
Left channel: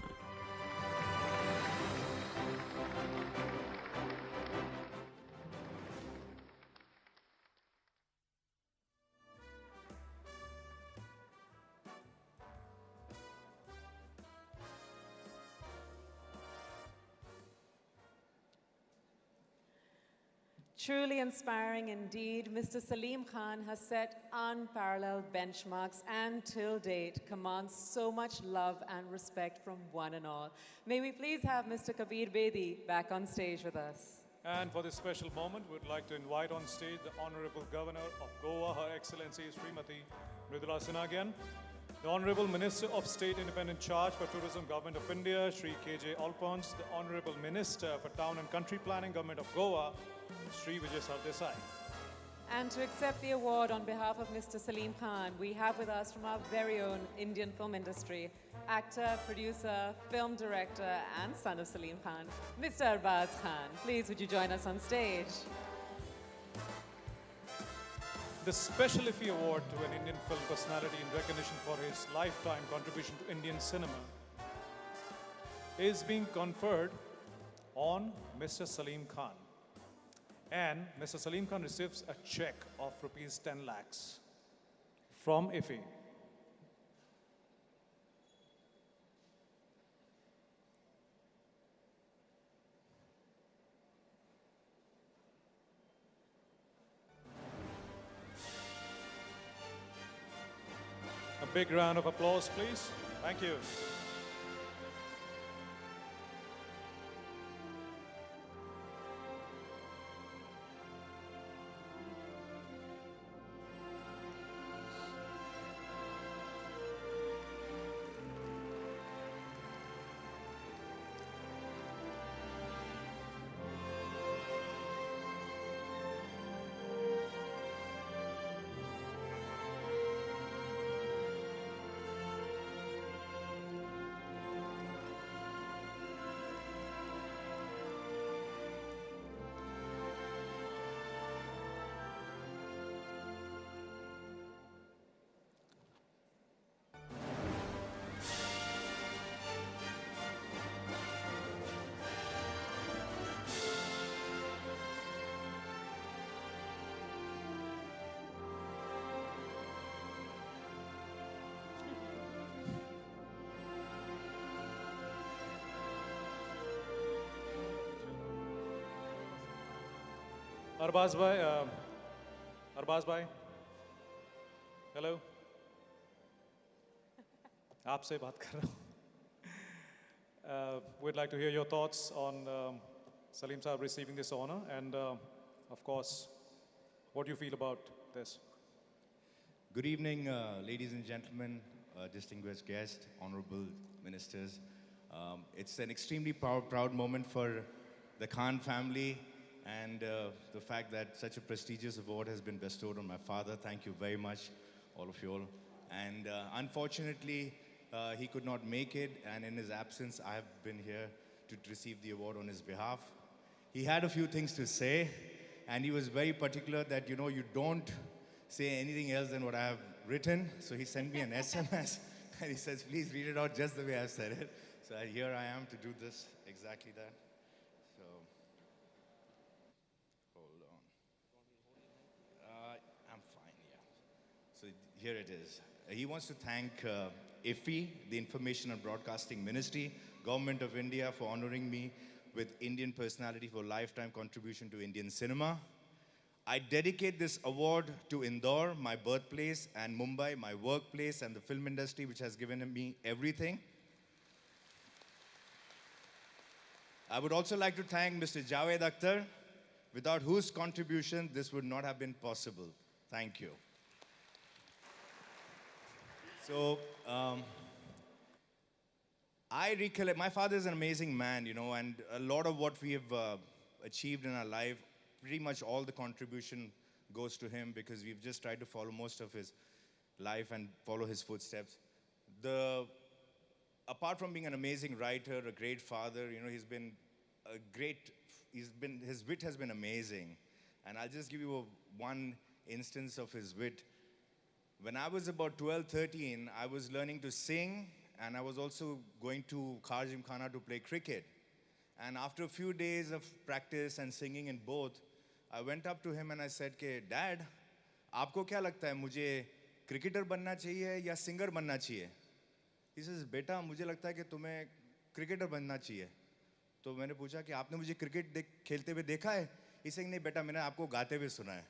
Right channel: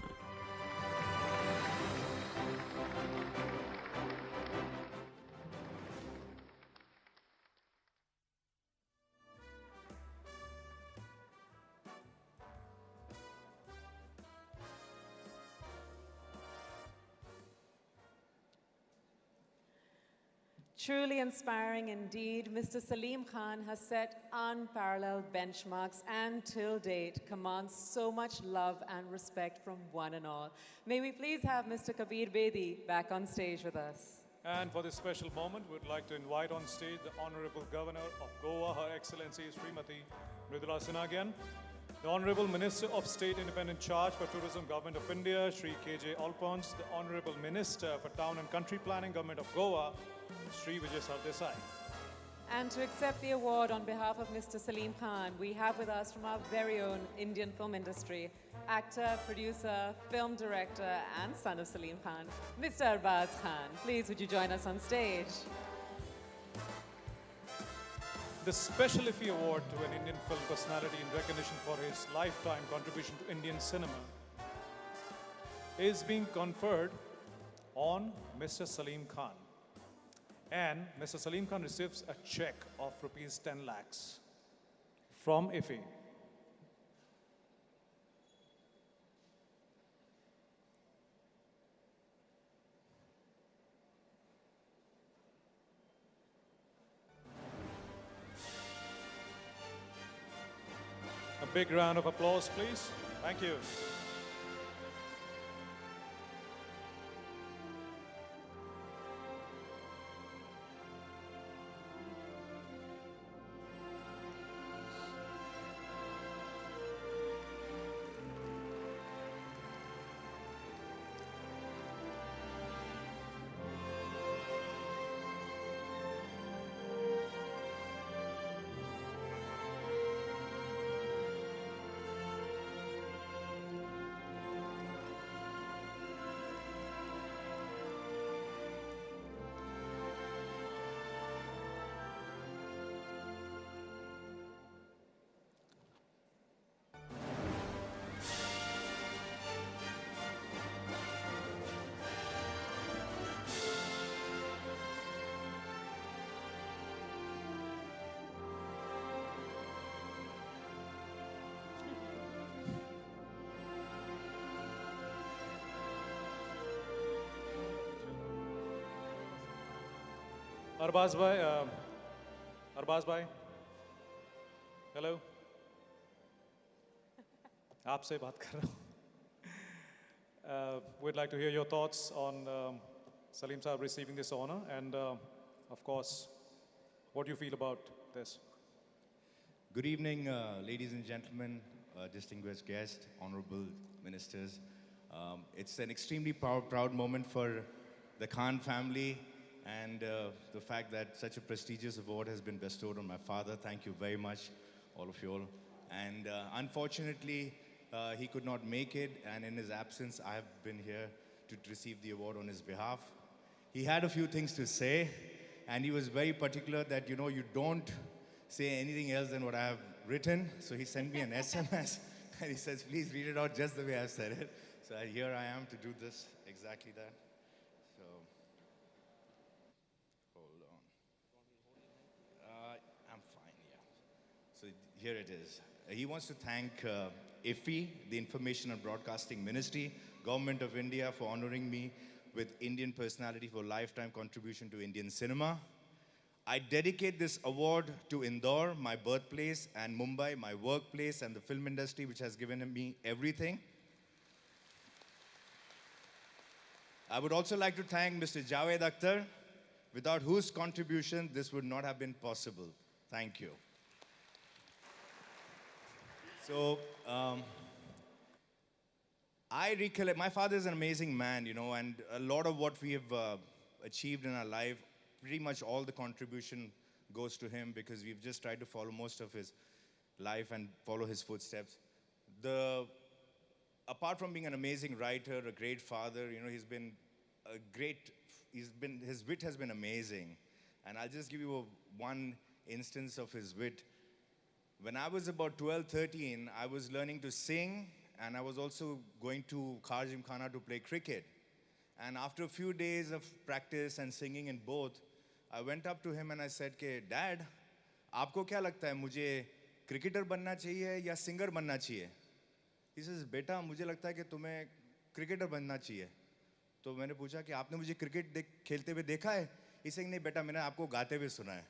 Truly inspiring indeed, Mr. Salim Khan has set unparalleled benchmarks and till date commands so much love and respect from one and all. May we please have Mr. Kabir Bedi back on stage with us. And for this special moment, we'd like to invite on stage the Honorable Governor of Goa, Her Excellency Srimati Mridula Sinha again, the Honorable Minister of State Independent Charge for Tourism, Government of India, Shri K.J. Alphonse, the Honorable Minister for Town and Country Planning, Government of Goa, Shri Vijay Sardesai. And to accept the award on behalf of Mr. Salim Khan, we have with us from our very own Indian film industry, actor, producer, film director, and son of Salim Khan, Mr. Arbaz Khan. Please, would you join us on stage? The Special IFFI Award to an Indian film personality in recognition for his lifetime contribution to Indian cinema is being conferred on Mr. Salim Khan. And Mr. Salim Khan receives a check of rupees 10 lakhs from IFFI. A big round of applause, please. Thank you. Arbaz bhai, hello. आपसे बात कर रहा हूँ. We'd like to hear your thoughts on Salim Saab receiving this honor, and of course, what do you feel about this? Good evening, ladies and gentlemen, distinguished guests, honorable ministers. It's an extremely proud moment for the Khan family, and the fact that such a prestigious award has been bestowed on my father. Thank you very much, all of you all. And unfortunately, he could not make it, and in his absence, I have been here to receive the award on his behalf. He had a few things to say, and he was very particular that, you know, you don't say anything else than what I have written. So he sent me an SMS, and he says, please read it out just the way I've said it. So here I am to do this, exactly that. So, hold on. I'm fine, yeah. So here it is. He wants to thank IFFI, the Information and Broadcasting Ministry, Government of India, for honoring me with Indian Personality for Lifetime Contribution to Indian Cinema. I dedicate this award to Indore, my birthplace, and Mumbai, my workplace, and the film industry, which has given me everything. I would also like to thank Mr. Javed Akhtar, without whose contribution this would not have been possible. Thank you. So, I recollect, my father is an amazing man, you know, and a lot of what we have achieved in our life, pretty much all the contribution goes to him, because we've just tried to follow most of his life and follow his footsteps. Apart from being an amazing writer, a great father, you know, his wit has been amazing. And I'll just give you one instance of his wit. When I was about 12, 13, I was learning to sing, and I was also going to Gymkhana to play cricket. And after a few days of practice and singing in both, I went up to him and I said, Dad, आपको क्या लगता है मुझे cricketer बनना चाहिए या singer बनना चाहिए? He says, बेटा मुझे लगता है कि तुम्हें cricketer बनना चाहिए. तो मैंने पूछा कि आपने मुझे cricket खेलते हुए देखा है? He said, नहीं बेटा मैंने आपको गाते हुए सुना है.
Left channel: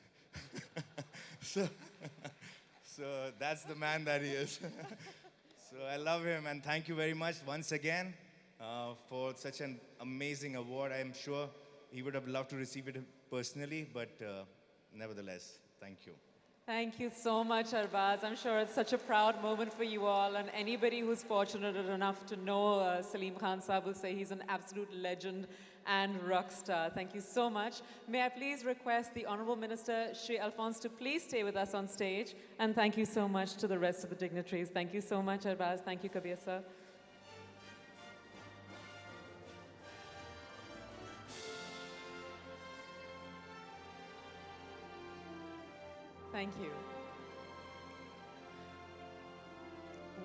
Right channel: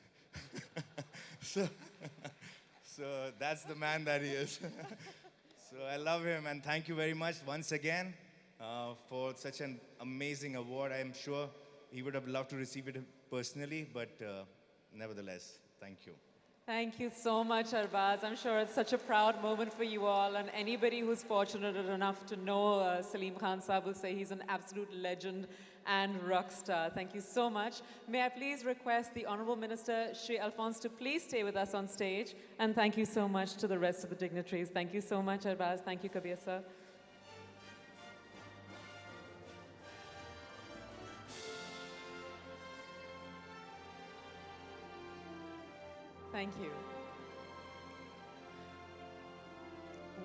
So that's the man that he is. So I love him, and thank you very much once again for such an amazing award. I am sure he would have loved to receive it personally, but nevertheless, thank you. Thank you so much, Arbaz. I'm sure it's such a proud moment for you all, and anybody who's fortunate enough to know Salim Khan Saab will say he's an absolute legend and rock star. Thank you so much. May I please request the Honourable Minister, Shri Alphonse, to please stay with us on stage, and thank you so much to the rest of the dignitaries. Thank you so much, Arbaz. Thank you, Kabir sir. Thank you.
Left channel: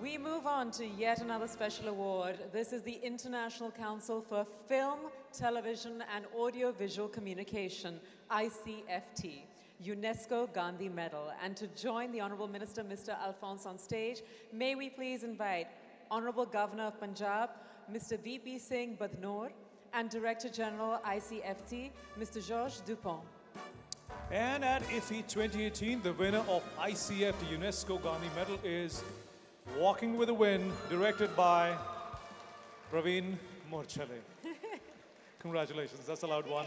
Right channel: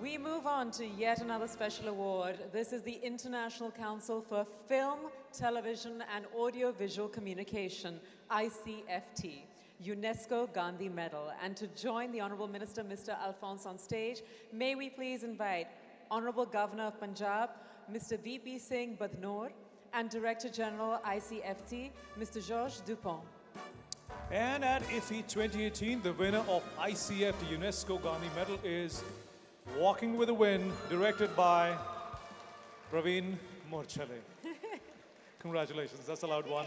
We move on to yet another special award. This is the International Council for Film, Television and Audiovisual Communication, ICFT, UNESCO Gandhi Medal. And to join the Honourable Minister, Mr. Alphonse, on stage, may we please invite Honourable Governor of Punjab, Mr. VP Singh Badnoor, and Director General ICFT, Mr. Georges Dupont. And at IFFI 2018, the winner of ICFT UNESCO Gandhi Medal is Walking with the Wind, directed by Praveen Morchale. Congratulations, that's a loud one.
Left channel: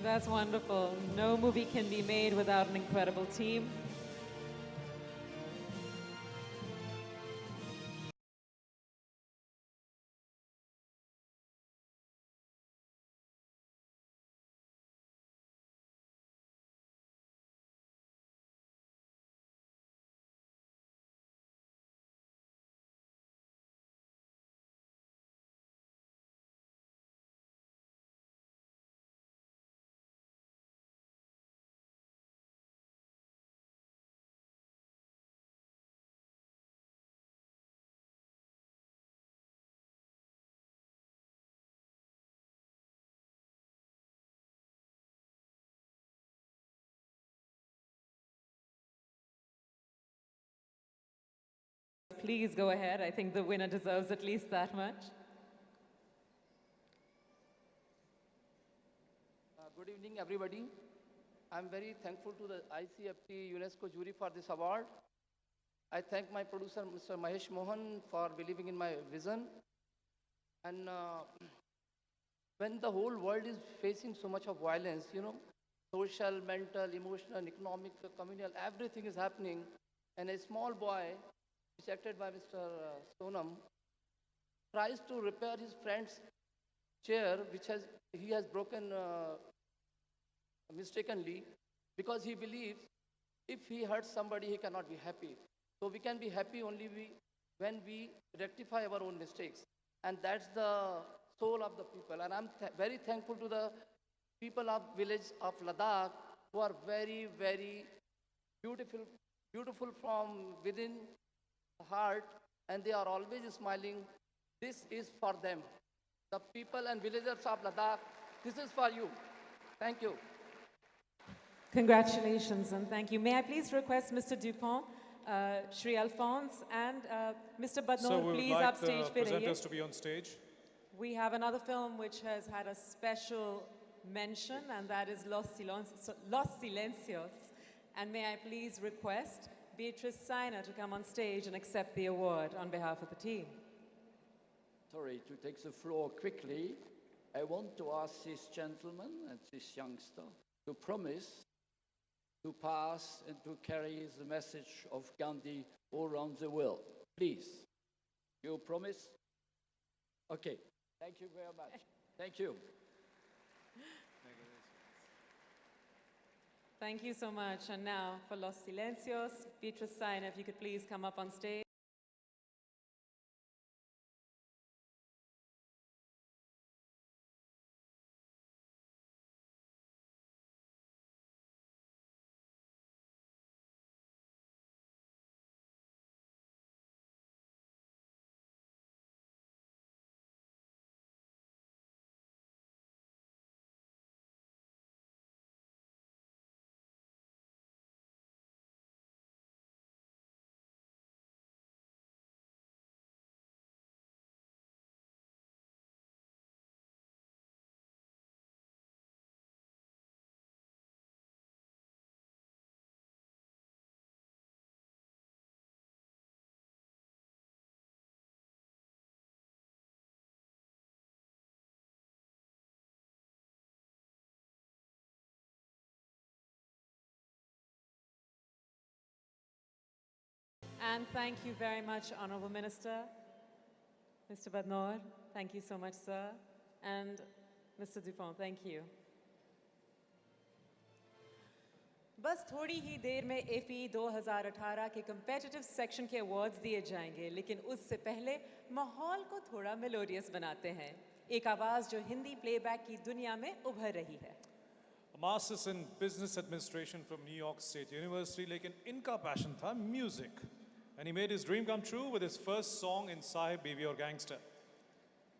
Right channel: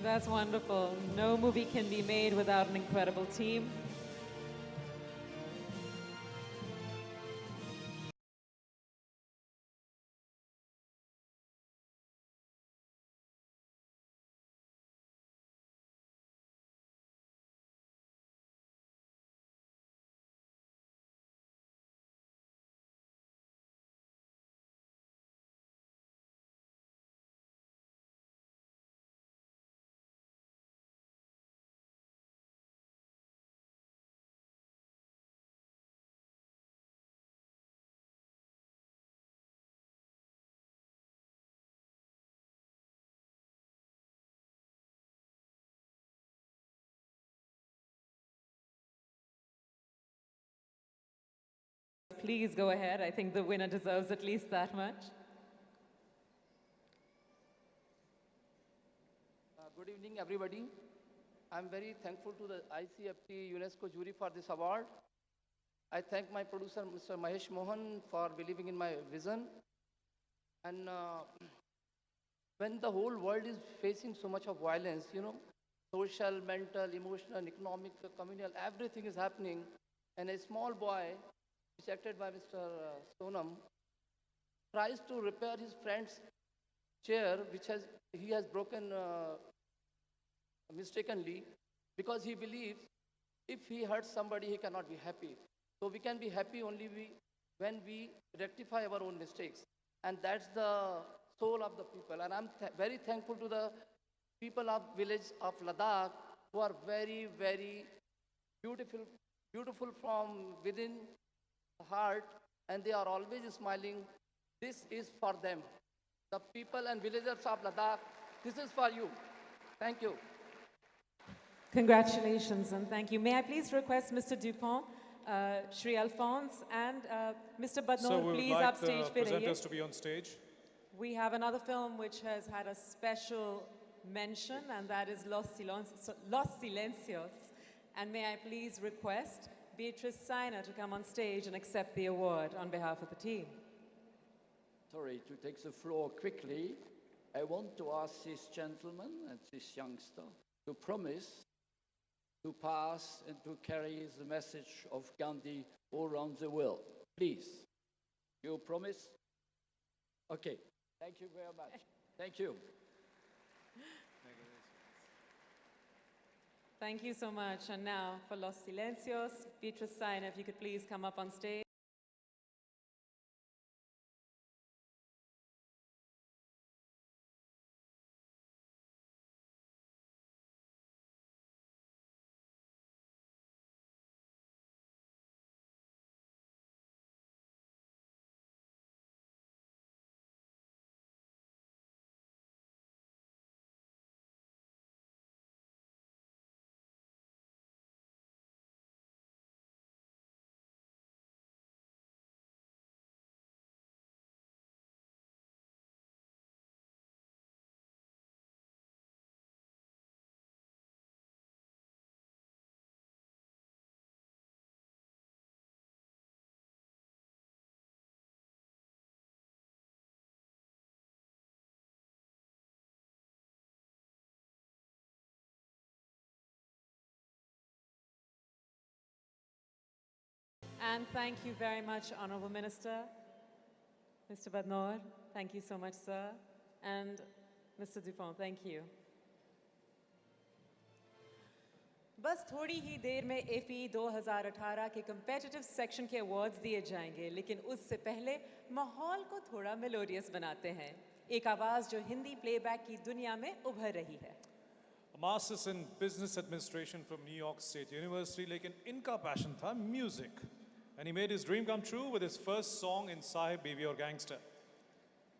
That's wonderful. No movie can be made without an incredible team. Please go ahead. I think the winner deserves at least that much. Good evening, everybody. I'm very thankful to the ICFT UNESCO jury for this award. I thank my producer, Mr. Mahesh Mohan, for believing in my vision. And when the whole world is facing so much of violence, you know, social, mental, emotional, economic, communal, everything is happening. And a small boy, which is acted by Mr. Sonam, tries to repair his friend's chair, which he has broken mistakenly, because he believes if he hurts somebody, he cannot be happy. So we can be happy only when we rectify our own mistakes. And that's the soul of the people. And I'm very thankful to the people of village of Ladakh who are very, very beautiful from within the heart, and they are always smiling. This is for them. The people and villagers of Ladakh, this is for you. Thank you. Congratulations and thank you. May I please request Mr. Dupont, Shri Alphonse, and Mr. Badnoor, So we would please like upstage. the presenters to be on stage. We have another film which has had a special mention, and that is Los Silencios. And may I please request Beatrice Sainer to come on stage and accept the award on behalf of the team. Sorry, to take the floor quickly, I want to ask this gentleman and this youngster to promise to pass and to carry the message of Gandhi all around the world. Please, you promise? Okay, thank you very much. Thank you. Thank you so much. And now for Los Silencios, Beatrice Sainer, if you could please come up on stage. And thank you very much, Honorable Minister. Mr. Badnoor, thank you so much, sir. And Mr. Dupont, thank you. बस थोड़ी ही देर में IFFI 2018 के competitive section के awards दिए जाएंगे, लेकिन उससे पहले माहौल को थोड़ा मेलोडियस बनाते हैं। एक आवाज़ जो हिंदी प्लेबैक की दुनिया में उभर रही है। A master's in business administration from New York State University, लेकिन इनका passion था music. And he made his dream come true with his first song in Sahib, Baby or Gangster.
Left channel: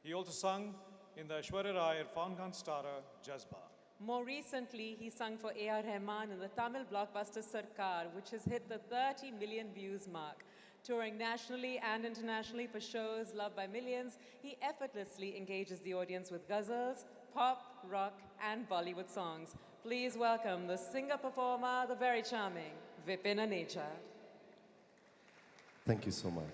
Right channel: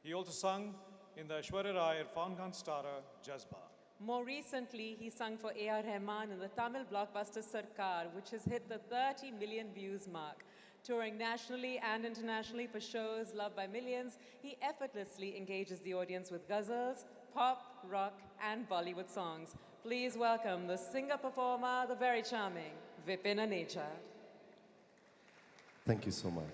He also sung in the Aishwarya Rai Irfan Khan starrer Jazba. More recently, he sung for A.R. Rahman in the Tamil blockbuster Sarkar, which has hit the 30 million views mark. Touring nationally and internationally for shows loved by millions, he effortlessly engages the audience with ghazals, pop, rock, and Bollywood songs. Please welcome the singer-performer, the very charming Vipin Aneja. Thank you so much.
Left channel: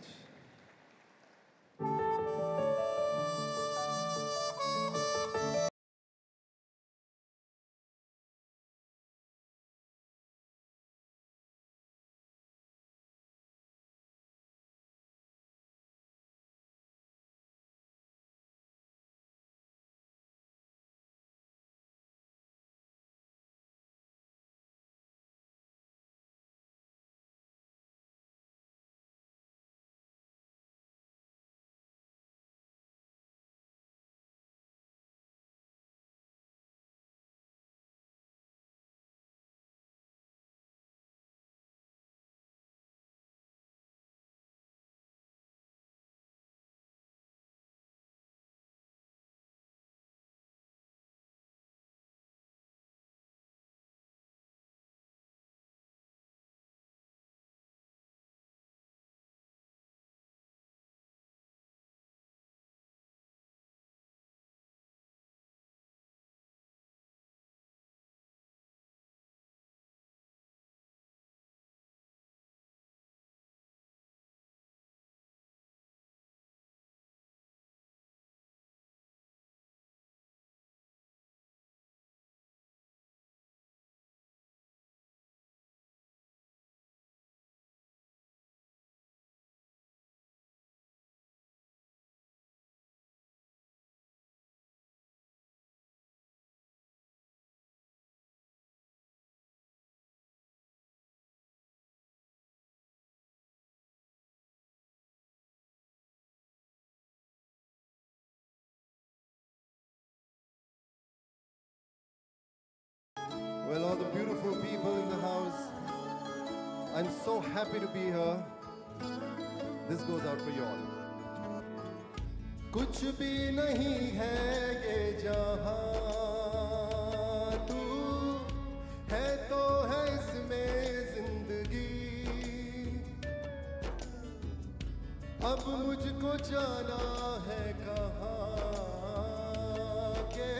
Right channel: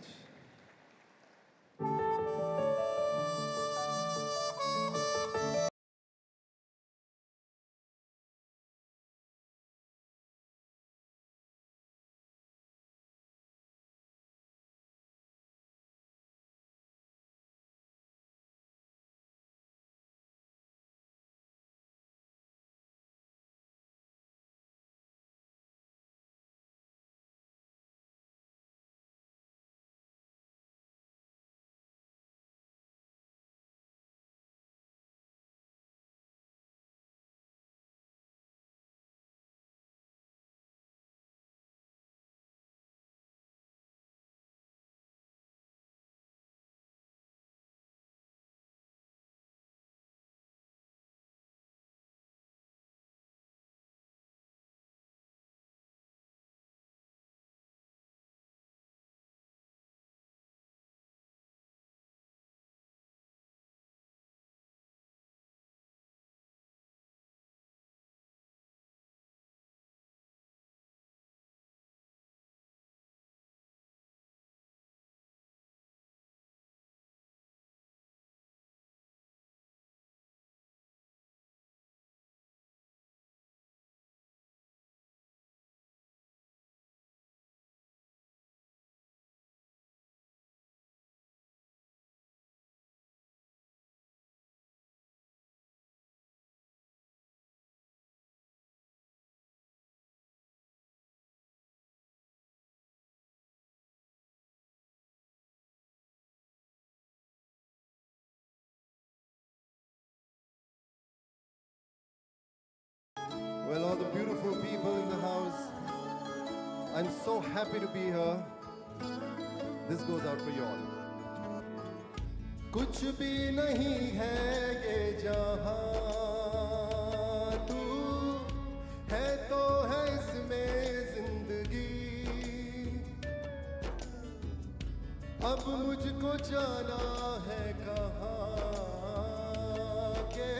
Well, all the beautiful people in the house, I'm so happy to be here. This goes out for you all. कुछ भी नहीं है ये जहां, तू है तो है इसमें जिंदगी। अब मुझको जाना है कहाँ के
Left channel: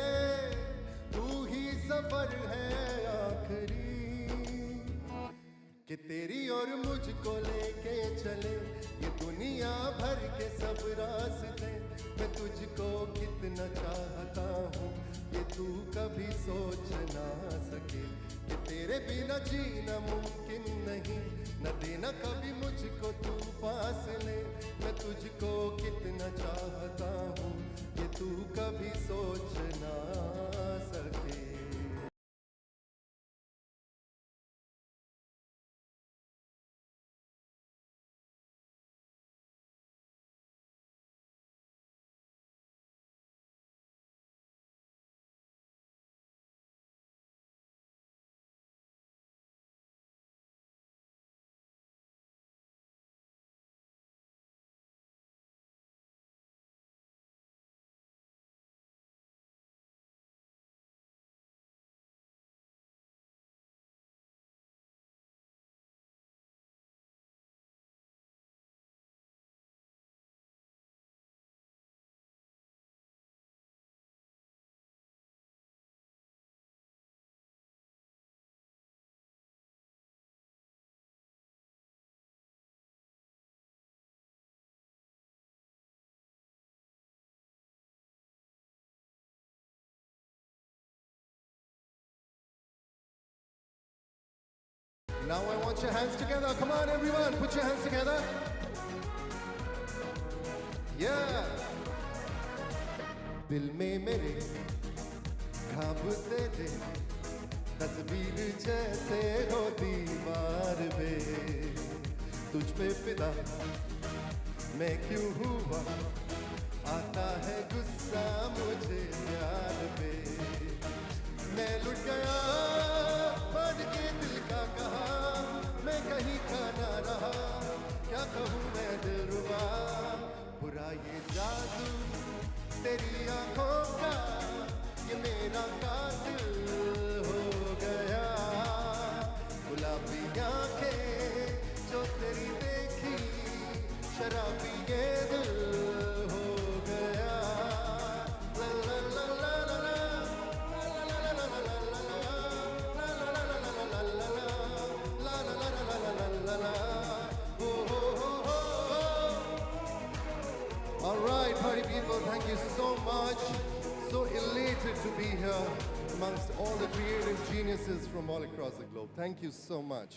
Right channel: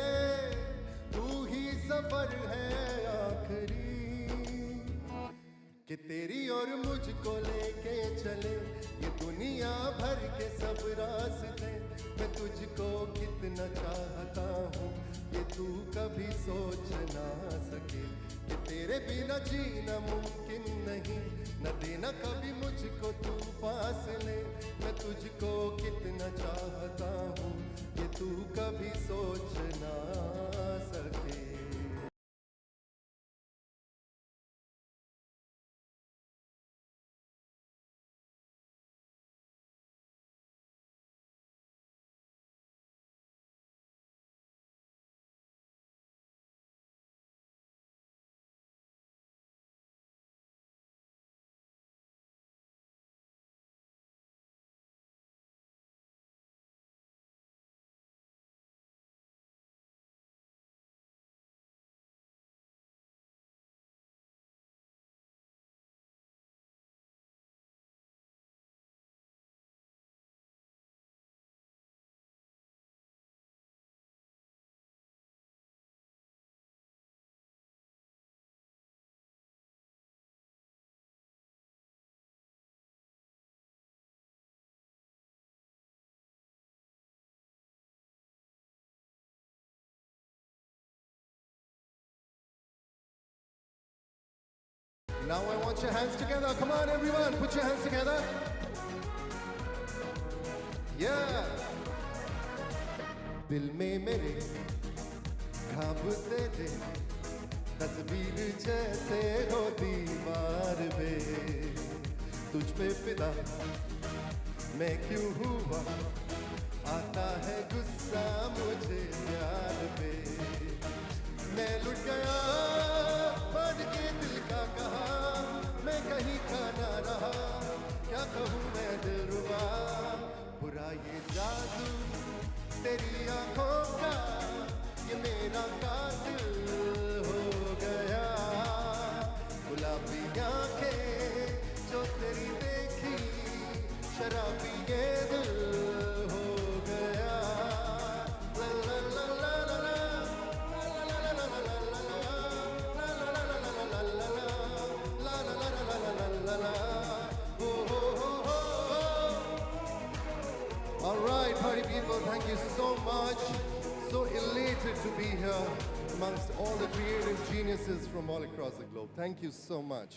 तू ही सफर है कि तेरी और मुझको लेके चले ये दुनिया भर के सब रास्ते। मैं तुझको कितना चाहता हूँ ये तू कभी सोच ना सके कि तेरे बिना जीना मुमकिन नहीं, न देना कभी मुझको तू फासले। मैं तुझको कितना चाहता हूँ ये तू कभी सोच ना सके। Now I want your hands together. Come on, everyone, put your hands together. Yeah. दिल में मेरे खाबते थे तस्वीर जैसे हो दीवार पे तुझ पे फिदा मैं क्यों हुआ आता है गुस्सा मुझे प्यार पे मैं लुट गया बन के दिल का कहा मैं कहीं का ना रहा क्या कहूँ मैं दिलरुबा बुरा ये जादू तेरी आंखों का ये मेरा कातिल हो गया गुलाबी आंखें जो तेरी देखी शराबी ये दिल हो गया ला ला ला ला ला All right, party people, thank you so much. So elated to be here amongst all the creative geniuses from all across the globe. Thank you so much.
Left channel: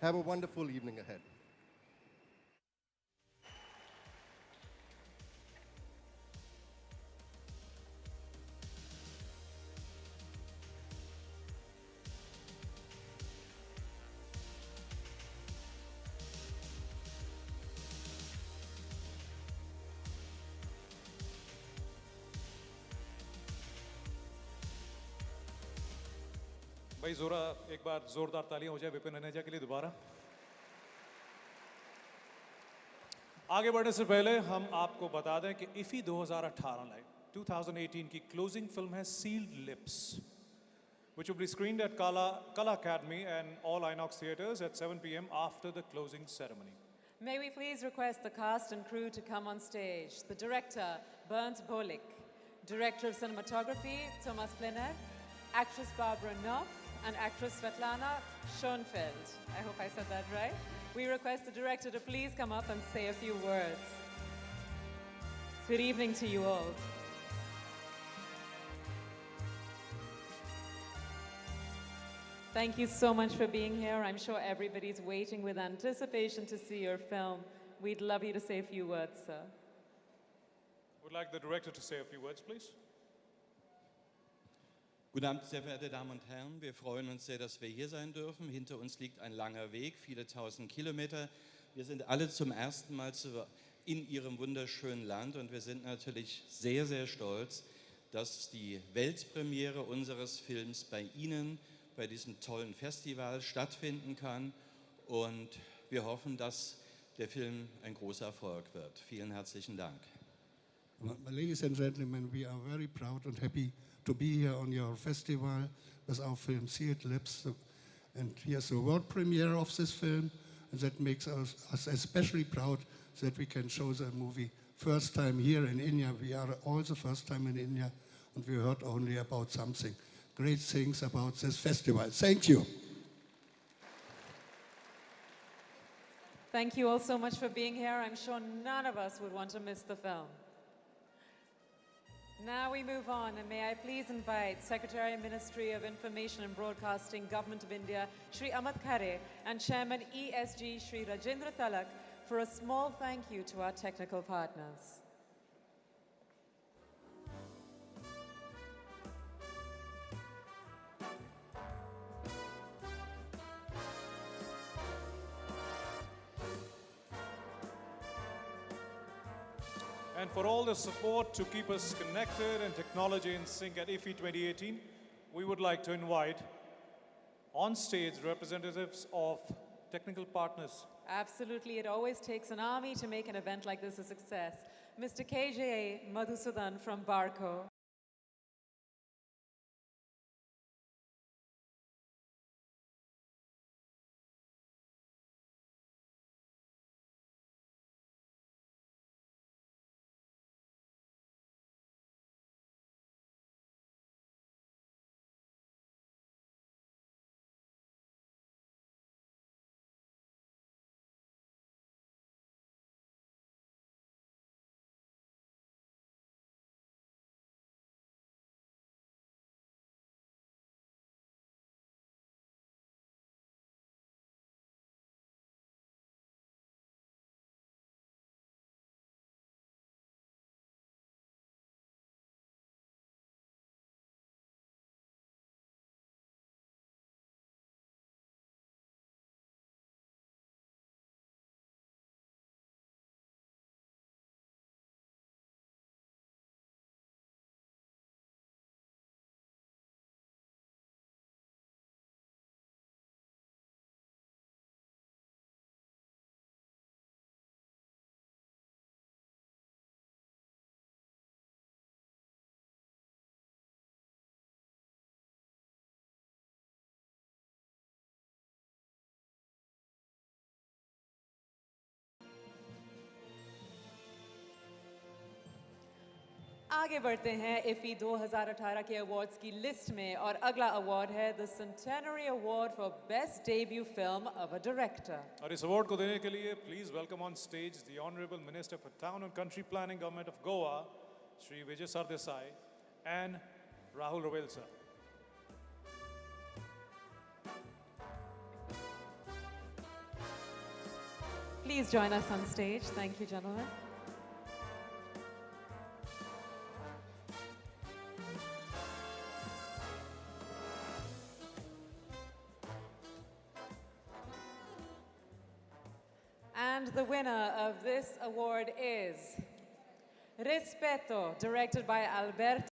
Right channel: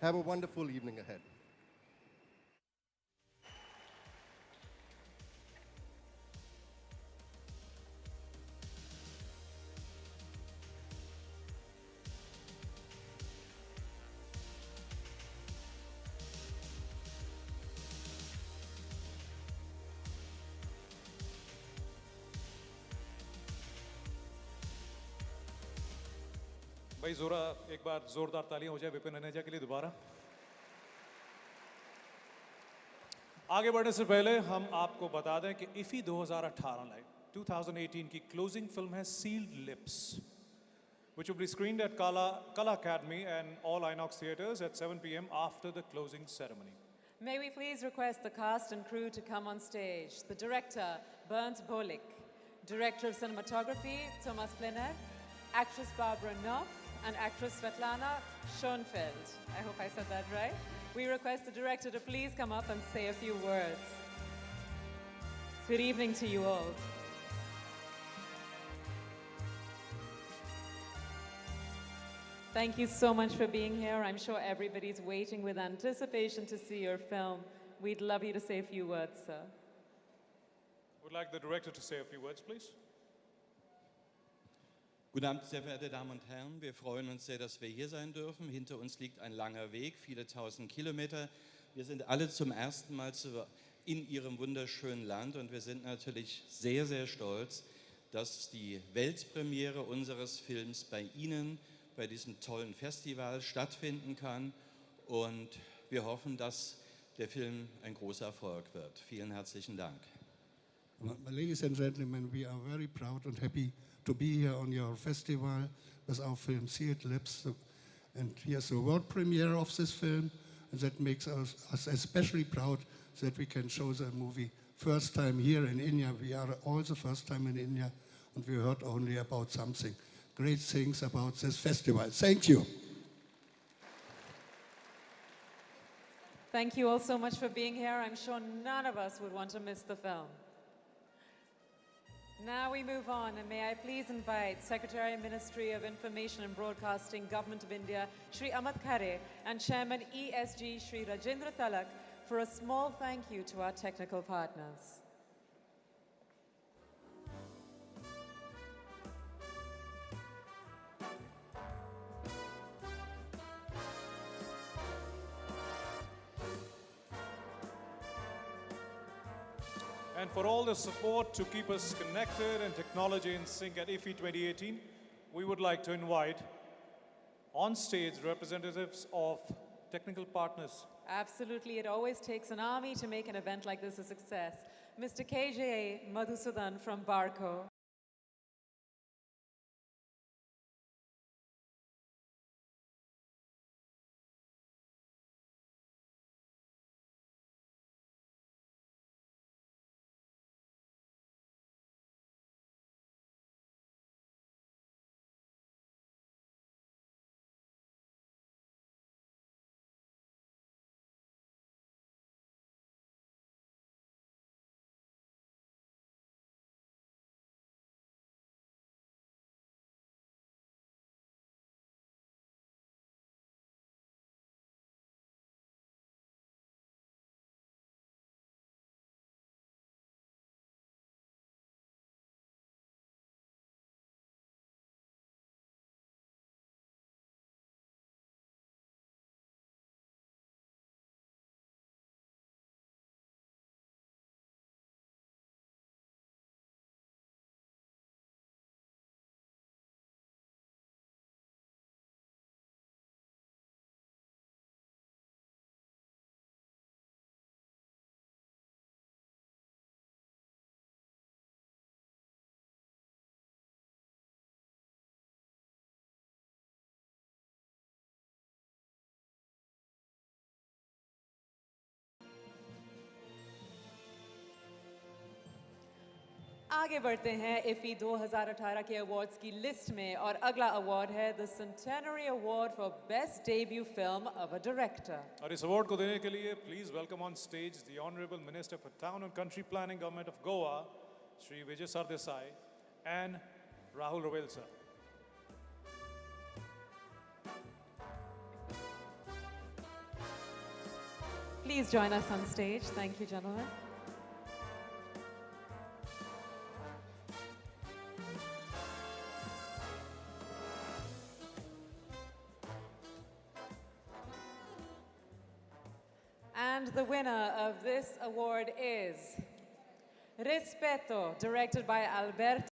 Have a wonderful evening ahead. भाई जोरा एक बार जोरदार तालियां हो जाए विपिन अनेजा के लिए दोबारा। आगे बढ़ने से पहले हम आपको बता दें कि इफी 2018 की क्लोजिंग फिल्म है sealed lips, which will be screened at Kala Academy and all Inox theaters at 7 p.m. after the closing ceremony. May we please request the cast and crew to come on stage. The director, Bernd Bolik. Director of cinematography, Thomas Plenner. Actress Barbara Knopf and actress Svetlana Schoenfeld. I hope I said that right. We request the director to please come up and say a few words. Good evening to you all. Thank you so much for being here. I'm sure everybody's waiting with anticipation to see your film. We'd love you to say a few words, sir. Would like the director to say a few words, please. Guten Abend, sehr verehrte Damen und Herren. Wir freuen uns sehr, dass wir hier sein dürfen. Hinter uns liegt ein langer Weg, viele tausend Kilometer. Wir sind alle zum ersten Mal in Ihrem wunderschönen Land und wir sind natürlich sehr, sehr stolz, dass die Weltpremiere unseres Films bei Ihnen, bei diesem tollen Festival stattfinden kann. Und wir hoffen, dass der Film ein großer Erfolg wird. Vielen herzlichen Dank. Ladies and gentlemen, we are very proud and happy to be here on your festival with our film Sealed Lips. And here's the world premiere of this film, and that makes us especially proud that we can show the movie first time here in India. We are all the first time in India, and we heard only about something great things about this festival. Thank you. Thank you all so much for being here. I'm sure none of us would want to miss the film. Now we move on, and may I please invite Secretary, Ministry of Information and Broadcasting, Government of India, Shri Amit Khare, and Chairman ESG, Shri Rajendra Talak, for a small thank you to our technical partners. And for all the support to keep us connected and technology in sync at IFFI 2018, we would like to invite on stage representatives of technical partners. Absolutely, it always takes an army to make an event like this a success. Mr. KJ Madhusudan from Barco. आगे बढ़ते हैं इफ़ी 2018 के awards की list में और अगला award है the centenary award for best debut film of a director. और इस अवार्ड को देने के लिए please welcome on stage the honourable minister for town and country planning government of Goa Shri Vijay Sardesai and Rahul Rawail sir. Please join us on stage. Thank you, gentlemen. And the winner of this award is Respeto, directed by Alberto.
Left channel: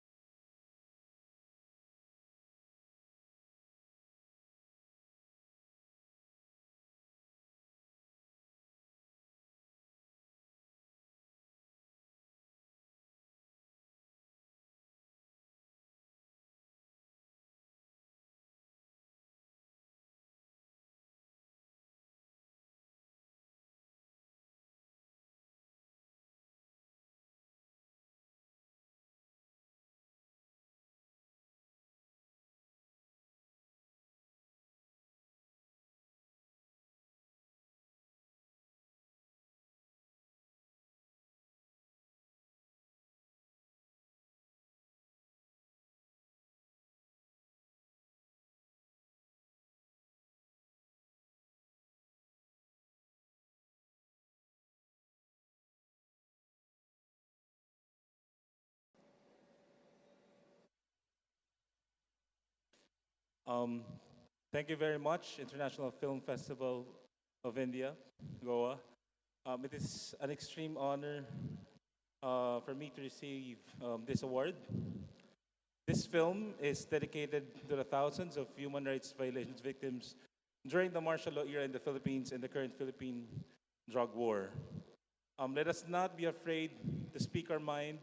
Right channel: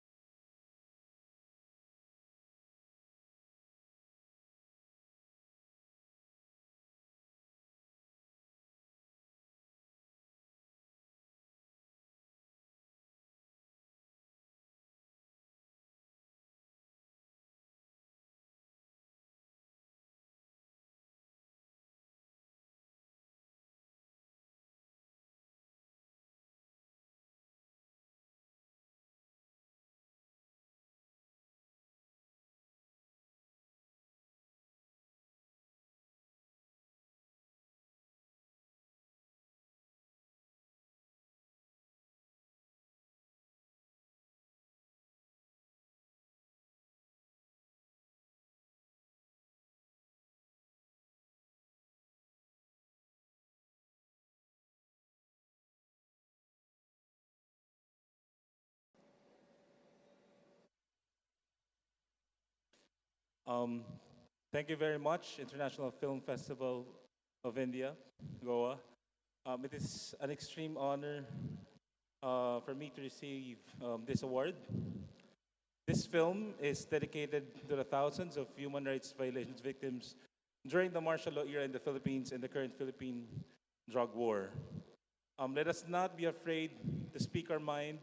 Thank you very much, International Film Festival of India, Goa. It is an extreme honor for me to receive this award. This film is dedicated to the thousands of human rights violations victims during the martial law era in the Philippines and the current Philippine drug war. Let us not be afraid to speak our mind,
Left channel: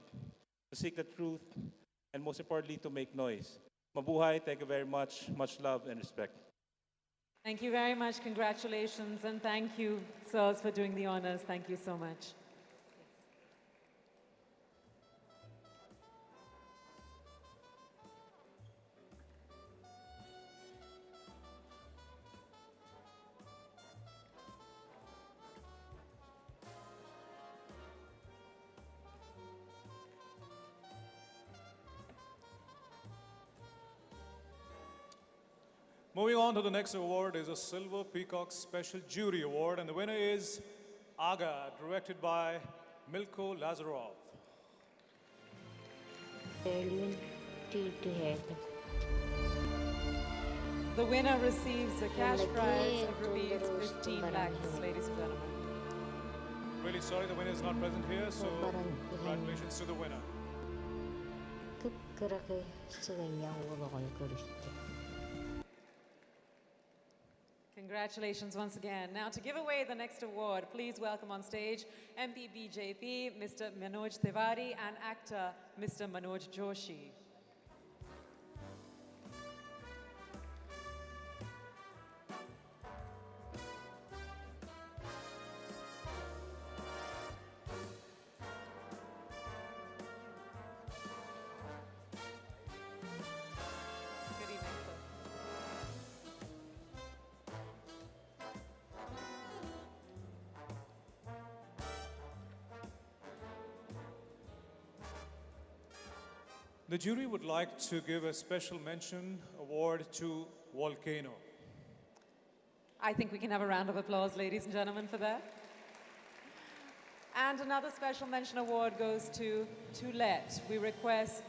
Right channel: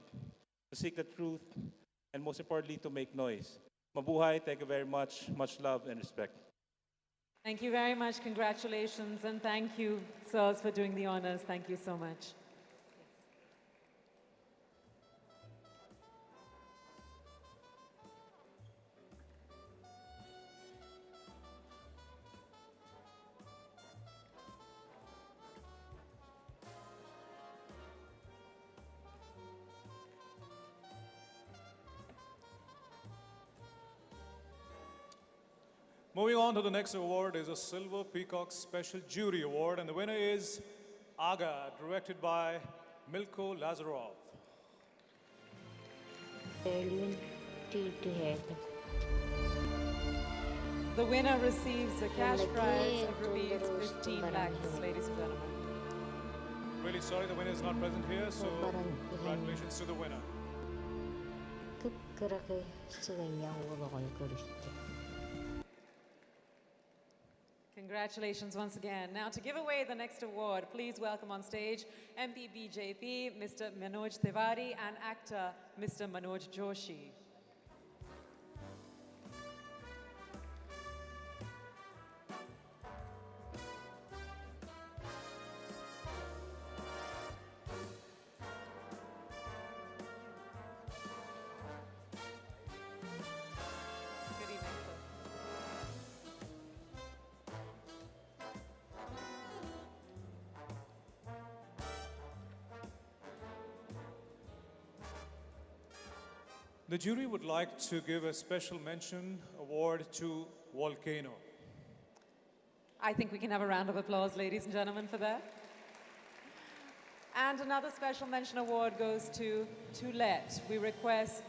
to seek the truth, and most importantly, to make noise. Mabuhay, thank you very much. Much love and respect. Thank you very much. Congratulations. And thank you, sirs, for doing the honors. Thank you so much. Moving on to the next award is a Silver Peacock Special Jury Award, and the winner is Aga, directed by Milko Lazarov. The winner receives a cash prize of rupees 15 lakhs, ladies and gentlemen. Really sorry the winner is not present here, so congratulations to the winner. Congratulations once again. Now, to give away the next award, please welcome on stage MP BJP, Mr. Manoj Tiwari, and actor, Mr. Manoj Joshi. Good evening, sir. The jury would like to give a special mention award to Volcano. I think we can have a round of applause, ladies and gentlemen, for that. And another special mention award goes to Let. We request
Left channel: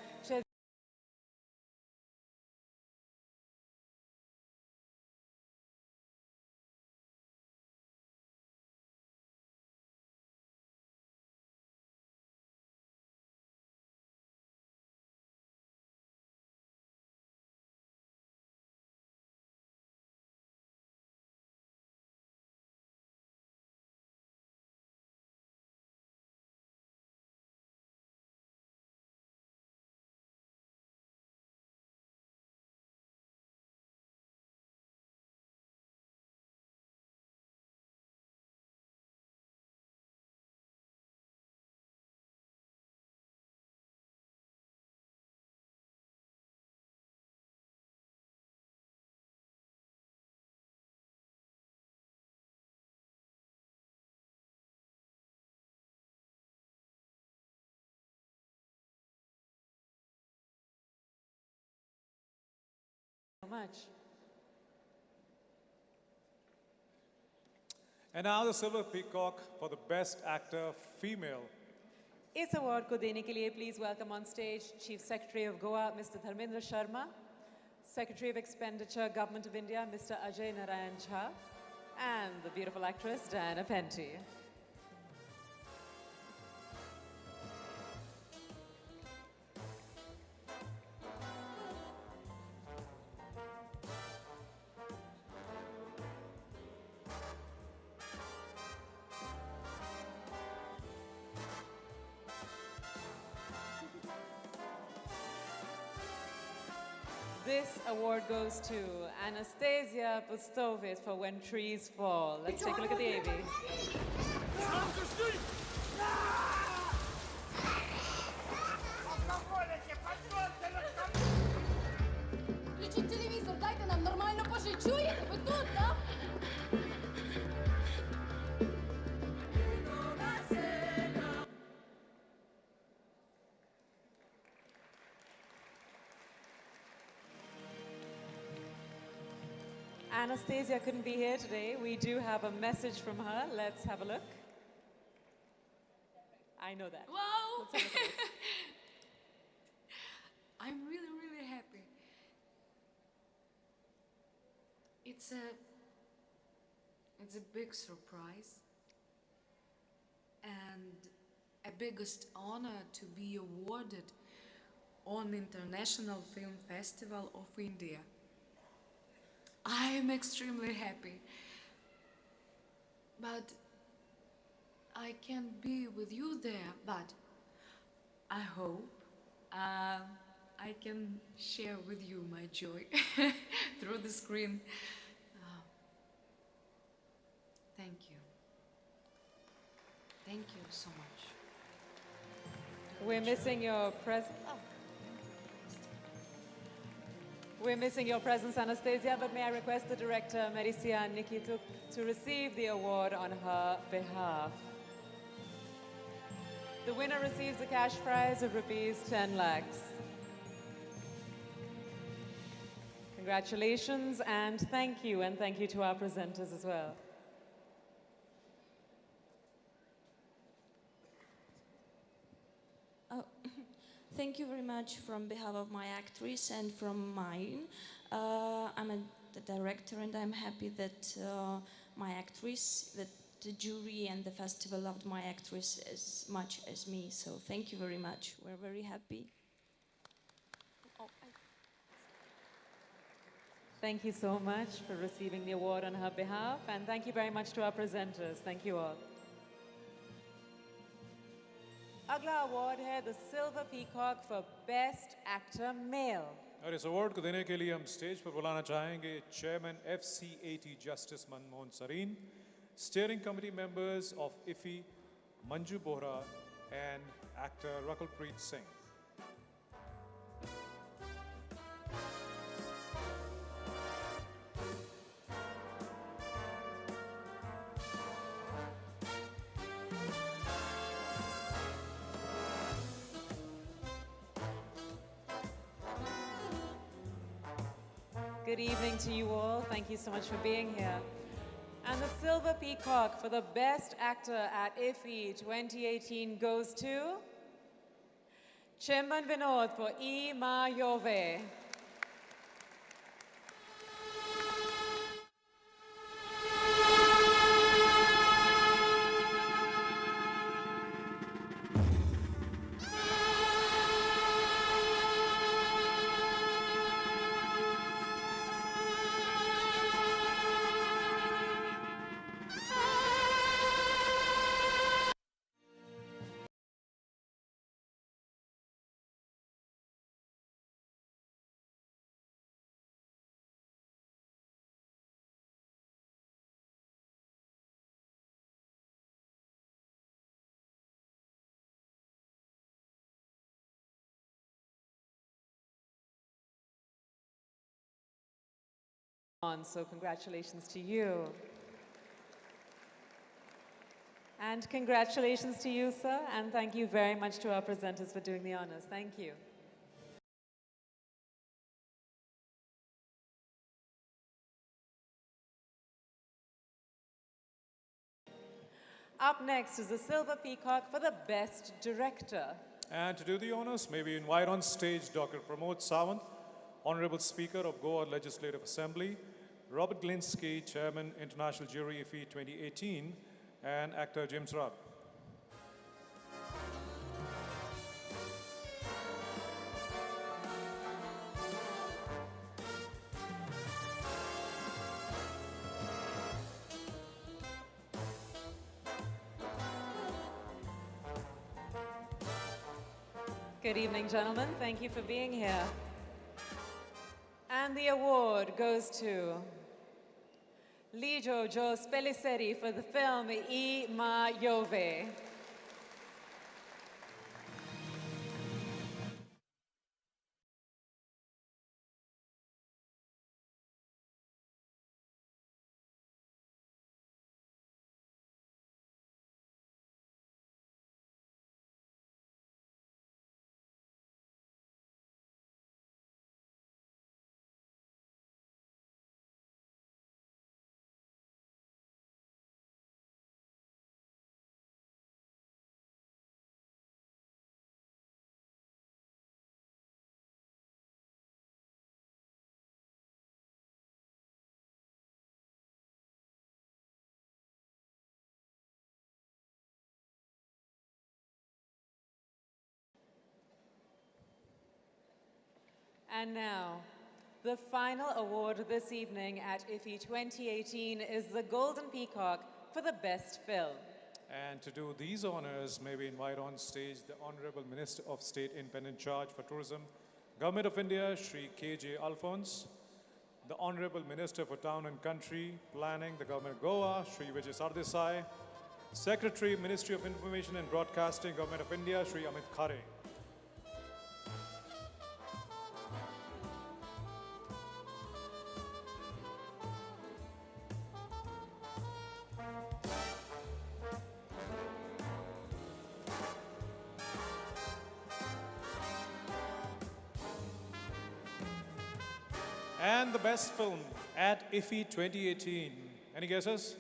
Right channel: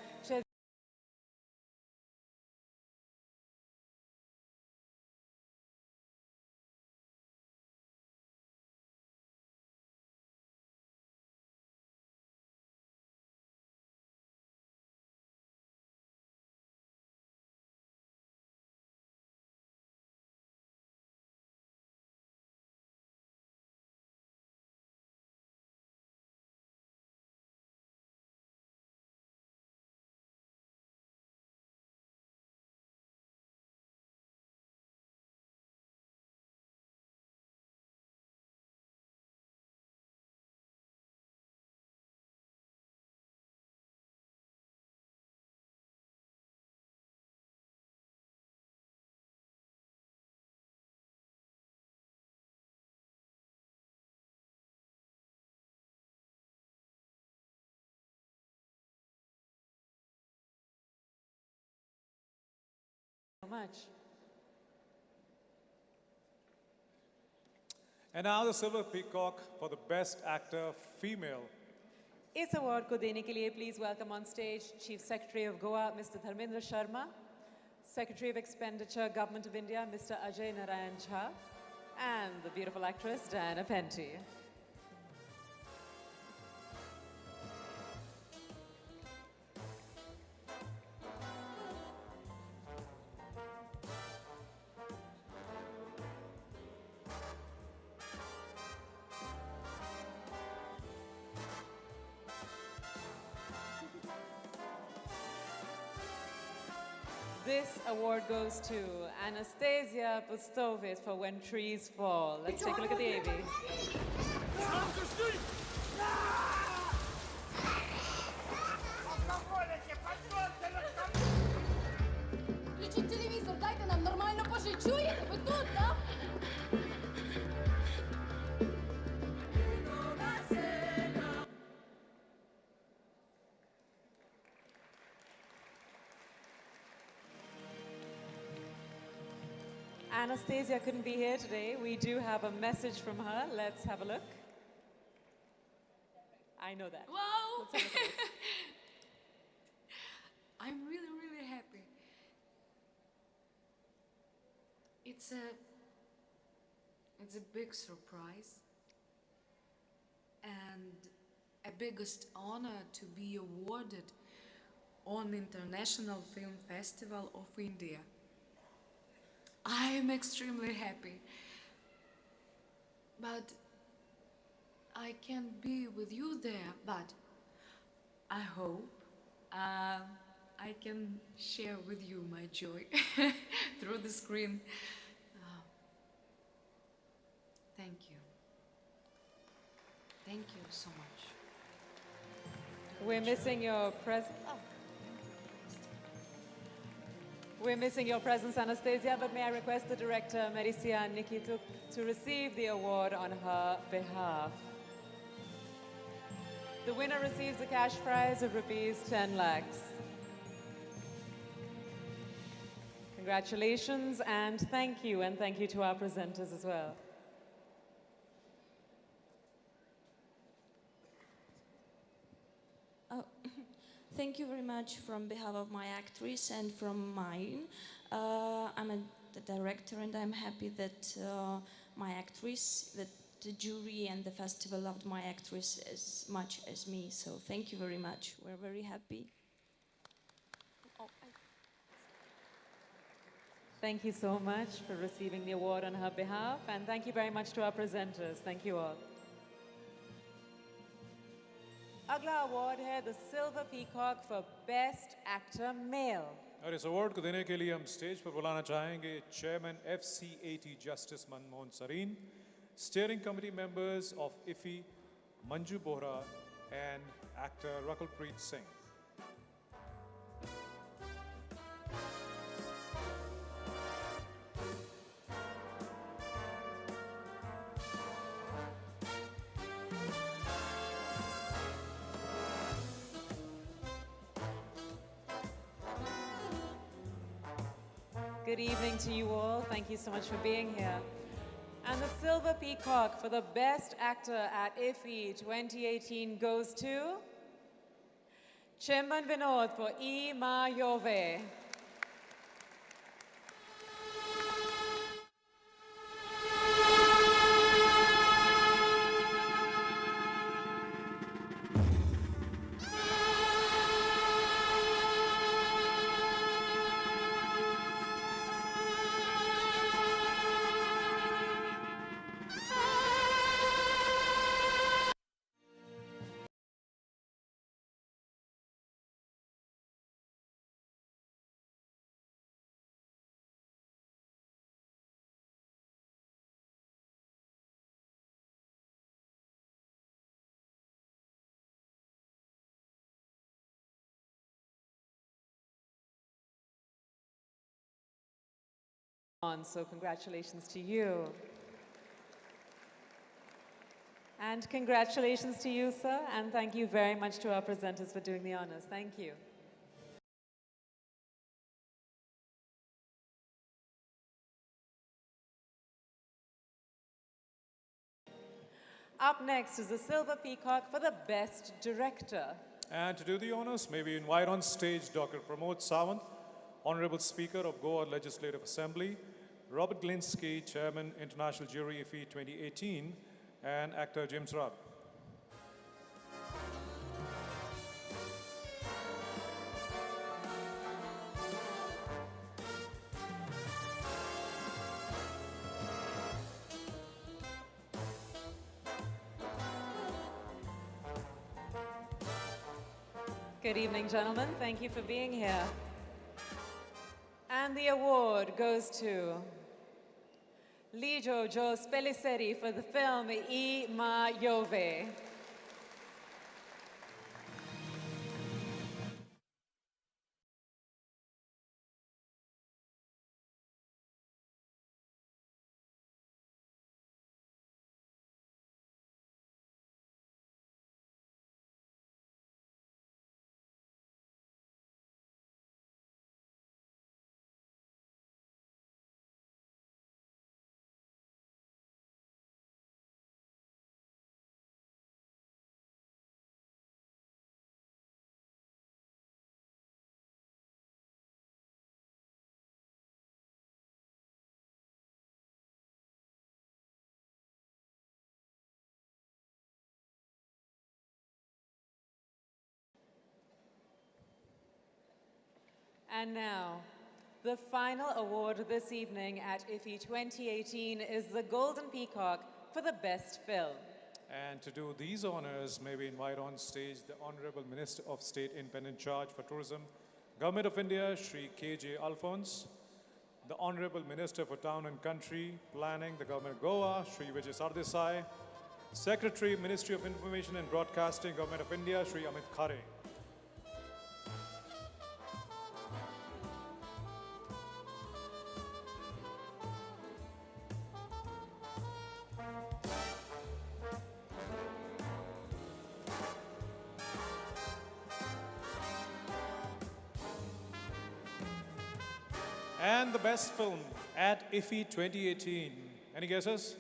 much. And now the Silver Peacock for the Best Actor Female. इस award को देने के लिए please welcome on stage Chief Secretary of Goa, Mr. Dharmendra Sharma, Secretary of Expenditure, Government of India, Mr. Ajay Narayan Jha, and the beautiful actress Diana Penty. This award goes to Anastasia Pustovit for When Trees Fall. Let's take a look at the AV. Включіть телевізор, дайте нам нормально пожити. Чуєте? Ви тут, так? Anastasia couldn't be here today. We do have a message from her. Let's have a look. I know that. Wow! Let's have a look at this. I'm really, really happy. It's a big surprise and a biggest honor to be awarded on International Film Festival of India. I am extremely happy, but I can't be with you there, but I hope I can share with you my joy through the screen. Thank you. Thank you so much. We're missing your presence. We're missing your presence, Anastasia, but may I request the director, Maricia Nikituk, to receive the award on her behalf. The winner receives a cash prize of rupees 10 lakhs. Congratulations and thank you to our presenters as well. Thank you very much from behalf of my actress and from mine. I'm the director and I'm happy that my actress, that the jury and the festival loved my actress as much as me. So thank you very much. We're very happy. Thank you so much for receiving the award on her behalf, and thank you very much to our presenters. Thank you all. अगला award है the silver peacock for best actor male. और इस award को देने के लिए हम stage पर बुलाना चाहेंगे chairman FCAT justice Manmohan Sarin, steering committee members of IFFI Manju Bohra and actor Rakul Preet Singh. Good evening to you all. Thank you so much for being here. And the Silver Peacock for the Best Actor at IFFI 2018 goes to Chimban Vinod for E Ma Yove. So congratulations to you. And congratulations to you, sir. And thank you very much to our presenters for doing the honors. Thank you. Up next is the Silver Peacock for the Best Director. And to do the honors, may we invite on stage Dr. Pramod Sawant, Honorable Speaker of Goa Legislative Assembly, Robert Glinsky, Chairman, International Jury IFFI 2018, and actor James Rudd. Good evening, gentlemen. Thank you for being here. And the award goes to Lijo Jos Pelisseri for the film I Ma Jove. And now, the final award this evening at IFFI 2018 is the Golden Peacock for the Best Film. And to do these honors, may we invite on stage the Honorable Minister of State Independent Charge for Tourism, Government of India, Shri K.J. Alphonse, the Honorable Minister for Town and Country Planning, the Government of Goa, Shri Vijay Sardesai, Secretary, Ministry of Information and Broadcasting, Government of India, Shri Amit Khare. And the best film at IFFI 2018. Any guesses?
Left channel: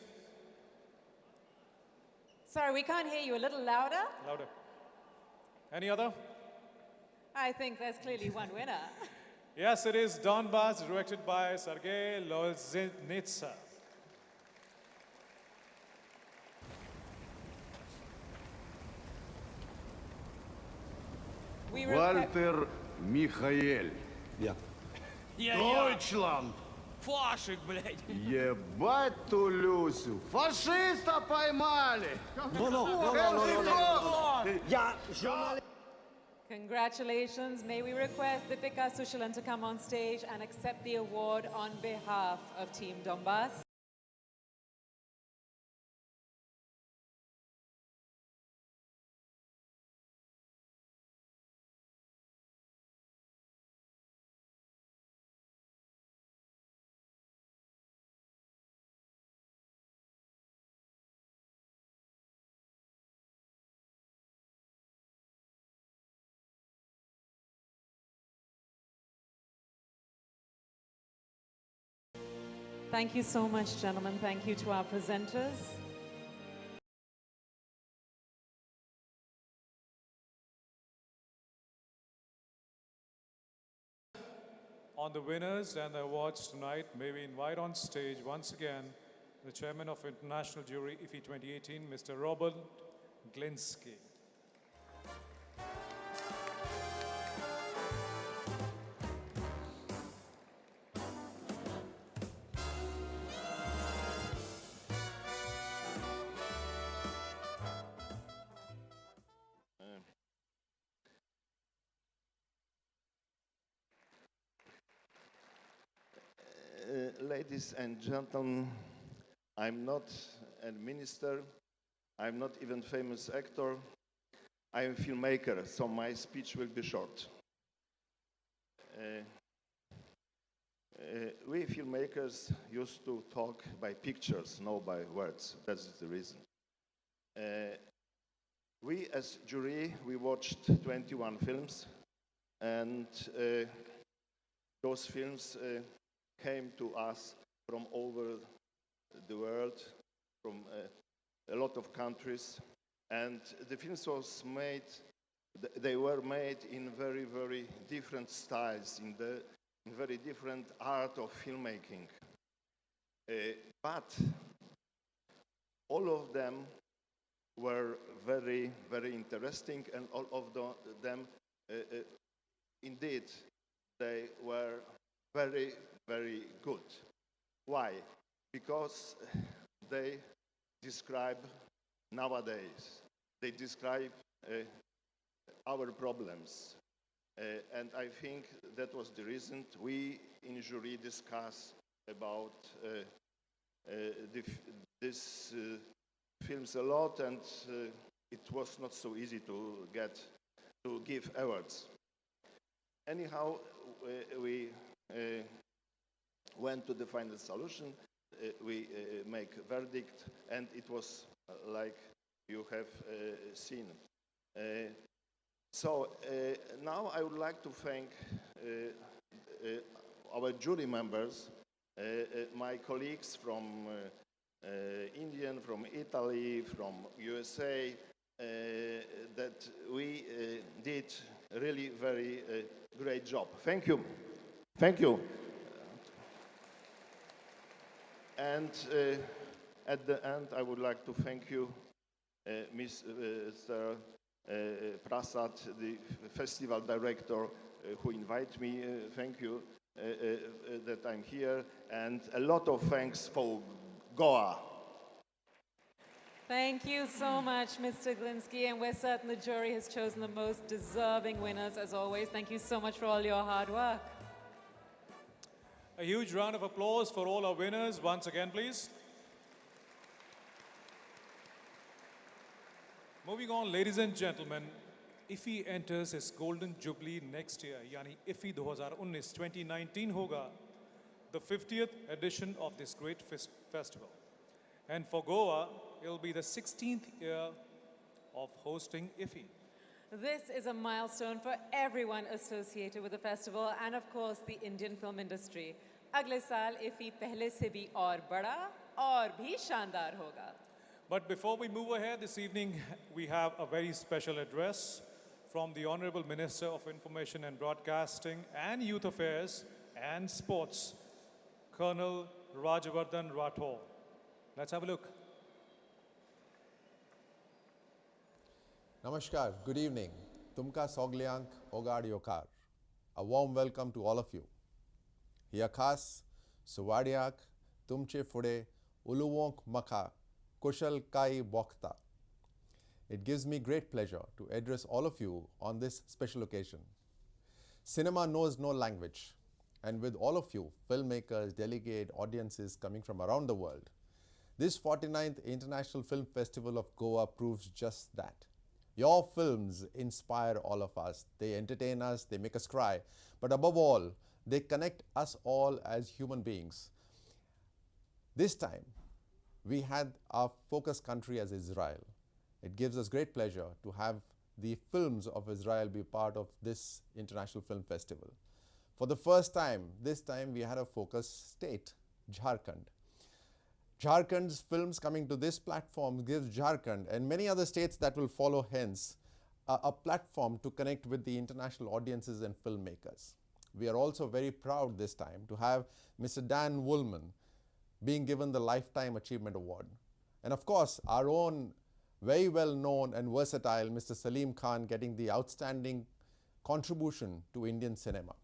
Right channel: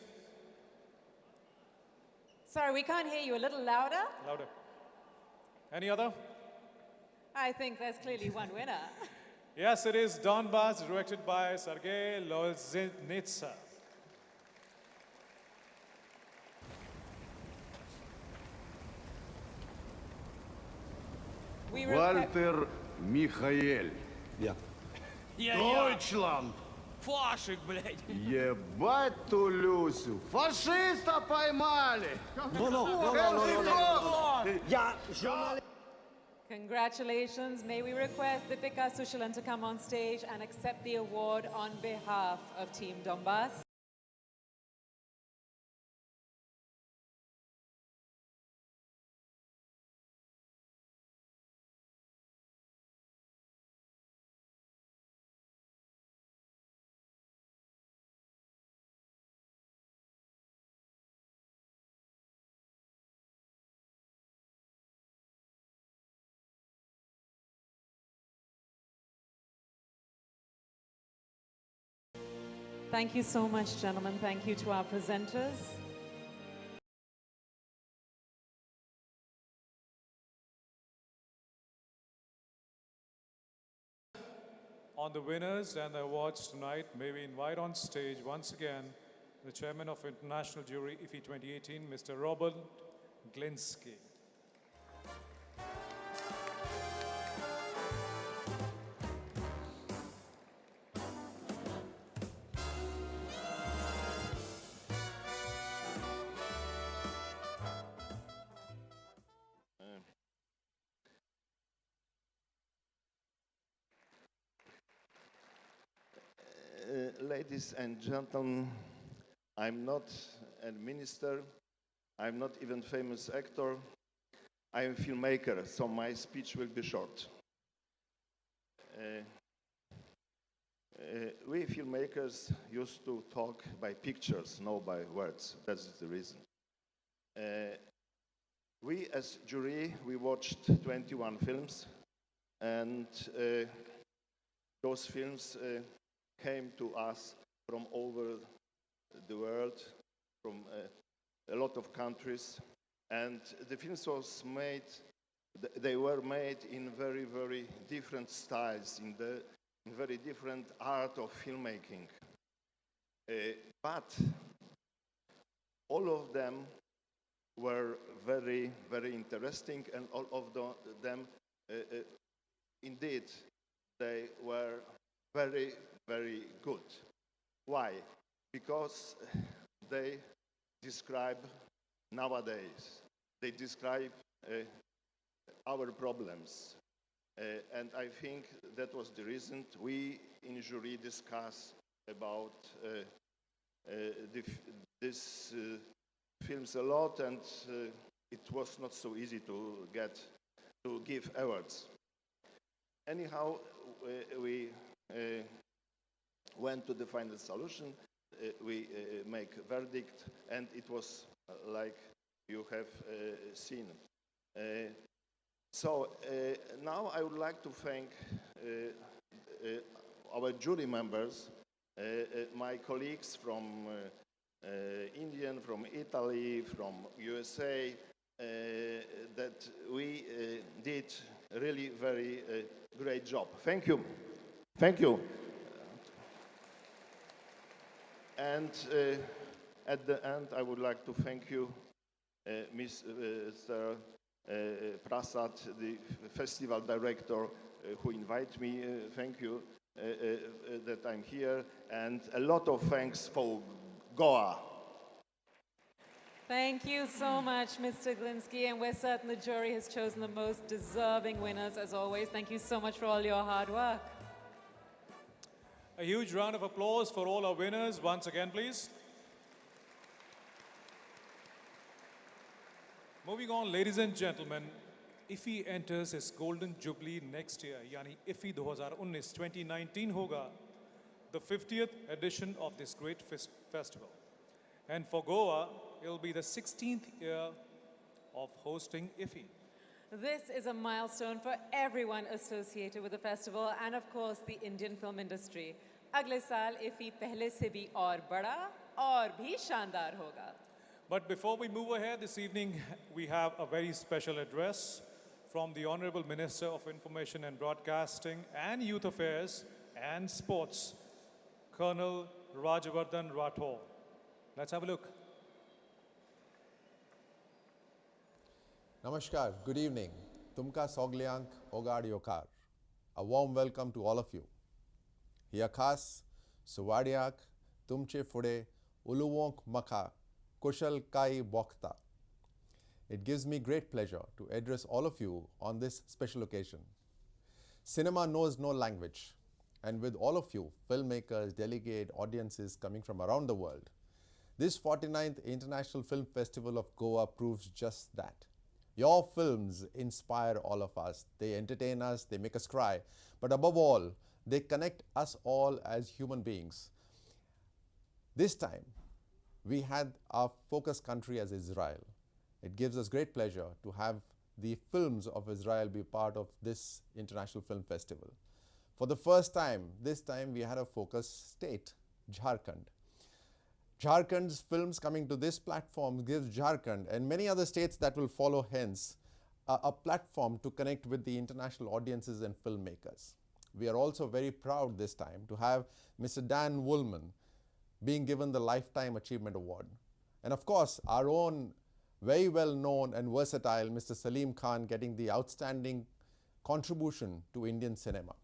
Sorry, we can't hear you. A little louder? Louder. Any other? I think there's clearly one winner. Yes, it is Donbass, directed by Sergei Loznitsa. Вальтер Михаэль. Я. Deutschland. Фашик, блядь. Ебать ту Люсю. Фашиста поймали. Я журналист. Congratulations. May we request Deepika Sushalan to come on stage and accept the award on behalf of Team Donbass. Thank you so much, gentlemen. Thank you to our presenters. On the winners and the awards tonight, may we invite on stage once again the Chairman of International Jury IFFI 2018, Mr. Robert Glinsky. Ladies and gentlemen, I'm not a minister, I'm not even famous actor, I'm a filmmaker, so my speech will be short. We filmmakers used to talk by pictures, not by words. That's the reason. We as jury, we watched 21 films, and those films came to us from over the world, from a lot of countries, and the films was made. They were made in very, very different styles, in very different art of filmmaking. But all of them were very, very interesting, and all of them, indeed, they were very, very good. Why? Because they describe nowadays, they describe our problems. And I think that was the reason we in jury discussed about these films a lot, and it was not so easy to give awards. Anyhow, we went to the final solution. We make a verdict, and it was like you have seen. So now I would like to thank our jury members, my colleagues from India, from Italy, from USA, that we did really very great job. Thank you. Thank you. And at the end, I would like to thank you, Mr. Prasad, the festival director, who invited me. Thank you that I'm here, and a lot of thanks for Goa. Thank you so much, Mr. Glinsky, and we're certain the jury has chosen the most deserving winners, as always. Thank you so much for all your hard work. A huge round of applause for all our winners once again, please. Moving on, ladies and gentlemen, IFFI enters its golden jubilee next year, yani IFFI 2019 hoga, the 50th edition of this great festival. And for Goa, it'll be the 16th year of hosting IFFI. This is a milestone for everyone associated with the festival and, of course, the Indian film industry. Agle saal IFFI pehle se bhi aur bada aur bhi shandar hoga. But before we move ahead this evening, we have a very special address from the Honorable Minister of Information and Broadcasting and Youth Affairs and Sports, Colonel Rajavardhan Rathore. Let's have a look. Namaskar, good evening. Tumka Soglyank Ogad Yokar. A warm welcome to all of you. Yakas, Suwadiak, Tumche Fude, Uluwonk Maka, Kushal Kai Bokta. It gives me great pleasure to address all of you on this special occasion. Cinema knows no language, and with all of you, filmmakers, delegate, audiences coming from around the world, this 49th International Film Festival of Goa proves just that. Your films inspire all of us. They entertain us, they make us cry, but above all, they connect us all as human beings. This time, we had our focus country as Israel. It gives us great pleasure to have the films of Israel be part of this International Film Festival. For the first time, this time we had a focus state, Jharkhand. Jharkhand's films coming to this platform gives Jharkhand and many other states that will follow hence a platform to connect with the international audiences and filmmakers. We are also very proud this time to have Mr. Dan Woolman being given the Lifetime Achievement Award. And of course, our own very well known and versatile Mr. Salim Khan getting the outstanding contribution to Indian cinema.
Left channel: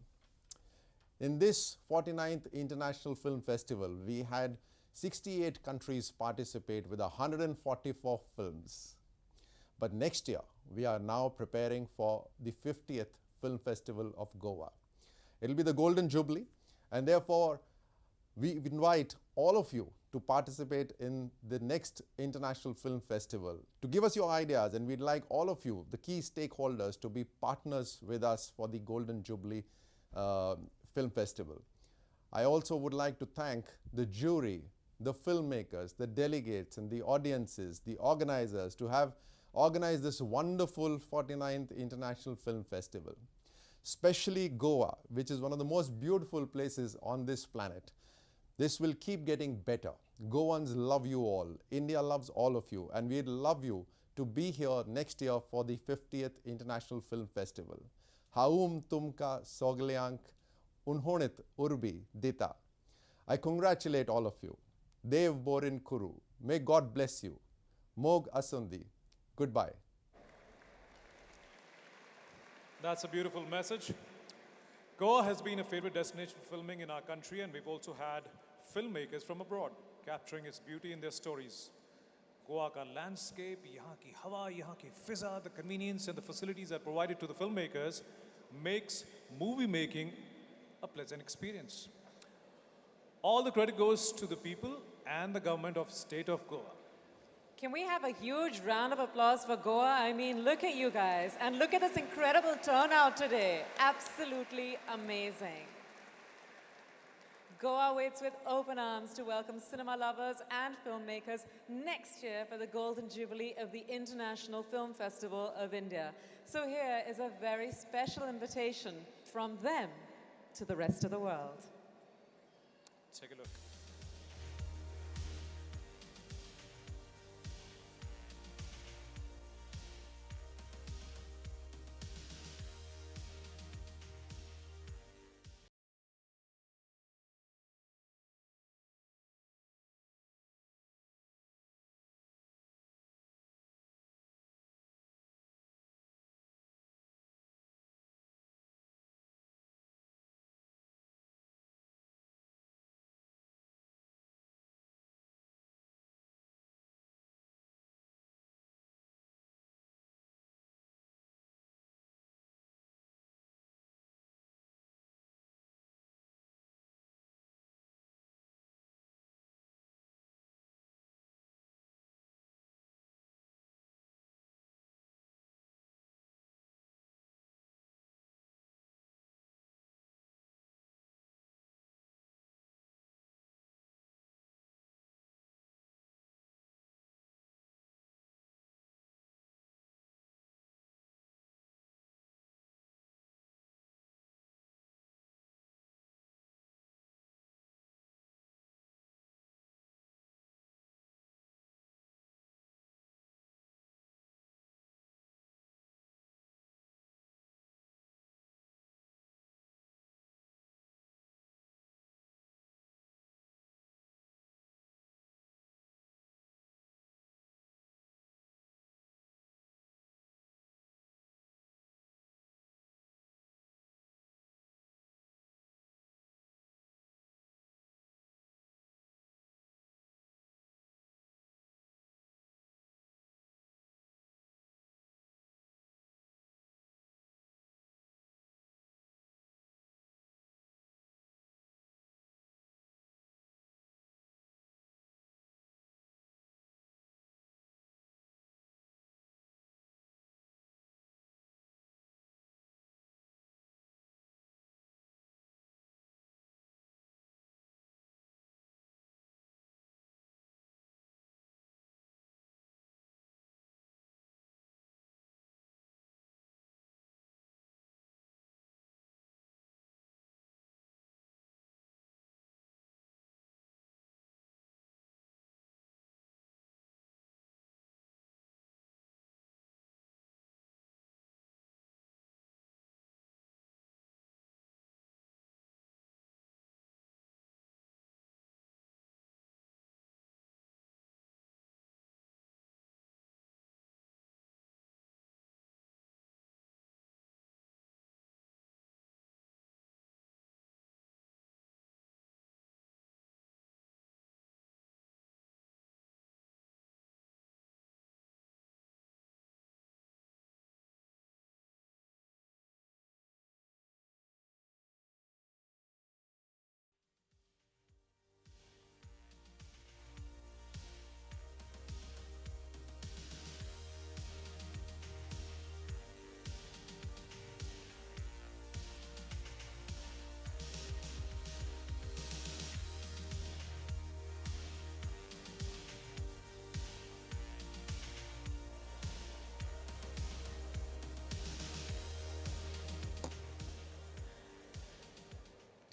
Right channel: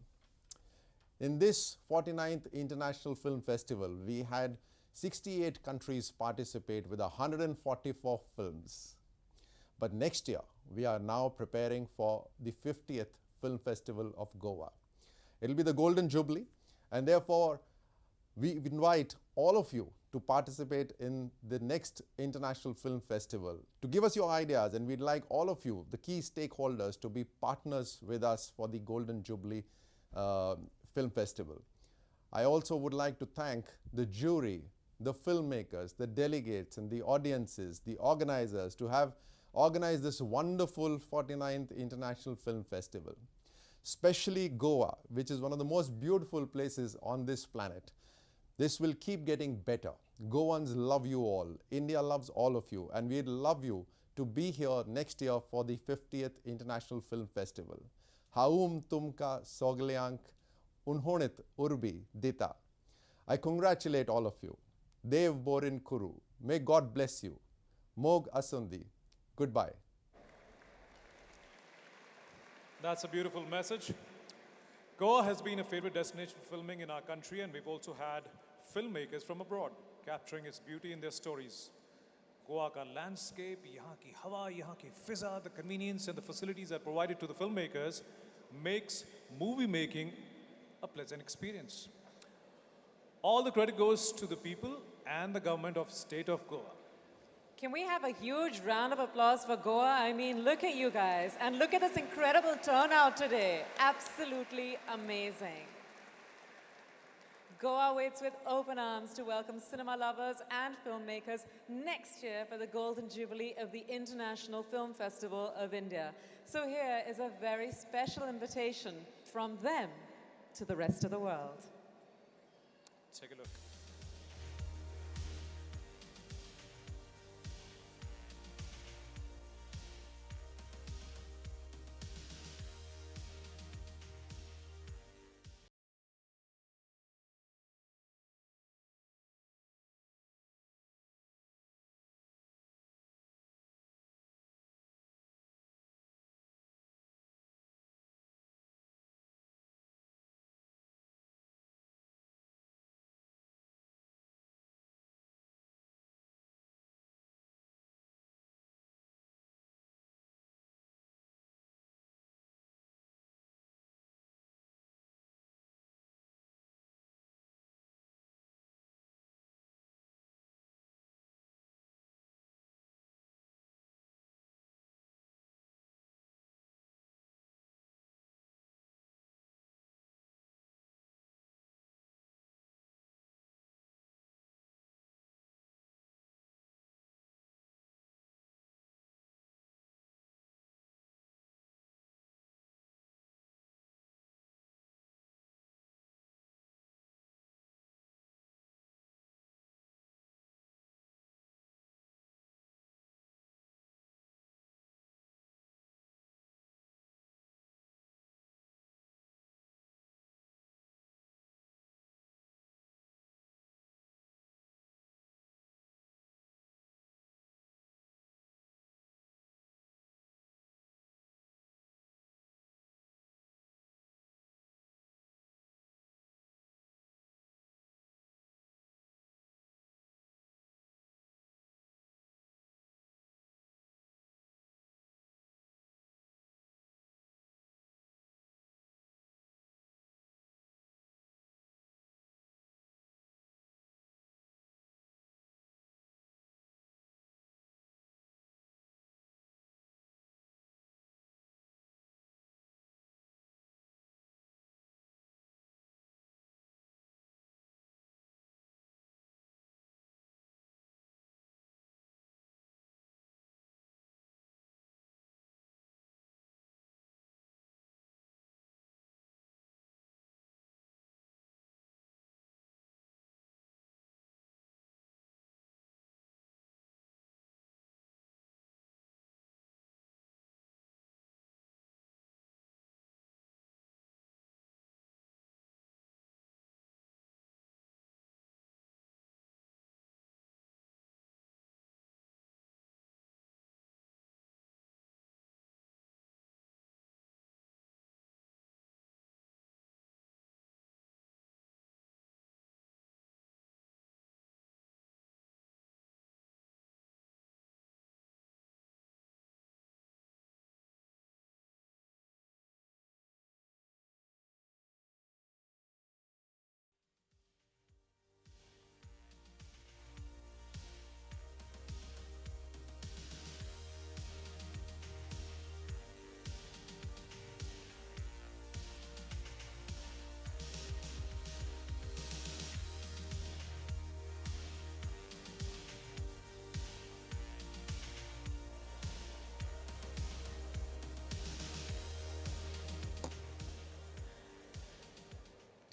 In this 49th International Film Festival, we had 68 countries participate with 144 films. But next year, we are now preparing for the 50th Film Festival of Goa. It will be the Golden Jubilee, and therefore, we invite all of you to participate in the next International Film Festival, to give us your ideas, and we'd like all of you, the key stakeholders, to be partners with us for the Golden Jubilee Film Festival. I also would like to thank the jury, the filmmakers, the delegates, and the audiences, the organizers, to have organized this wonderful 49th International Film Festival. Especially Goa, which is one of the most beautiful places on this planet. This will keep getting better. Goans love you all. India loves all of you. And we'd love you to be here next year for the 50th International Film Festival. Haum tumka soglyank unhonit urbi dita. I congratulate all of you. Dev borin kuru. May God bless you. Mog asundi. Goodbye. That's a beautiful message. Goa has been a favorite destination for filming in our country, and we've also had filmmakers from abroad capturing its beauty in their stories. Goa ka landscape, yahan ki hawa, yahan ki fiza, the convenience and the facilities that are provided to the filmmakers makes movie making a pleasant experience. All the credit goes to the people and the government of state of Goa. Can we have a huge round of applause for Goa? I mean, look at you guys, and look at this incredible turnout today. Absolutely amazing. Goa waits with open arms to welcome cinema lovers and filmmakers next year for the Golden Jubilee of the International Film Festival of India. So here is a very special invitation from them to the rest of the world. Take a look.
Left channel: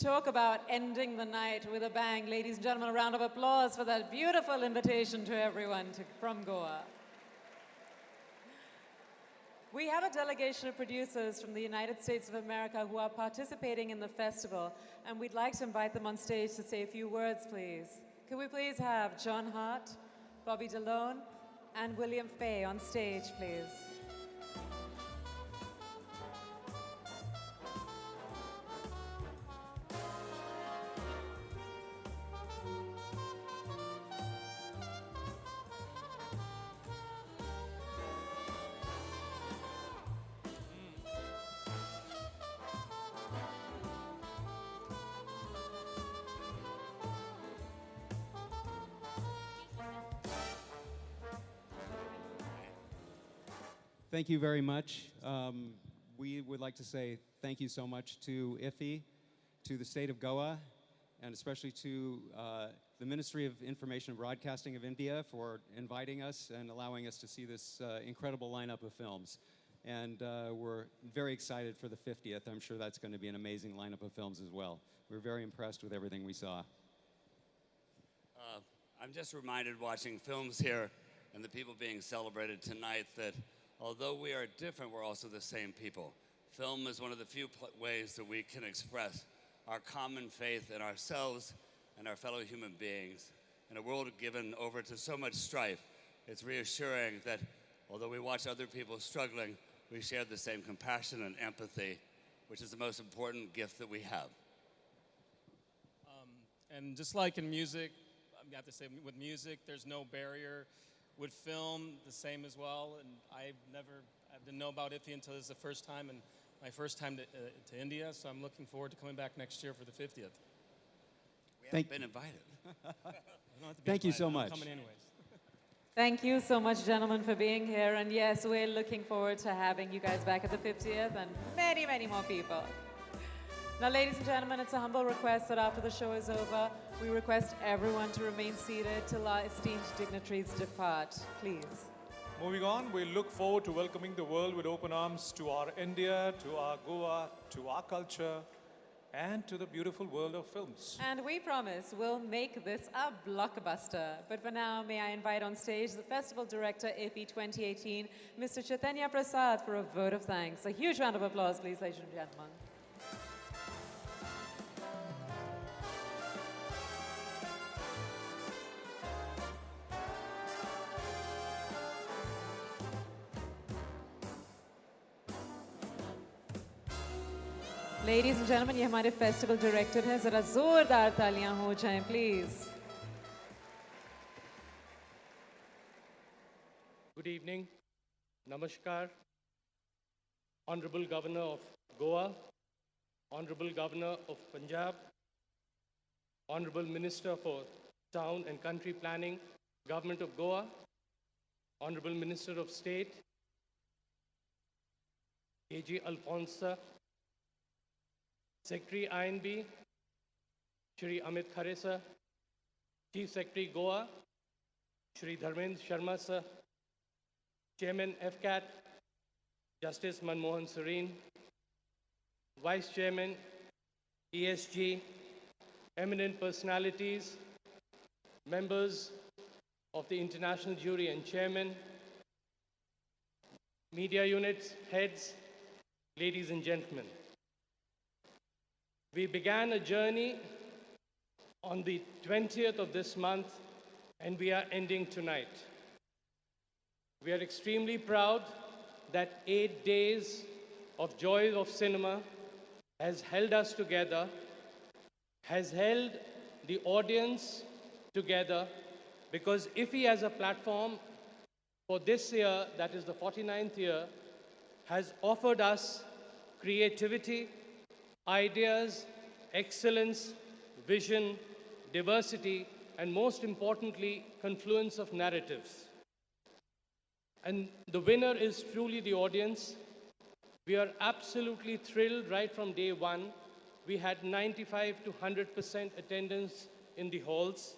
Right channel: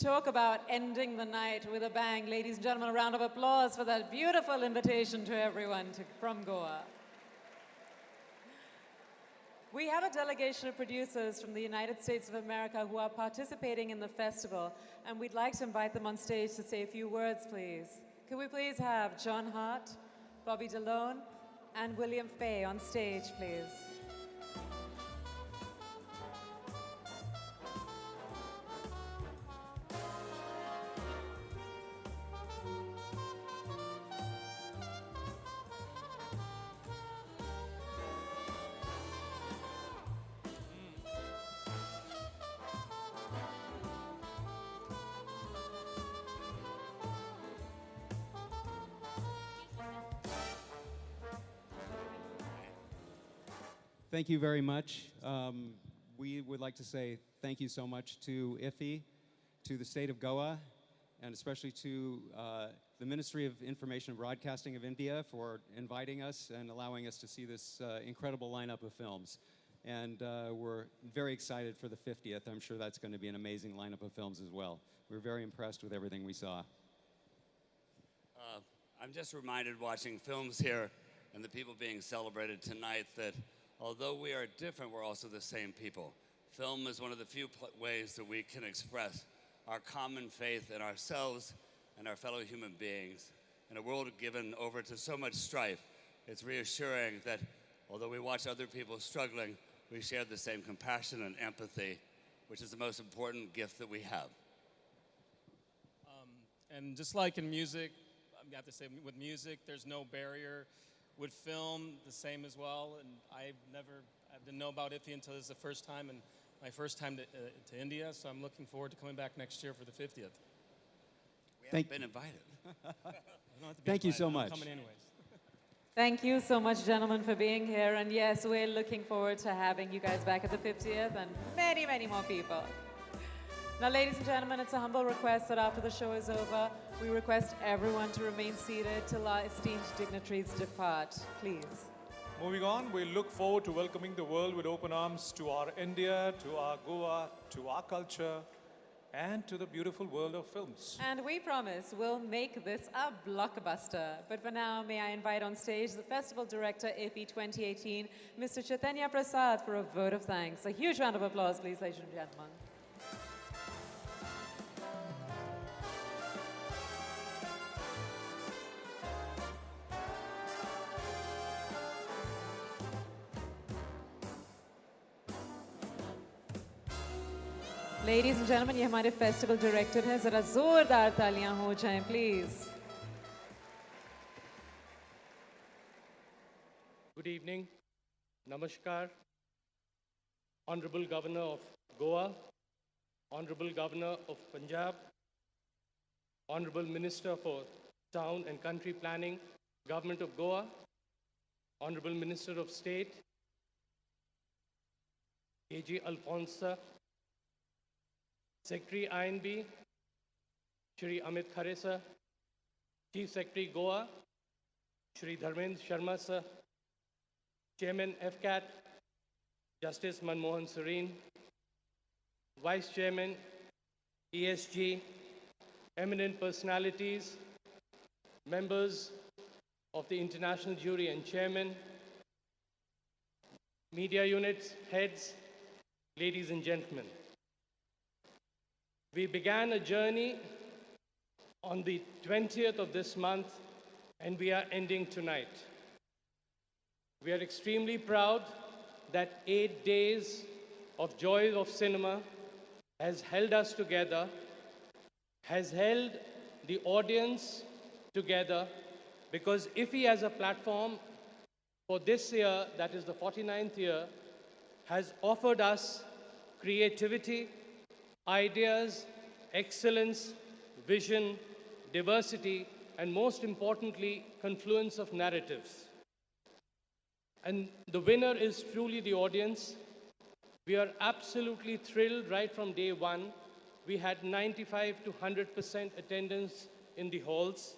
Talk about ending the night with a bang. Ladies and gentlemen, a round of applause for that beautiful invitation to everyone from Goa. We have a delegation of producers from the United States of America who are participating in the festival, and we'd like to invite them on stage to say a few words, please. Could we please have John Hart, Bobby DeLone, and William Fay on stage, please? Thank you very much. We would like to say thank you so much to IFFI, to the state of Goa, and especially to the Ministry of Information and Broadcasting of India for inviting us and allowing us to see this incredible lineup of films. And we're very excited for the 50th. I'm sure that's going to be an amazing lineup of films as well. We're very impressed with everything we saw. I'm just reminded watching films here and the people being celebrated tonight that although we are different, we're also the same people. Film is one of the few ways that we can express our common faith in ourselves and our fellow human beings. In a world given over to so much strife, it's reassuring that although we watch other people struggling, we share the same compassion and empathy, which is the most important gift that we have. And just like in music, I have to say with music, there's no barrier. With film, the same as well. And I didn't know about IFFI until this is the first time, and my first time to India. So I'm looking forward to coming back next year for the 50th. We haven't been invited. Thank you so much. I'm coming anyways. Thank you so much, gentlemen, for being here. And yes, we're looking forward to having you guys back at the 50th and many, many more people. Now, ladies and gentlemen, it's a humble request that after the show is over, we request everyone to remain seated till our esteemed dignitaries depart. Please. Moving on, we look forward to welcoming the world with open arms to our India, to our Goa, to our culture, and to the beautiful world of films. And we promise we'll make this a blockbuster. But for now, may I invite on stage the Festival Director, IFFI 2018, Mr. Chaitanya Prasad, for a vote of thanks. A huge round of applause, please, ladies and gentlemen. Ladies and gentlemen, ये हमारे festival director हैं, जरा जोरदार तालियां हो जाएं, please. Good evening, Namaskar, Honorable Governor of Goa, Honorable Governor of Punjab, Honorable Minister for Town and Country Planning, Government of Goa, Honorable Minister of State, A.G. Alfonsa, Secretary INB, Shri Amit Khare sir, Chief Secretary Goa, Shri Dharmendra Sharma sir, Chairman FCAT, Justice Manohar Serene, Vice Chairman, ESG, eminent personalities, members of the International Jury and Chairman, media units, heads, ladies and gentlemen. We began a journey on the 20th of this month, and we are ending tonight. We are extremely proud that 8 days of joy of cinema has held us together, has held the audience together, because IFFI as a platform for this year, that is the 49th year, has offered us creativity, ideas, excellence, vision, diversity, and most importantly, confluence of narratives. And the winner is truly the audience. We are absolutely thrilled right from day one. We had 95 to 100% attendance in the halls,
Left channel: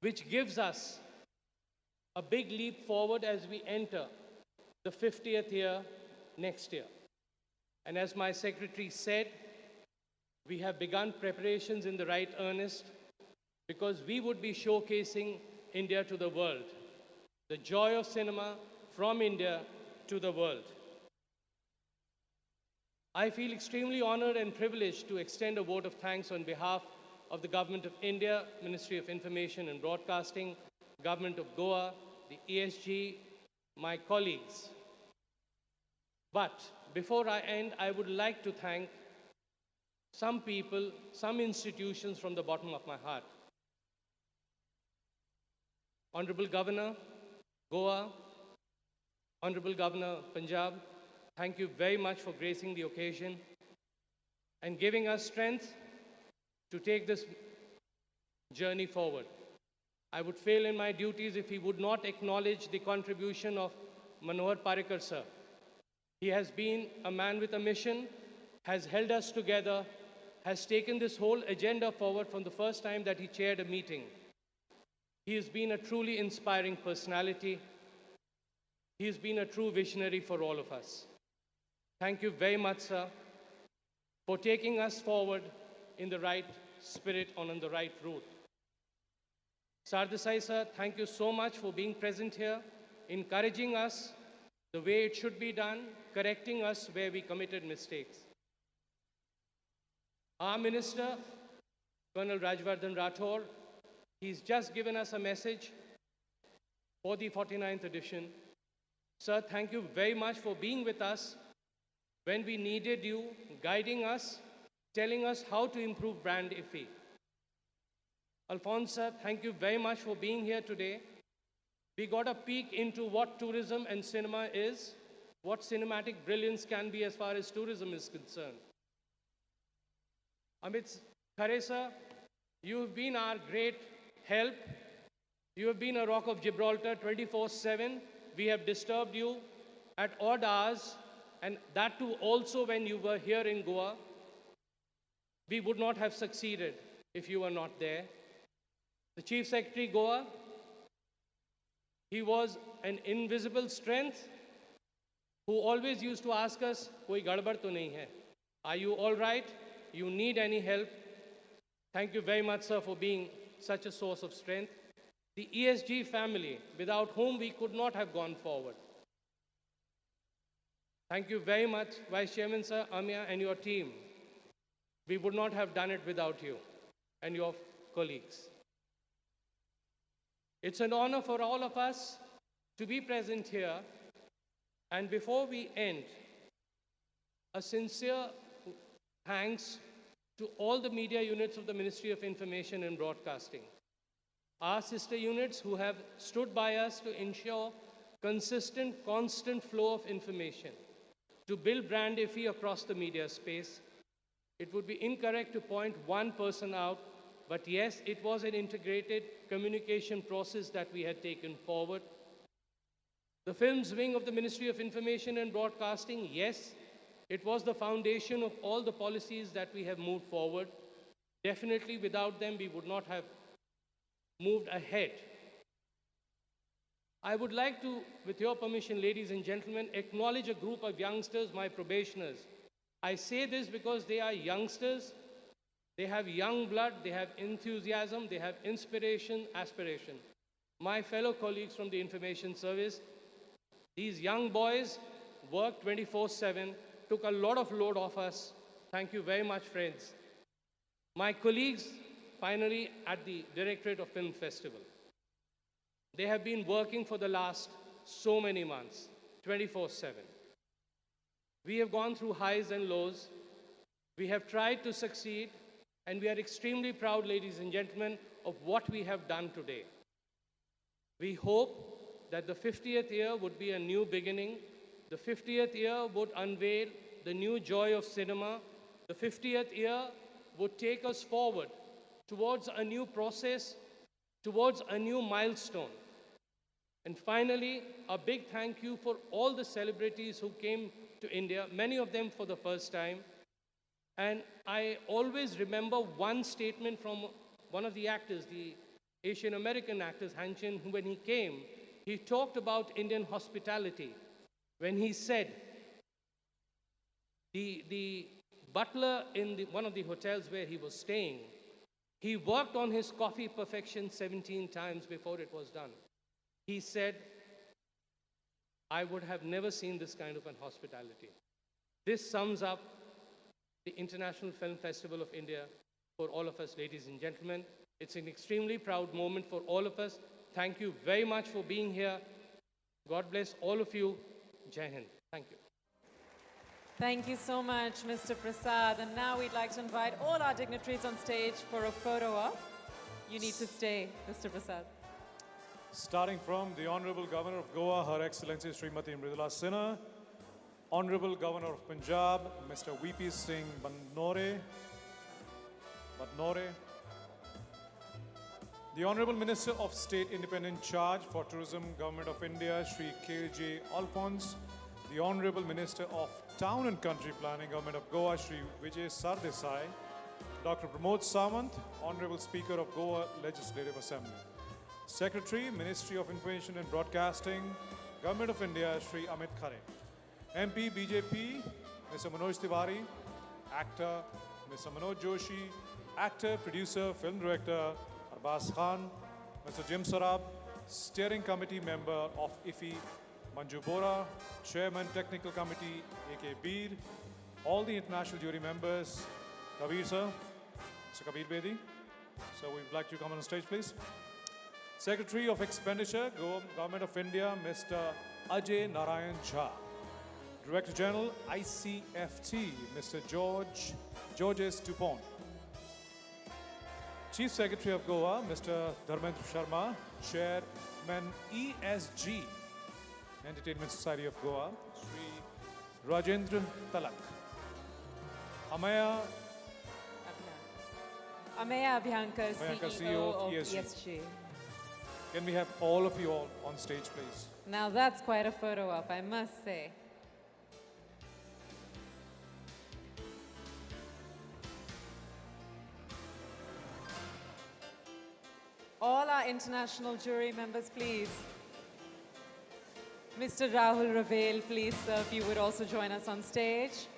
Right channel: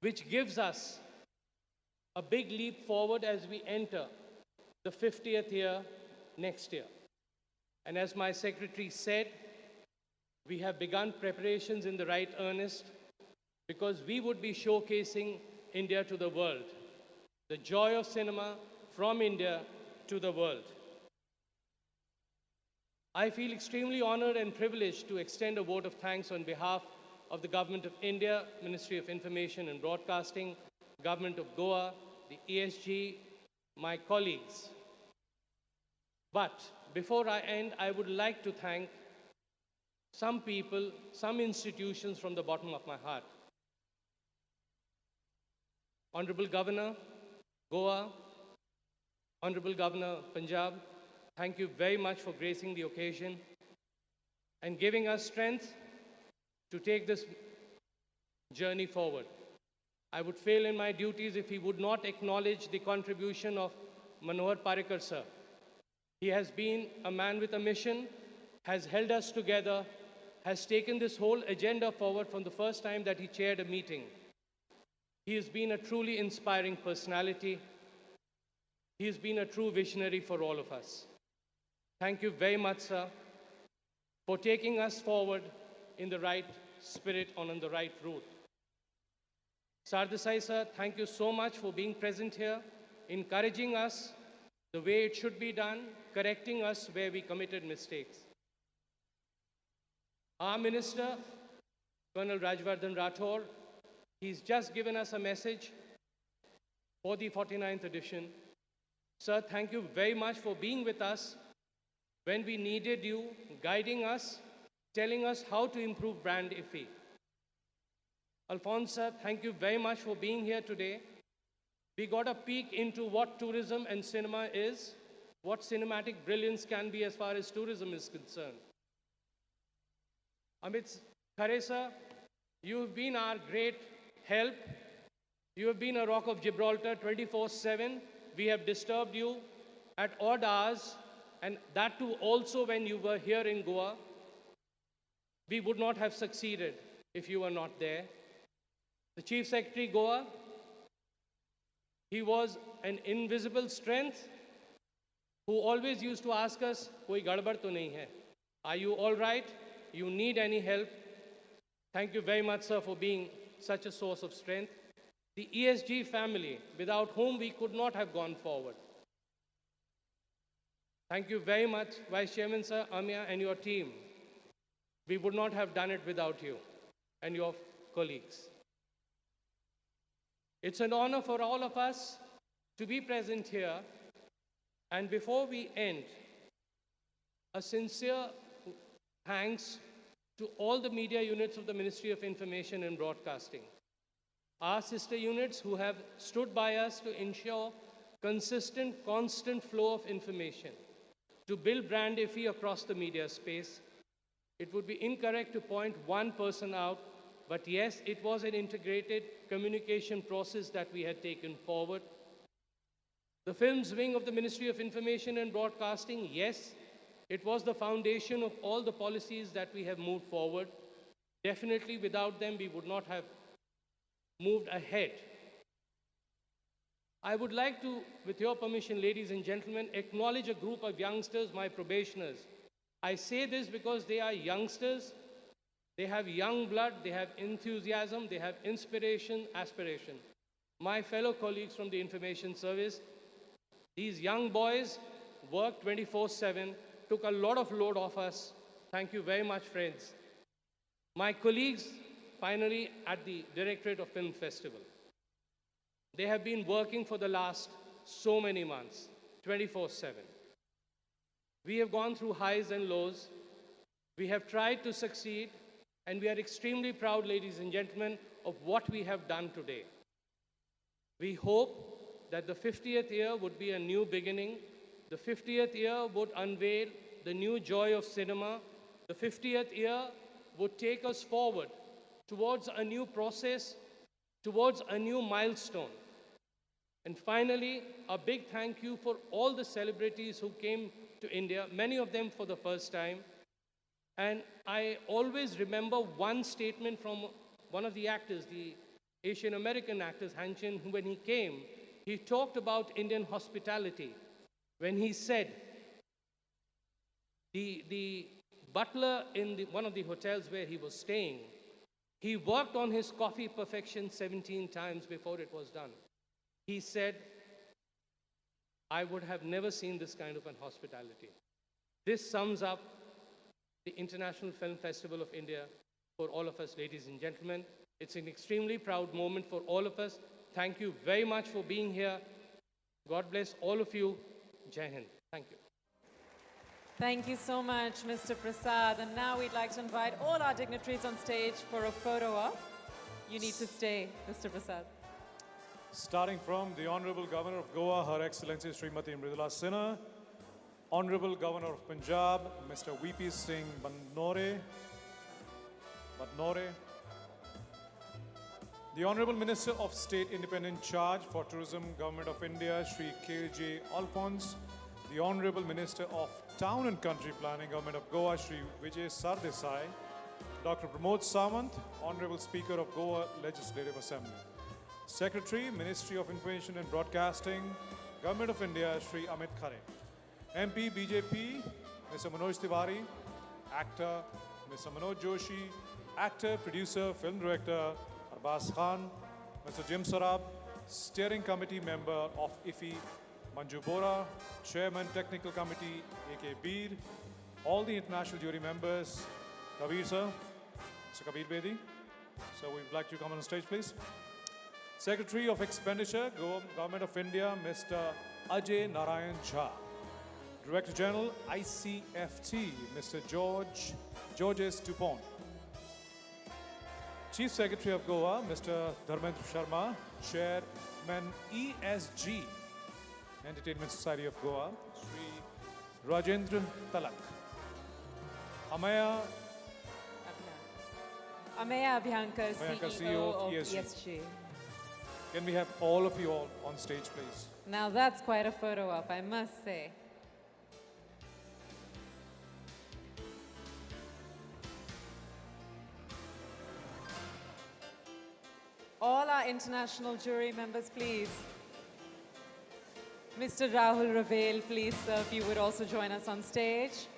which gives us a big leap forward as we enter the 50th year next year. And as my secretary said, We have begun preparations in the right earnest because we would be showcasing India to the world, the joy of cinema from India to the world. I feel extremely honored and privileged to extend a vote of thanks on behalf of the Government of India, Ministry of Information and Broadcasting, Government of Goa, the ESG, my colleagues. But before I end, I would like to thank some people, some institutions from the bottom of my heart. Honorable Governor, Goa, Honorable Governor, Punjab, thank you very much for gracing the occasion and giving us strength to take this journey forward. I would fail in my duties if we would not acknowledge the contribution of Manohar Parrikar sir. He has been a man with a mission, has held us together, has taken this whole agenda forward from the first time that he chaired a meeting. He has been a truly inspiring personality. He has been a true visionary for all of us. Thank you very much, sir, for taking us forward in the right spirit and on the right route. Sardesai sir, thank you so much for being present here, encouraging us the way it should be done, correcting us where we committed mistakes. Our Minister, Colonel Rajvardhan Rathore, he's just given us a message for the 49th edition. Sir, thank you very much for being with us when we needed you, guiding us, telling us how to improve brand IFFI. Alphonse, sir, thank you very much for being here today. We got a peek into what tourism and cinema is, what cinematic brilliance can be as far as tourism is concerned. Amit Khare, sir, you have been our great help. You have been a rock of Gibraltar 24/7. We have disturbed you at odd hours, and that too also when you were here in Goa. We would not have succeeded if you were not there. The Chief Secretary Goa, he was an invisible strength who always used to ask us, koi gadbad to nahi hai? Are you all right? You need any help? Thank you very much, sir, for being such a source of strength. The ESG family, without whom we could not have gone forward. Thank you very much, Vice Chairman, sir, Amya, and your team. We would not have done it without you and your colleagues. It's an honor for all of us to be present here. And before we end, a sincere thanks to all the media units of the Ministry of Information and Broadcasting. Our sister units who have stood by us to ensure consistent, constant flow of information, to build brand IFFI across the media space. It would be incorrect to point one person out, but yes, it was an integrated communication process that we had taken forward. The films wing of the Ministry of Information and Broadcasting, yes, it was the foundation of all the policies that we have moved forward. Definitely without them, we would not have moved ahead. I would like to, with your permission, ladies and gentlemen, acknowledge a group of youngsters, my probationers. I say this because they are youngsters. They have young blood, they have enthusiasm, they have inspiration, aspiration. My fellow colleagues from the Information Service, these young boys worked 24/7, took a lot of load off us. Thank you very much, friends. My colleagues, finally, at the Directorate of Film Festival. They have been working for the last so many months, 24/7. We have gone through highs and lows. We have tried to succeed, and we are extremely proud, ladies and gentlemen, of what we have done today. We hope that the 50th year would be a new beginning. The 50th year would unveil the new joy of cinema. The 50th year would take us forward towards a new process, towards a new milestone. And finally, a big thank you for all the celebrities who came to India, many of them for the first time. And I always remember one statement from one of the actors, the Asian American actors, Han Chin, who when he came, he talked about Indian hospitality. When he said, the butler in one of the hotels where he was staying, he worked on his coffee perfection 17 times before it was done. He said, I would have never seen this kind of an hospitality. This sums up the International Film Festival of India for all of us, ladies and gentlemen. It's an extremely proud moment for all of us. Thank you very much for being here. God bless all of you. Jai Hind. Thank you. Thank you so much, Mr. Prasad. And now we'd like to invite all our dignitaries on stage for a photo op. You need to stay, Mr. Prasad. Starting from the Honorable Governor of Goa, Her Excellency Srimati Mridula Sinha, Honorable Governor of Punjab, Mr. VP Singh Manohar, the Honorable Minister of State Independent Charge for Tourism, Government of India, Shri K.J. Alphonse, the Honorable Minister of Town and Country Planning, Government of Goa, Shri Vijay Sardesai, Dr. Pramod Samant, Honorable Speaker of Goa Legislative Assembly, Secretary, Ministry of Information and Broadcasting, Government of India, Shri Amit Khare, MP BJP, Mr. Manoj Tiwari, Actor, Mr. Manoj Joshi, Actor, Producer, Film Director, Arbaz Khan, Mr. Jim Sarab, Steering Committee Member of IFFI, Manju Bora, Chairman Technical Committee, A.K. Beer, all the international jury members, Kabir sir, Mr. Kabir Bedi. So we'd like you to come on stage, please. Secretary of Expenditure, Government of India, Mr. Ajay Narayan Jha. Director General, ICFT, Mr. Georges Dupont. Chief Secretary of Goa, Mr. Dharmendra Sharma, Chairman ESG, Entertainment Society of Goa, Sri Rajendra Talak. Ameya Abhyankar, CEO of ESG. Can we have all of you all on stage, please? Now that's quite a photo op, I must say. All our international jury members, please. Mr. Rahul Ravel, please, sir, if you would also join us on stage.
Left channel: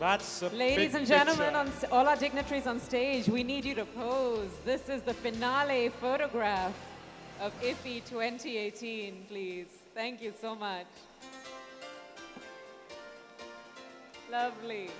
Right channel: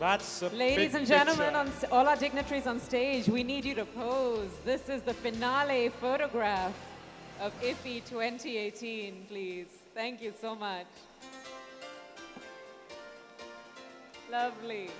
That's a Ladies and gentlemen, all our dignitaries on stage, we need you to pose. This is the finale photograph of IFFI 2018, please. Thank you so much. Lovely.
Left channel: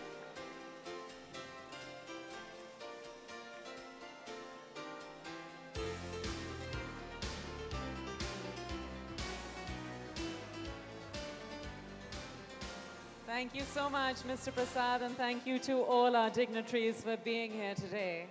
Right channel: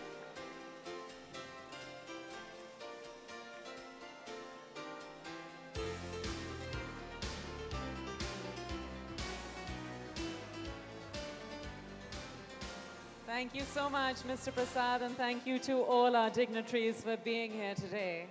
Thank you so much, Mr. Prasad, and thank you to all our dignitaries for being here today.